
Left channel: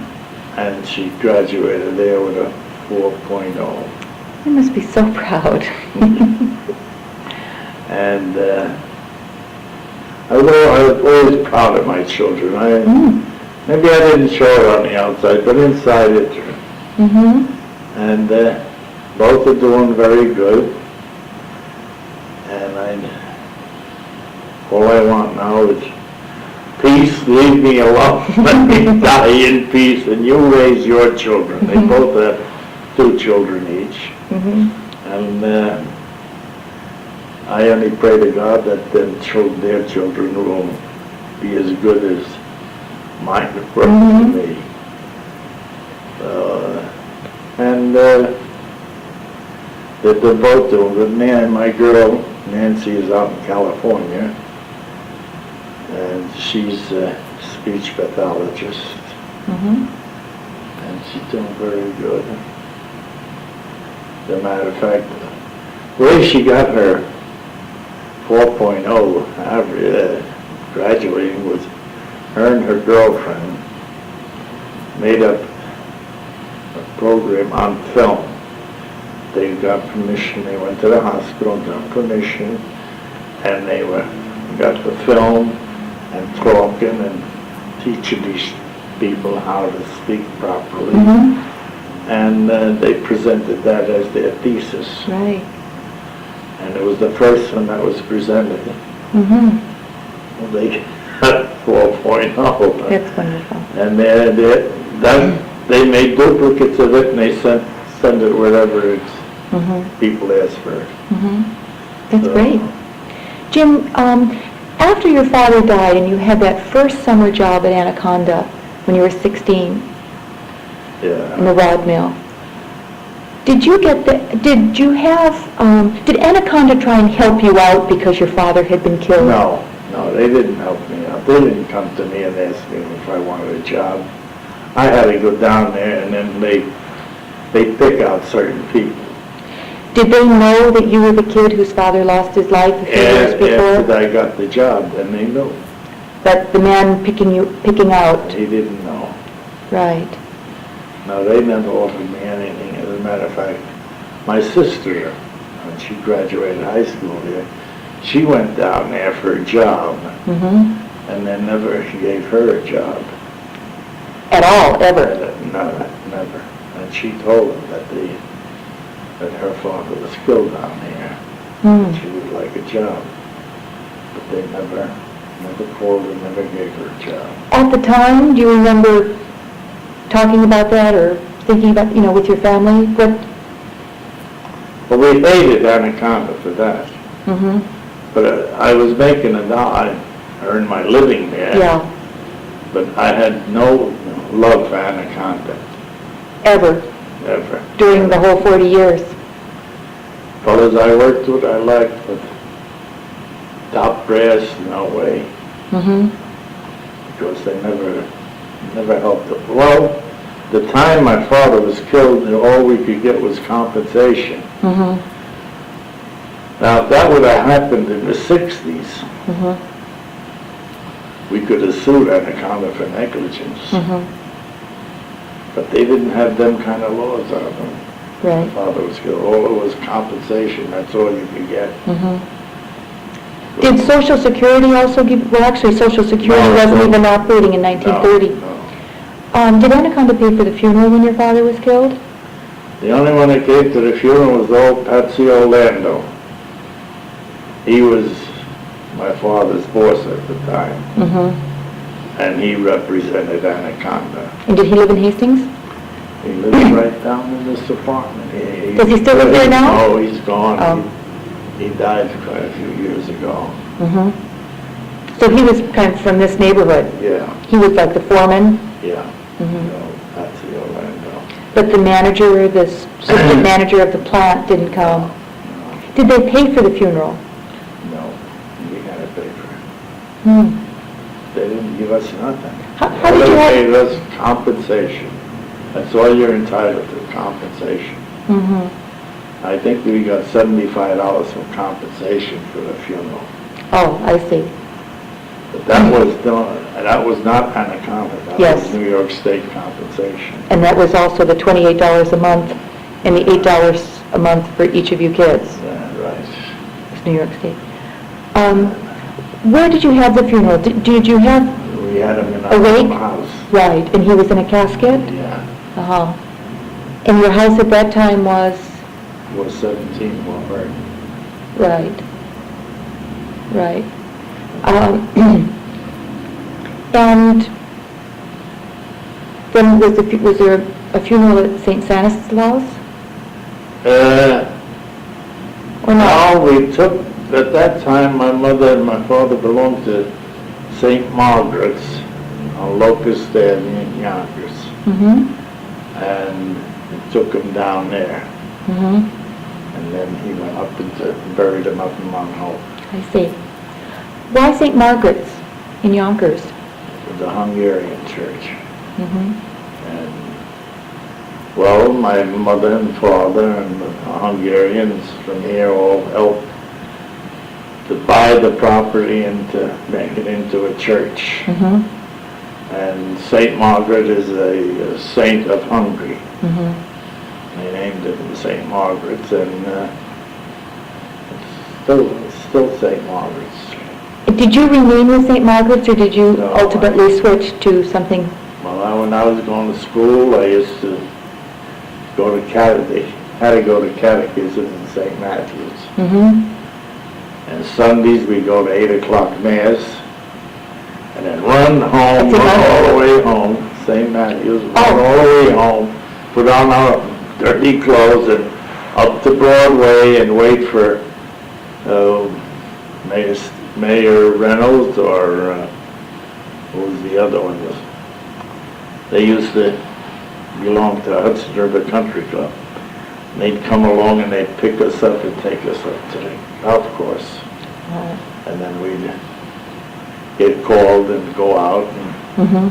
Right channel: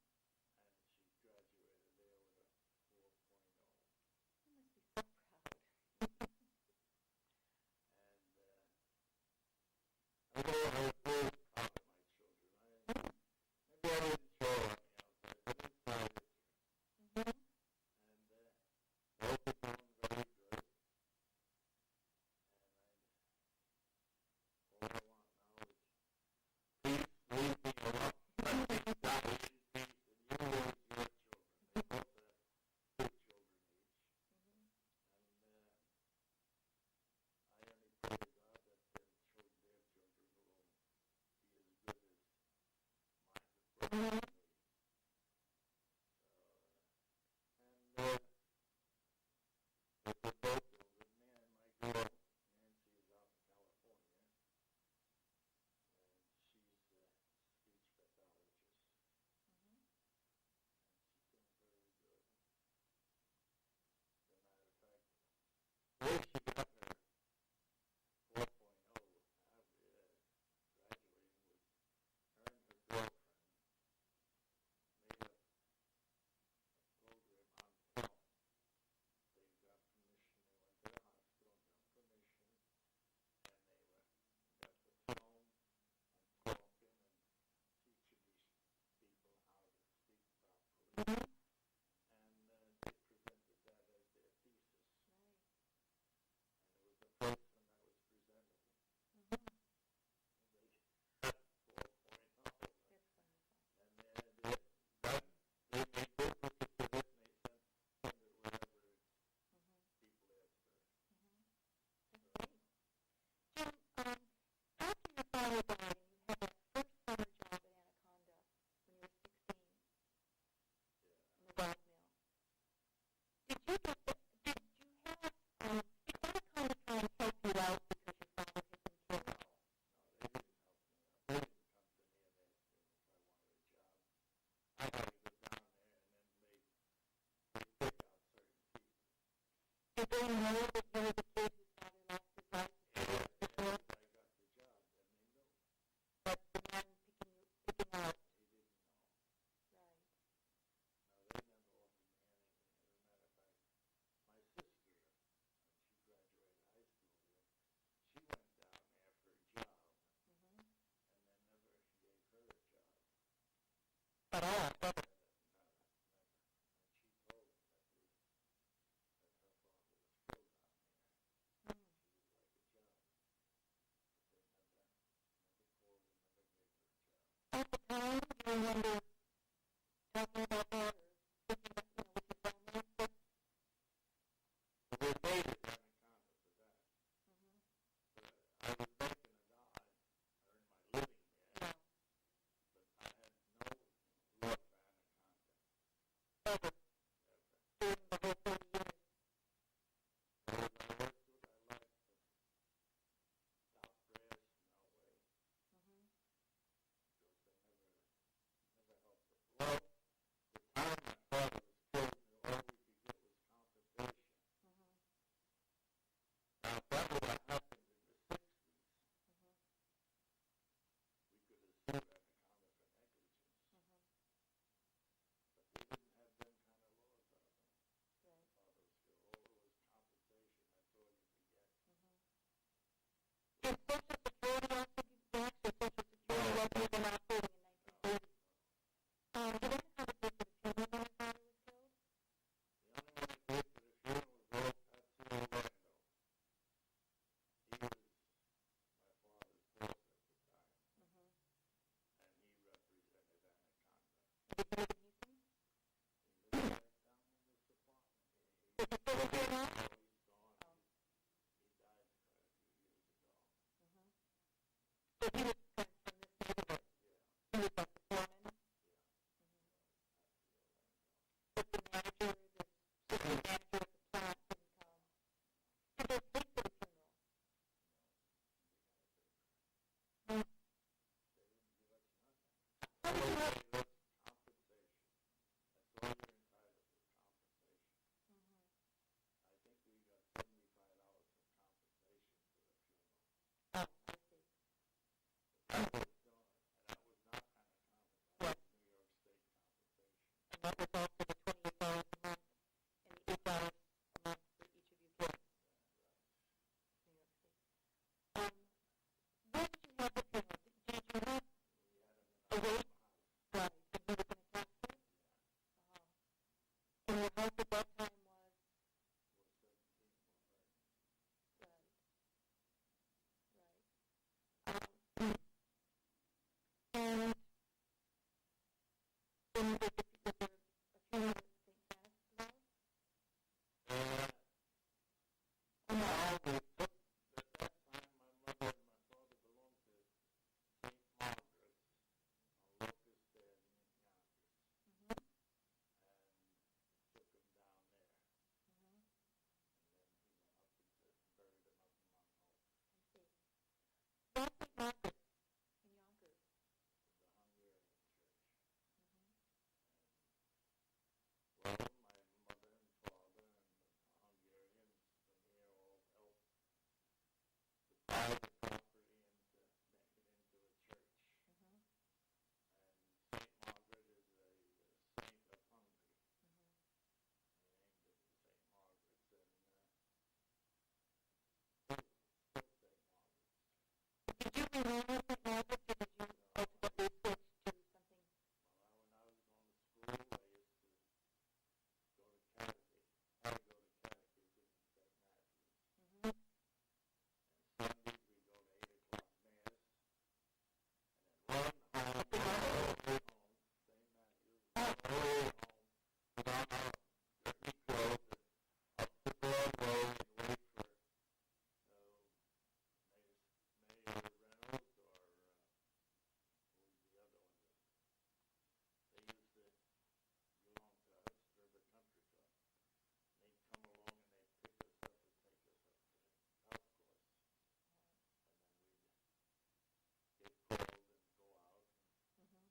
And she graduated there with a 4.0. You must be so proud. And I was always proud of my children. Mm. Maybe I didn't show it on the outside, but inside it. Mm-hmm. And both are doing very good. And all I want now is peace. Leave me alone. Let me die in peace. And you raise your children. They both have 2 children each. Mm-hmm. And I only pray to God that their children will be as good as mine were to me. They're both doing good. My girl, Nancy, is out in California, and she's a speech pathologist, and she's doing very good. As a matter of fact, the way she got her 4.0 average graduating was her and her girlfriend made up a program on film. They got permission, they went to the hospital, got permission, and they got the film and talking and teaching these people how to speak properly. And they presented that as their thesis. Right. And it was the first one that was presented. Well, they got 4.0. That's wonderful. And they made duplicates of it, and they send it wherever it's people ask for it. That's great. Jim, after your father died and you had that first summer job at Anaconda when you were 16 in the rod mill, did Anaconda try and help you out because your father had been killed? No, they didn't help me out. They didn't come to me and ask me if I wanted a job. I had to go down there, and then they pick out certain people. Did they know that you were the kid whose father lost his life a few years before? After I got the job, then they knew. But the man picking out? He didn't know. Right. No, they never offered me anything. As a matter of fact, my sister, when she graduated high school here, she went down there for a job, and they never gave her a job. At all, ever? No, never. And she told them that her father was killed down here. And she would like a job. But they never called her, never gave her a job. At the time, do you remember talking about that or thinking about, with your family? Well, we hated Anaconda for that. But I was making I earned my living there. Yeah. But I had no love for Anaconda. Ever? Never. During the whole 40 years? Fellas I worked with, I liked, but top brass, no way. Because they never helped us. Well, the time my father was killed, all we could get was compensation. Now, if that would have happened in the 60s, we could have sued Anaconda for negligence. But they didn't have them kind of laws on them. Right. My father was killed. All it was compensation. That's all you could get. Did Social Security also give, well, actually, Social Security wasn't even operating in 1930. No. Did Anaconda pay for the funeral when your father was killed? The only one that came to the funeral was old Patsy Orlando. He was my father's boss at the time. And he represented Anaconda. And did he live in Hastings? He lives right down in this apartment. Does he still live there now? Oh, he's gone. Oh. He died quite a few years ago. So he was kind of from this neighborhood? Yeah. He was like the foreman? Yeah. Patsy Orlando. But the manager, the assistant manager of the plant didn't come? No. Did they pay for the funeral? No. We had to pay for it. Hmm. They didn't give us nothing. How did you They have... gave us compensation. That's all you're entitled to, compensation. I think we got $75 for compensation for the funeral. Oh, I see. But that was not Anaconda. That Yes. was New York State compensation. And that was also the $28 a month and the $8 a month for each of you kids. Yeah, right. It's New York State. Where did you have the funeral? Did you have... We had him in our Awake? house. Right, and he was in a casket? Yeah. Uh-huh. And your house at that time was... Was 17 Walmart. Right. Right. And then was there a funeral at St. Stanislaus? Or not? No, we took, at that time, my mother and my father belonged to St. Margaret's on Locust Avenue in Yonkers. And we took them down there. And then he went up and buried him up in Mount Hope. I see. Why St. Margaret's in Yonkers? The Hungarian church. Mm-hmm. And, well, my mother and father and the Hungarians from here all helped to buy the property and to make it into a church. Mm-hmm. And St. Margaret is a saint of Hungary. Mm-hmm. They named it St. Margaret's, and it's still St. Margaret's. Did you remain with St. Margaret's, or did you No, ultimately switch to something? Well, when I was going to school, I used to go to had to go to catechism in St. Matthew's. Mm-hmm. And Sundays we go to 8 o'clock mass, and then run home, That's run enough. all the way home, St. Matthew's, run Oh. all the way home, put on our dirty clothes and up to Broadway and wait for Mayor Reynolds or what was the other one? They used to belong to Hudson River Country Club. They'd come along and they'd pick us up and take us up to the golf course. Oh. And then we'd get called and go out, and Mm-hmm.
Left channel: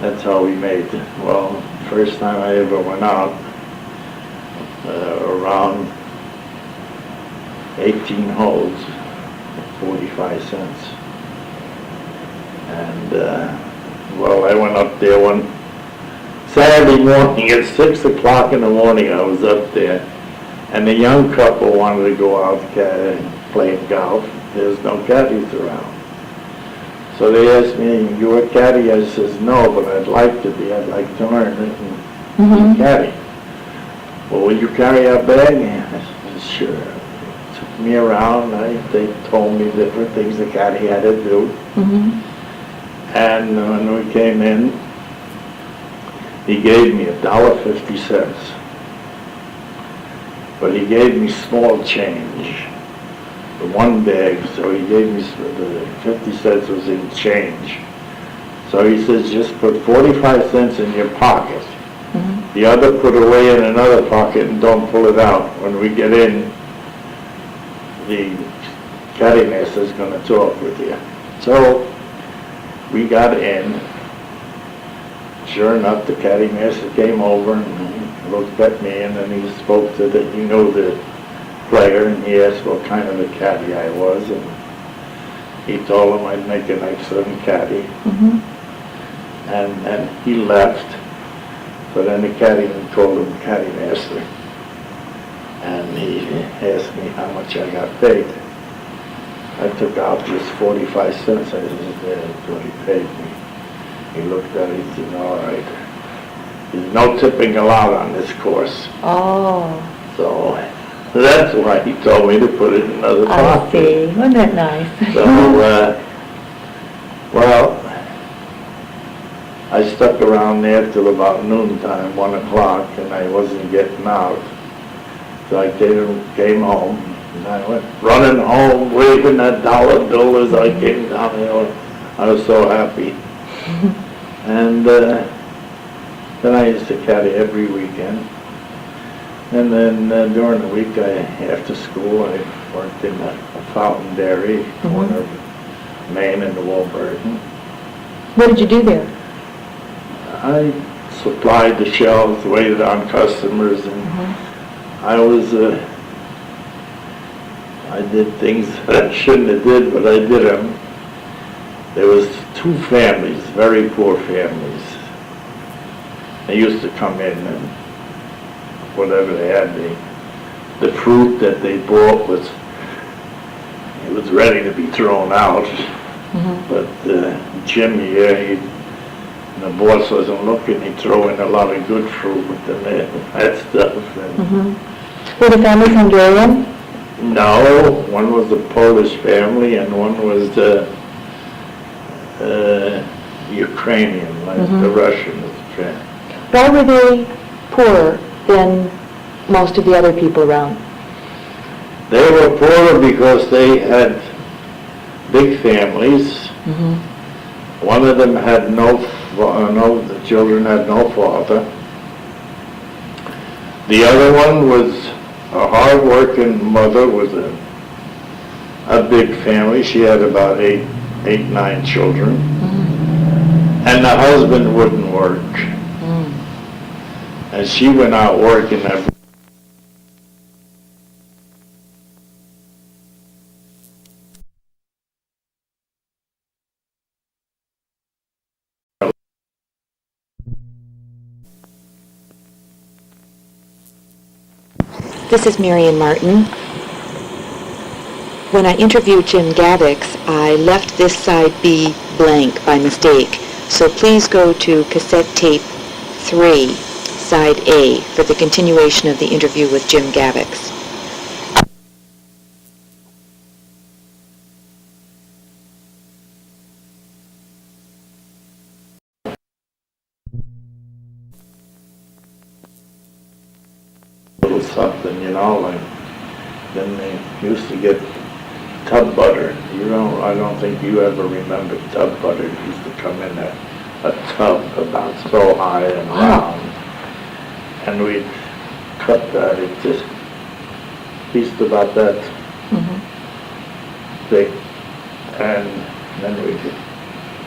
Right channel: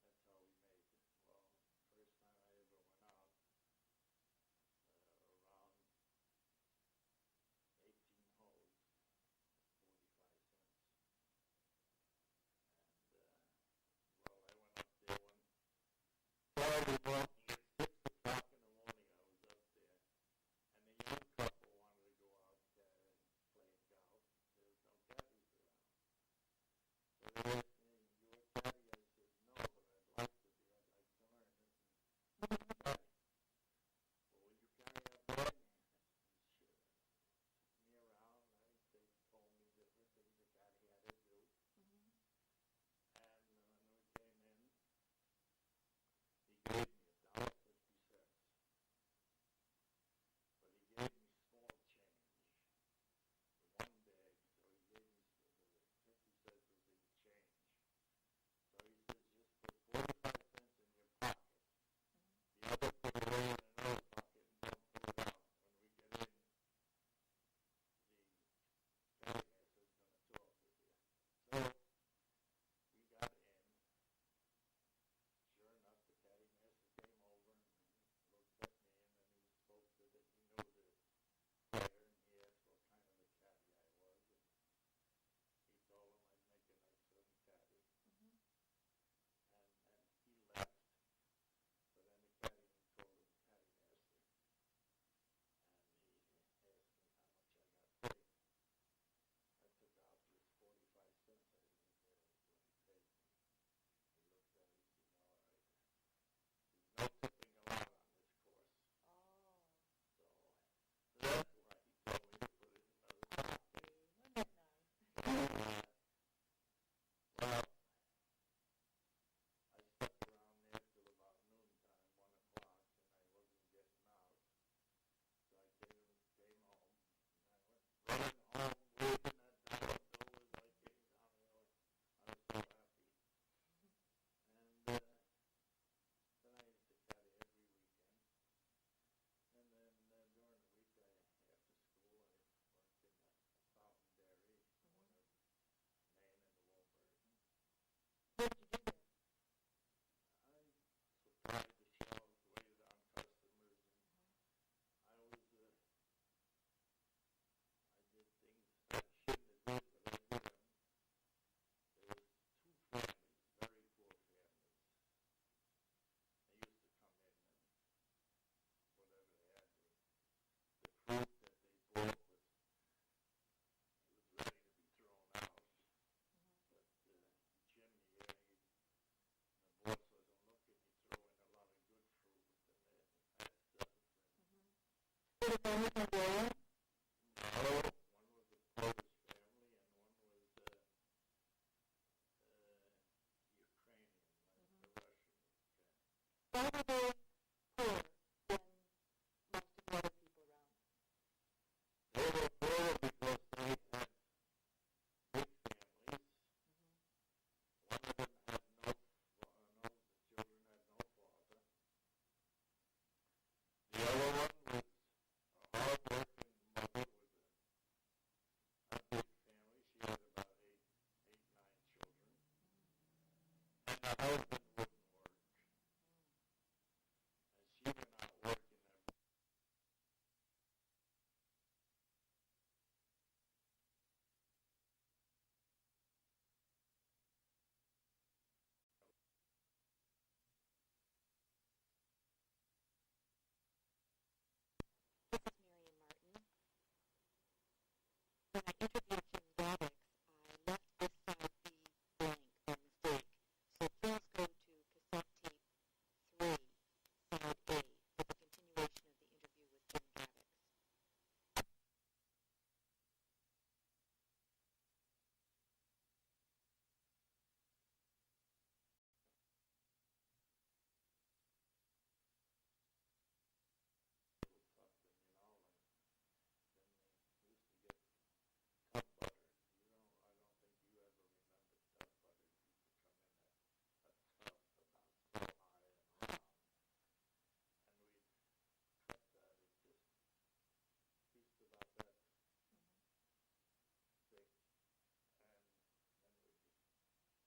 that's how we made it. Well, first time I ever went out, around 18 holes, 45 cents. And, well, I went up there one Saturday morning at 6 o'clock in the morning. I was up there, and the young couple wanted to go out playing golf. There's no caddies around. So they asked me, "You a caddy?" I says, "No, but I'd like to be. I'd like to learn it and Mm-hmm. be caddy." "Well, will you carry our bag?" I said, "Sure." Took me around. They told me different things the caddy had to do. Mm-hmm. And when we came in, he gave me $1.50. But he gave me small change, the one bag, so he gave me, the 50 cents was in change. So he says, just put 45 cents in your pocket. Mm-hmm. The other put away in another pocket and don't pull it out. When we get in, the caddy master is going to talk with you. So we got in. Sure enough, the caddy master came over and he looked at me, and then he spoke to the player, and he asked what kind of a caddy I was, and he told him I'd make an excellent caddy. Mm-hmm. And he left. So then the caddyman called him caddy master, and he asked me how much I got paid. I took out just 45 cents. I said, "That's what he paid me." He looked at it, he said, "All right. There's no tipping allowed on this course." Oh, So that's why he told me to put it in another I pocket. see. Wasn't that nice? So, well, I stuck around there till about noontime, 1 o'clock, and I wasn't getting out. So I came home, and I went running home, waving that dollar bill as I came down there. I was so happy. And then I used to caddy every weekend. And then during the week, after school, I worked in a fountain dairy, corner of Maine and the Wolverton. What did you do there? I supplied the shelves, waited on customers, and I did things that I shouldn't have did, but I did them. There was 2 families, very poor families. They used to come in and whatever they had, the fruit that they bought was ready to be thrown out. Mm-hmm. But Jim here, the boss wasn't looking, he'd throw in a lot of good fruit with that stuff. And Mm-hmm. Were the families Hungarian? no, one was a Polish family and one was Ukrainian, like the Russian family. Why were they poorer than most of the other people around? They were poorer because they had big families. Mm-hmm. One of them had the children had no father. The other one was a hard-working mother with a big family. She had about eight, 9 children. And the husband wouldn't work. And she went out working every This is Marion Martin. When I interviewed Jim Gavacs, I left this side B blank by mistake. So please go to cassette tape 3, side A, for the continuation of the interview with Jim Gavacs. little something, you know, like, then they used to get tub butter. I don't think you ever remember tub butter. It used to come in a tub about so high and round. And we'd cut that, it just pieced about that thick. And then we could,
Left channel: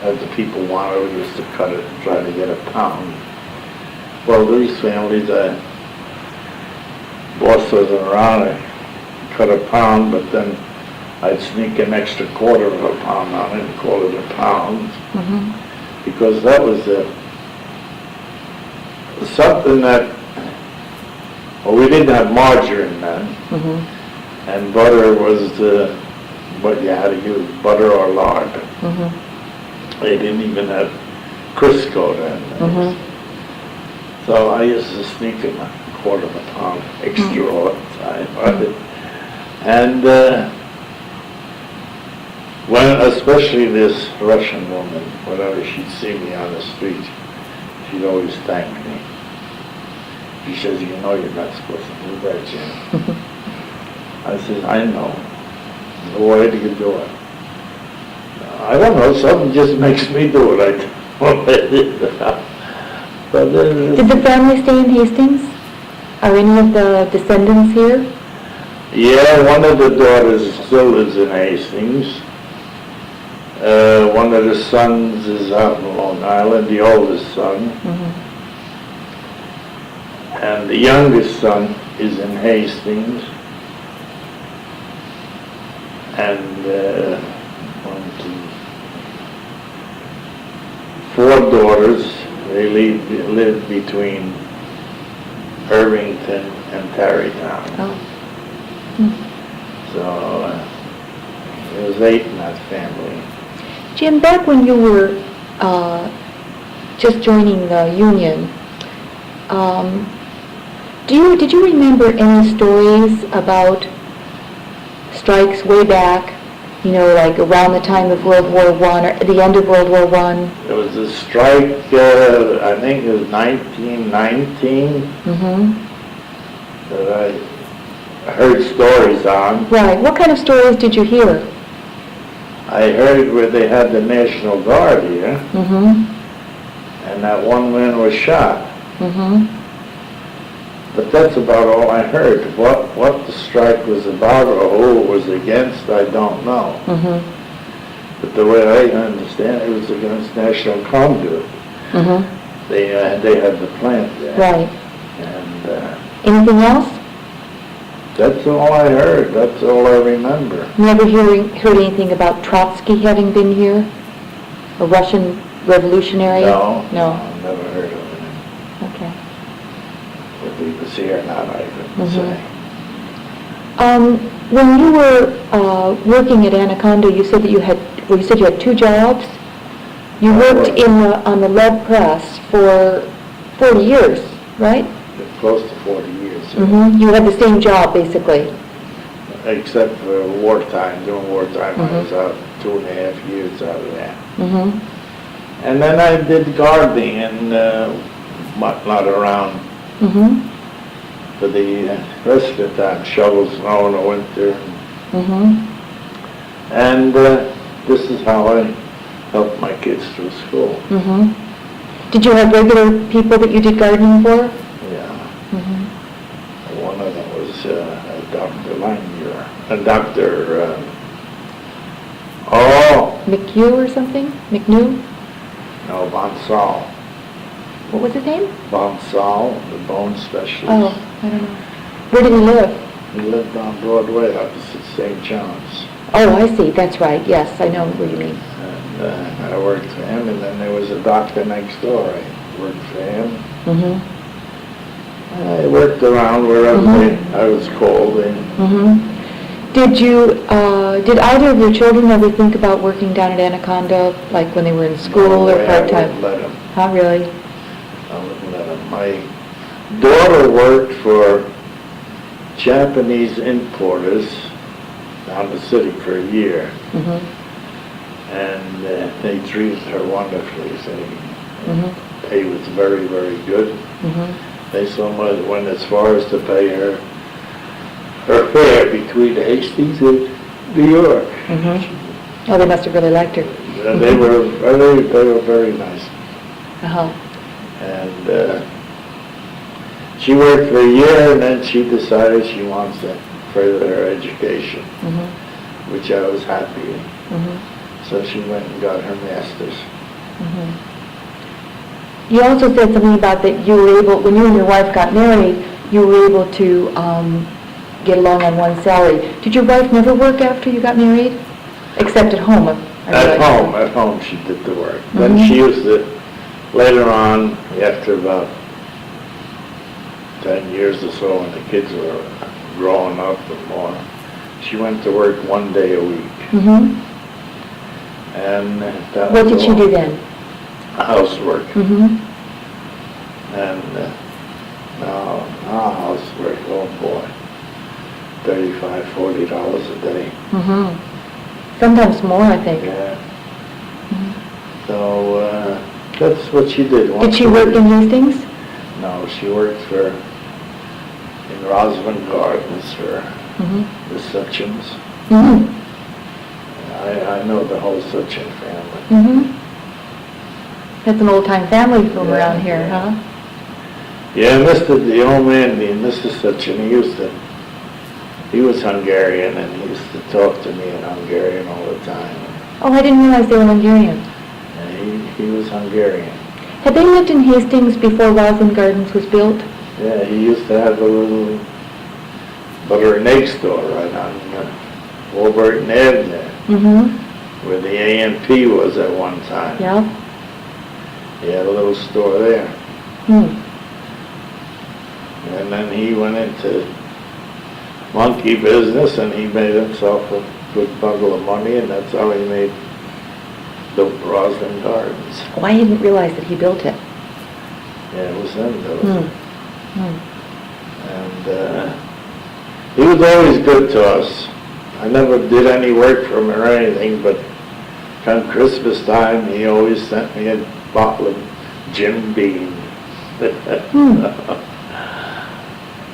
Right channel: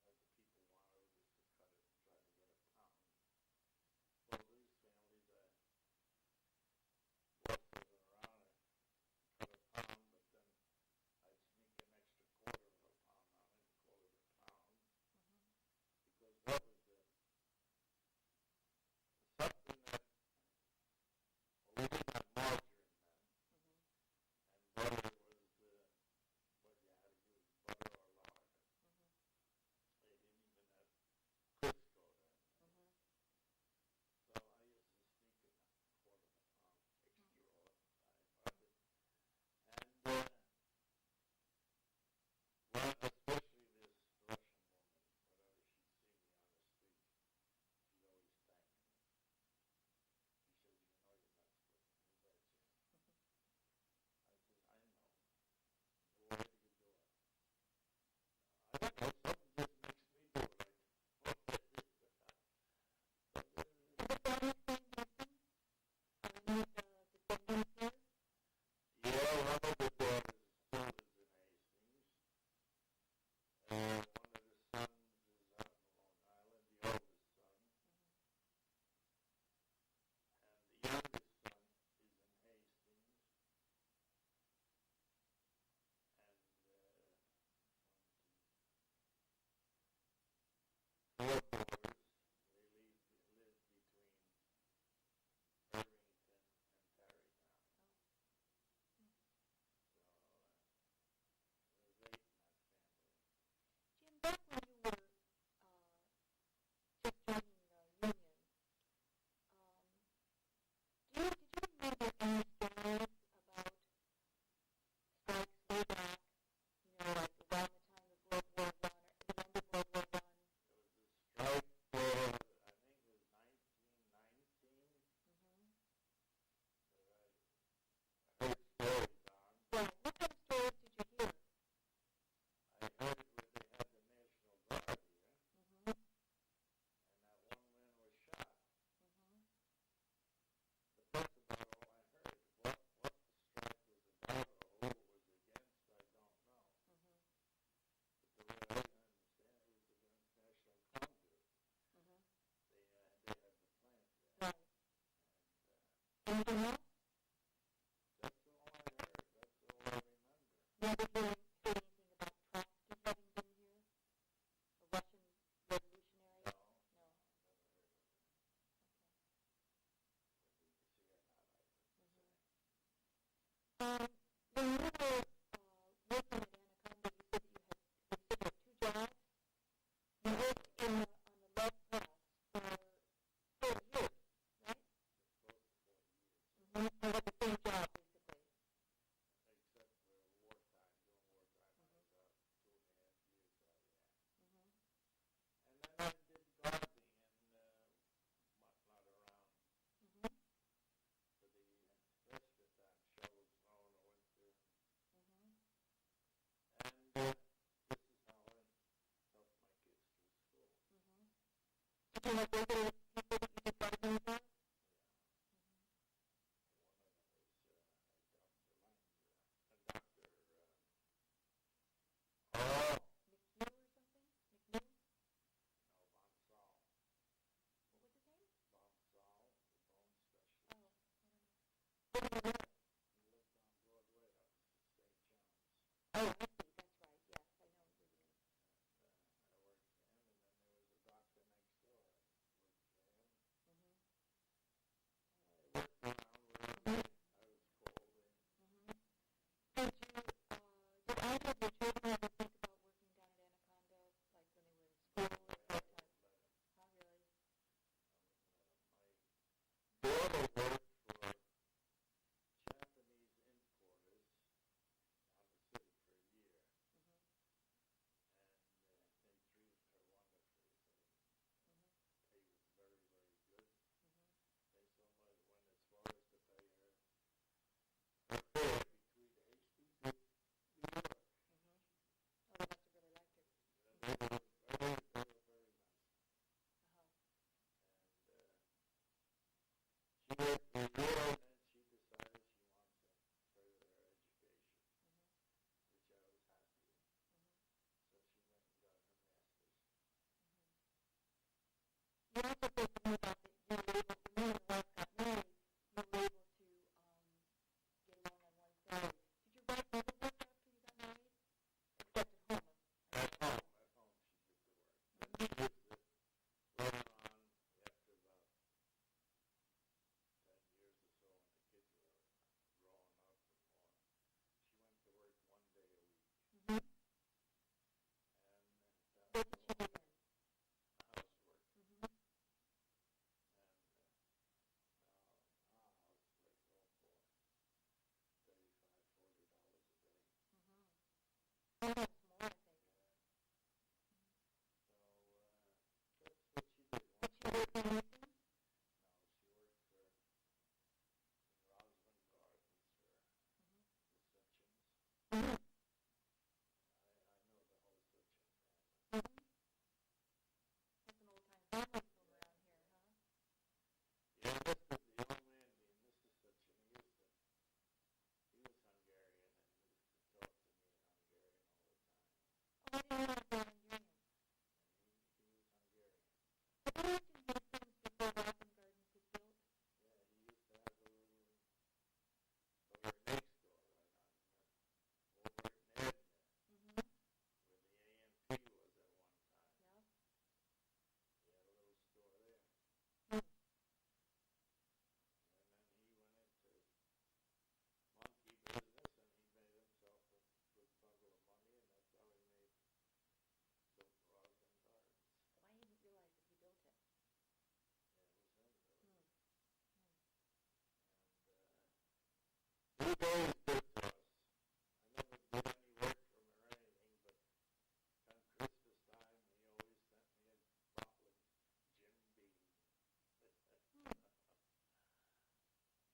as the people wanted, we used to cut it and try to get a pound. Well, these families, boss wasn't around, I cut a pound, but then I'd sneak an extra quarter of a pound on it and call it a pound. Because that was something that, well, we didn't have margarine then, and butter was what you had to use, butter or lard. They didn't even have Crisco then. So I used to sneak in a quarter of a pound extra all the time. And when, especially this Russian woman, whenever she'd see me on the street, she'd always thank me. She says, you know you're not supposed to do that, Jim. I said, I know. Why do you do it? I don't know, something just makes me do it. Did the family stay in Hastings? Are any of the descendants here? Yeah, one of the daughters still lives in Hastings. One of the sons is out in Long Island, the oldest son. And the youngest son is in Hastings. And 4 daughters. They live between Irvington and Tarrytown. So there was 8 in that family. Jim, back when you were just joining the union, did you remember any stories about strikes way back, like around the time of World War I or the end of World War I? There was a strike, I think it was 1919, that I heard stories on. Right. What kind of stories did you hear? I heard where they had the National Guard here, and that one man was shot. But that's about all I heard. What the strike was about or who it was against, I don't know. But the way I understand it, was against National Conduit. They had the plant there. Right. And anything else? That's all I heard. That's all I remember. Never heard anything about Trotsky having been here? A Russian revolutionary? No. No. Never heard of it. Okay. If he was here or not, I couldn't say. When you were working at Anaconda, you said that you had 2 jobs. You worked on the lead press for 40 years, right? Close to 40 years. You had the same job, basically. Except for wartime. During wartime, I was out 2.5 years out of that. And then I did gardening and whatnot around for the rest of the time, shovel snow in the winter. And this is how I helped my kids through school. Did you have regular people that you did gardening for? Yeah. One of them was Dr. Oh, McHugh or something? McNew? no, Bonsall. What was his name? Bonsall, the bone specialist. Oh, I don't know. Where did he live? He lived on Broadway, opposite St. John's. Oh, I see, that's right, yes, I know what you mean. And I worked for him, and then there was a doctor next door. I worked for him. Mm-hmm. I worked around wherever I was called. And Mm-hmm. Did either of your children ever think about working down at Anaconda, like when they were in school or I part-time? wouldn't let him. Huh, really? I wouldn't let him. My daughter worked for Japanese importers down the city for a year, Mm-hmm. and they treated her wonderfully. Mm-hmm. Pay was very, very good. Mm-hmm. They somewhat went as far as to pay her fare between Hastings and New York. Mm-hmm. Oh, they must have really liked her. And they were very nice. Uh-huh. And she worked for a year, and then she decided she wants to further her education, Mm-hmm. which I was happy with. Mm-hmm. So she went and got her master's. Mm-hmm. You also said something about that you were able, when you and your wife got married, you were able to get along on one salary. Did your wife never work after you got married? Except at home? At home she did the work. Then Mhm. she used to, later on, after about 10 years or so, when the kids were growing up and more, she went to work 1 day a week. Mm-hmm. And that What was did she all do then? housework. Mm-hmm. And now housework, oh boy, $35, $40 a day. Mm-hmm. Sometimes more, I think. Yeah. Mhm. So that's what she did. Did she work in Hastings? No, she worked in Roslyn Gardens for Mm-hmm. the Sutchins. Mm-hmm. I know the whole Sutchin family. Mm-hmm. That's an old-time family from Yeah, around here, yeah. huh? Yeah, the old man, Mr. Sutchin, he was Hungarian, and he used to talk to me in Hungarian all the time. Oh, I didn't realize they were Hungarian. And he was Hungarian. Had they lived in Hastings before Roslyn Gardens was built? Yeah, he used to have a little butter and egg store right on Warburton Ave there, Mm-hmm. where the A&P was at one time. Yeah. He had a little store there. Hmm. And then he went into monkey business, and he made himself a good bundle of money, and that's how he built Roslyn Gardens. Oh, I didn't realize that he built it. Yeah, it was him, though. Hmm. Hmm. And he was always good to us. I never did any work for him or anything, but come Christmas time, he always sent me a bottle of Jim Beam. Hmm.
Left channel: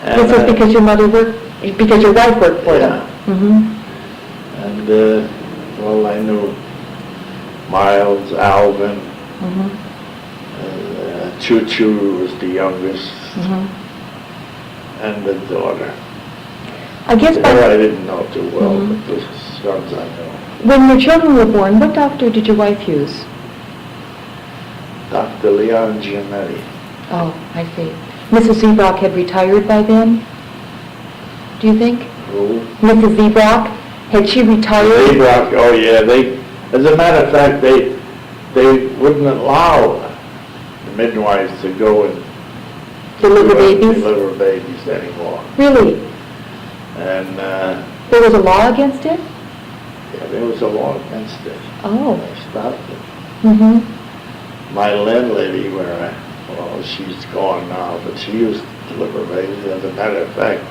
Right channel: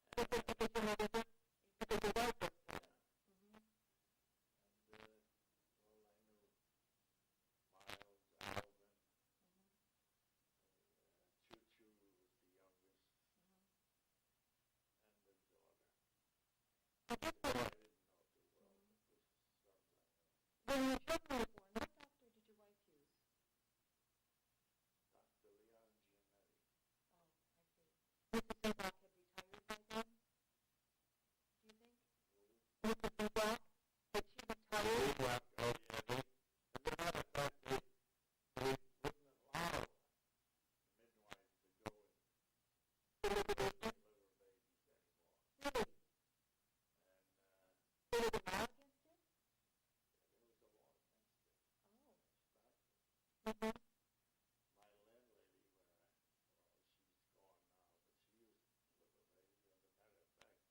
And, This was because your mother worked, because your wife worked for them? Yeah. Mm-hmm. And, well, I knew Miles, Alvin, Mm-hmm. Choo Choo was the youngest, Mm-hmm. and the daughter. I guess Her by, I didn't know too well, Mhm. but the sons I know. when your children were born, what doctor did your wife use? Dr. Leon Giametti. Oh, I see. Mrs. Zebrock had retired by then? Do you think? Who? Mrs. Zebrock, had she retired? They brought, oh yeah, as a matter of fact, they wouldn't allow the midwives to go and Deliver babies? deliver babies anymore. Really? And, There was a law against it? yeah, there was a law against it. Oh. They stopped it. Mm-hmm. My landlady, she's gone now, but she used to deliver babies. As a matter of fact,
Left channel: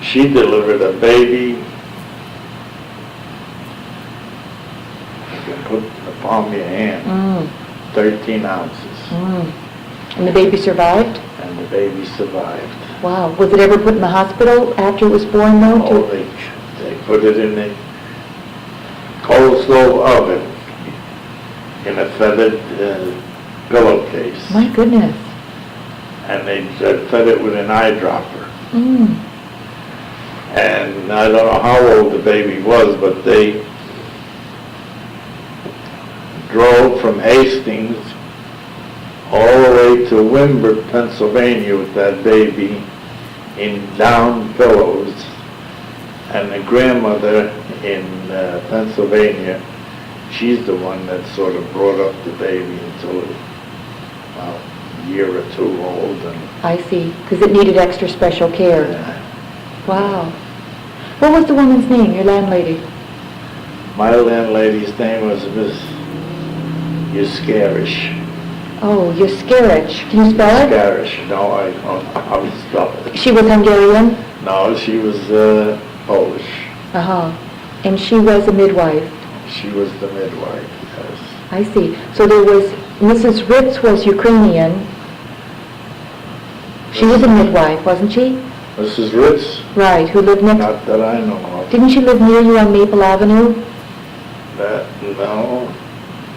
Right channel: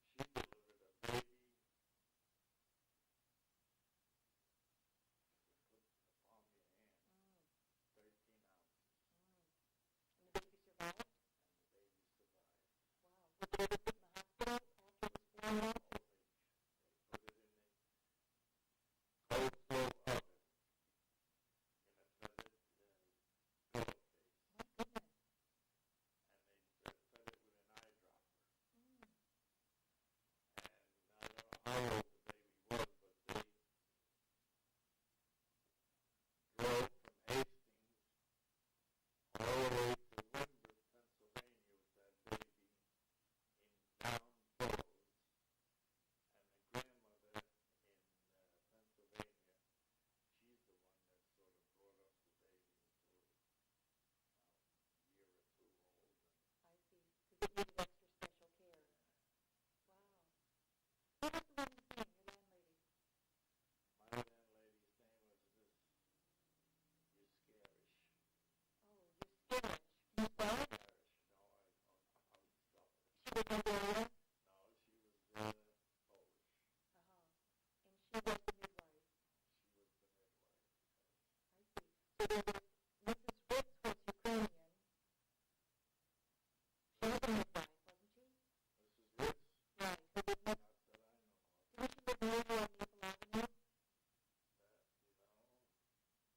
she delivered a baby, you can put in the palm of your hand, Mm. 13 ounces, Mm. And the baby survived? and the baby survived. Wow. Was it ever put in the hospital after it was born, though? Oh, they put it in the cold stove oven in a feathered pillowcase. My goodness. And they fed it with an eyedropper. Mm. And I don't know how old the baby was, but they drove from Hastings all the way to Wimber, Pennsylvania with that baby in down pillows. And the grandmother in Pennsylvania, she's the one that sort of brought up the baby until about a year or two old. And I see, because it needed extra special care. Wow. What was the woman's name, your landlady? my landlady's name was Miss Yuskarish. Oh, Yuskaric. Can you spell it? Yuskarish. No, I don't know how to spell it. She was Hungarian? No, she was Polish. Uh-huh. And she was a midwife? She was the midwife, yes. I see. So there was, Mrs. Ritz was Ukrainian. She was a midwife, wasn't she? Mrs. Ritz? Right, who lived next... Not that I know of. Didn't she live near you on Maple Avenue? No.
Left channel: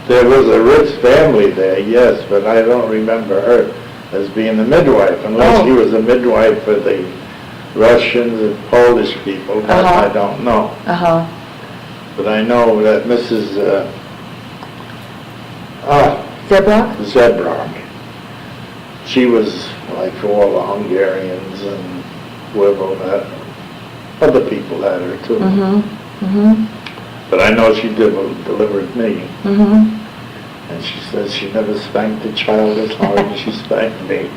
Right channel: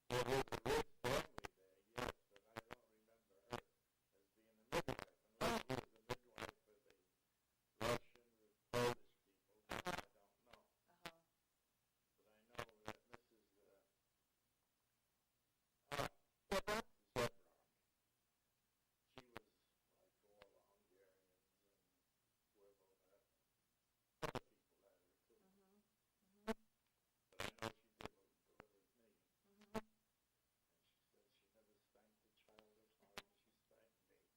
There was a Ritz family there, yes, but I don't remember her as being the midwife, unless she was a midwife for the Russians and Polish people. That I don't know. Uh-huh. But I know that Mrs. Zebrock? Zebrock, she was like for all the Hungarians and whoever that, other people had her too. Mm-hmm. Mm-hmm. But I know she delivered me. Mm-hmm. And she says she never spanked a child as hard as she spanked me.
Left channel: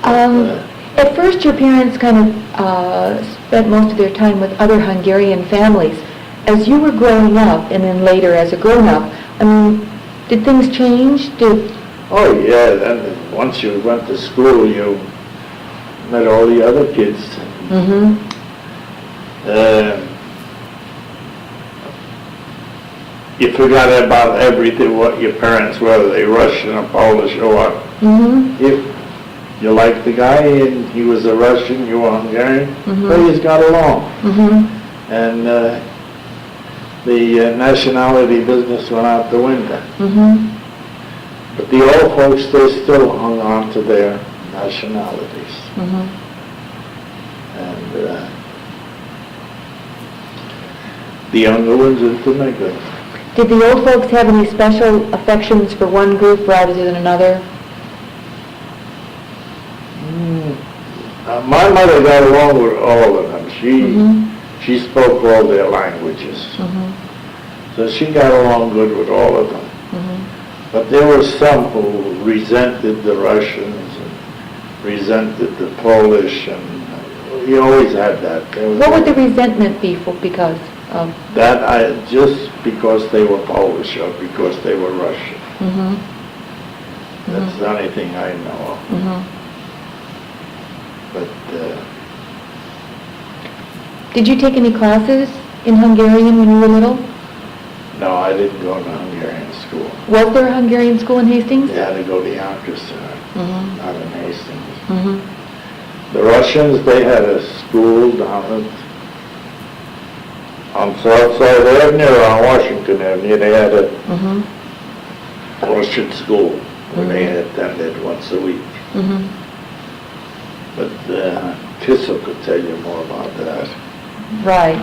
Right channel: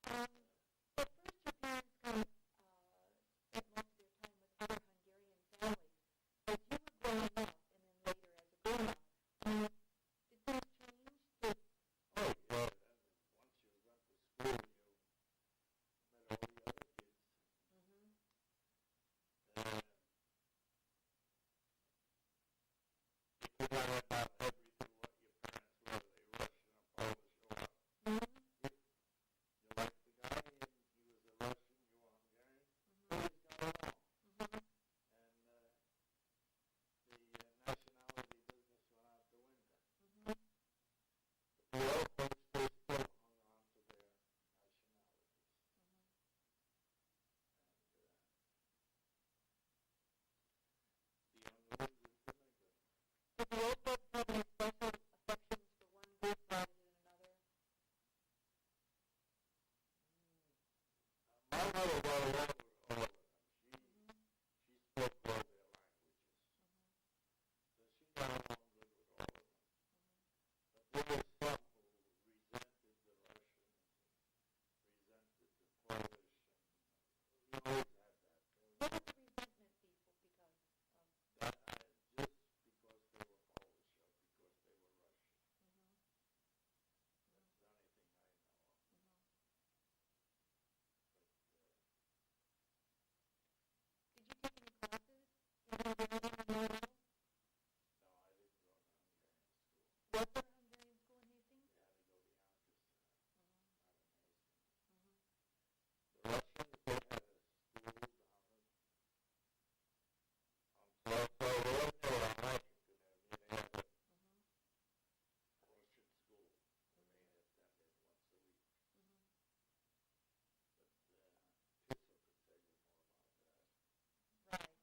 At first, your parents kind of spent most of their time with other Hungarian families. As you were growing up, and then later as a grown-up, I mean, did things change? Oh yeah, then once you went to school, you met all the other kids. Mm-hmm. You forgot about everything, what your parents were, whether they Russian or Polish or what. Mm-hmm. If you liked the guy and he was a Russian, you were Hungarian, they just got along. Mm-hmm. And the nationality business went out the window. Mm-hmm. But the old folks, they still hung on to their nationalities. Mm-hmm. And the younger ones intermingled. Did the old folks have any special affections for one group rather than another? My mother got along with all of them. Mm-hmm. She spoke all their languages. Mm-hmm. So she got along good with all of them. Mm-hmm. But there were some who resented the Russians and resented the Polish, and you always had that. What would the resentment be for, because of? That just because they were Polish or because they were Russian. Mm-hmm. That's the only thing I know of. Mm-hmm. But Did you take any classes in Hungarian when you were little? no, I didn't go to Hungarian school. Was there a Hungarian school in Hastings? You had to go to Yonkers, Mm-hmm. not in Hastings. Mm-hmm. The Russians, they had a school down on South Side Avenue, on Washington Avenue. They had a Mm-hmm. Russian school where they attended once a week. Mm-hmm. But Kissel could tell you more about that. Right.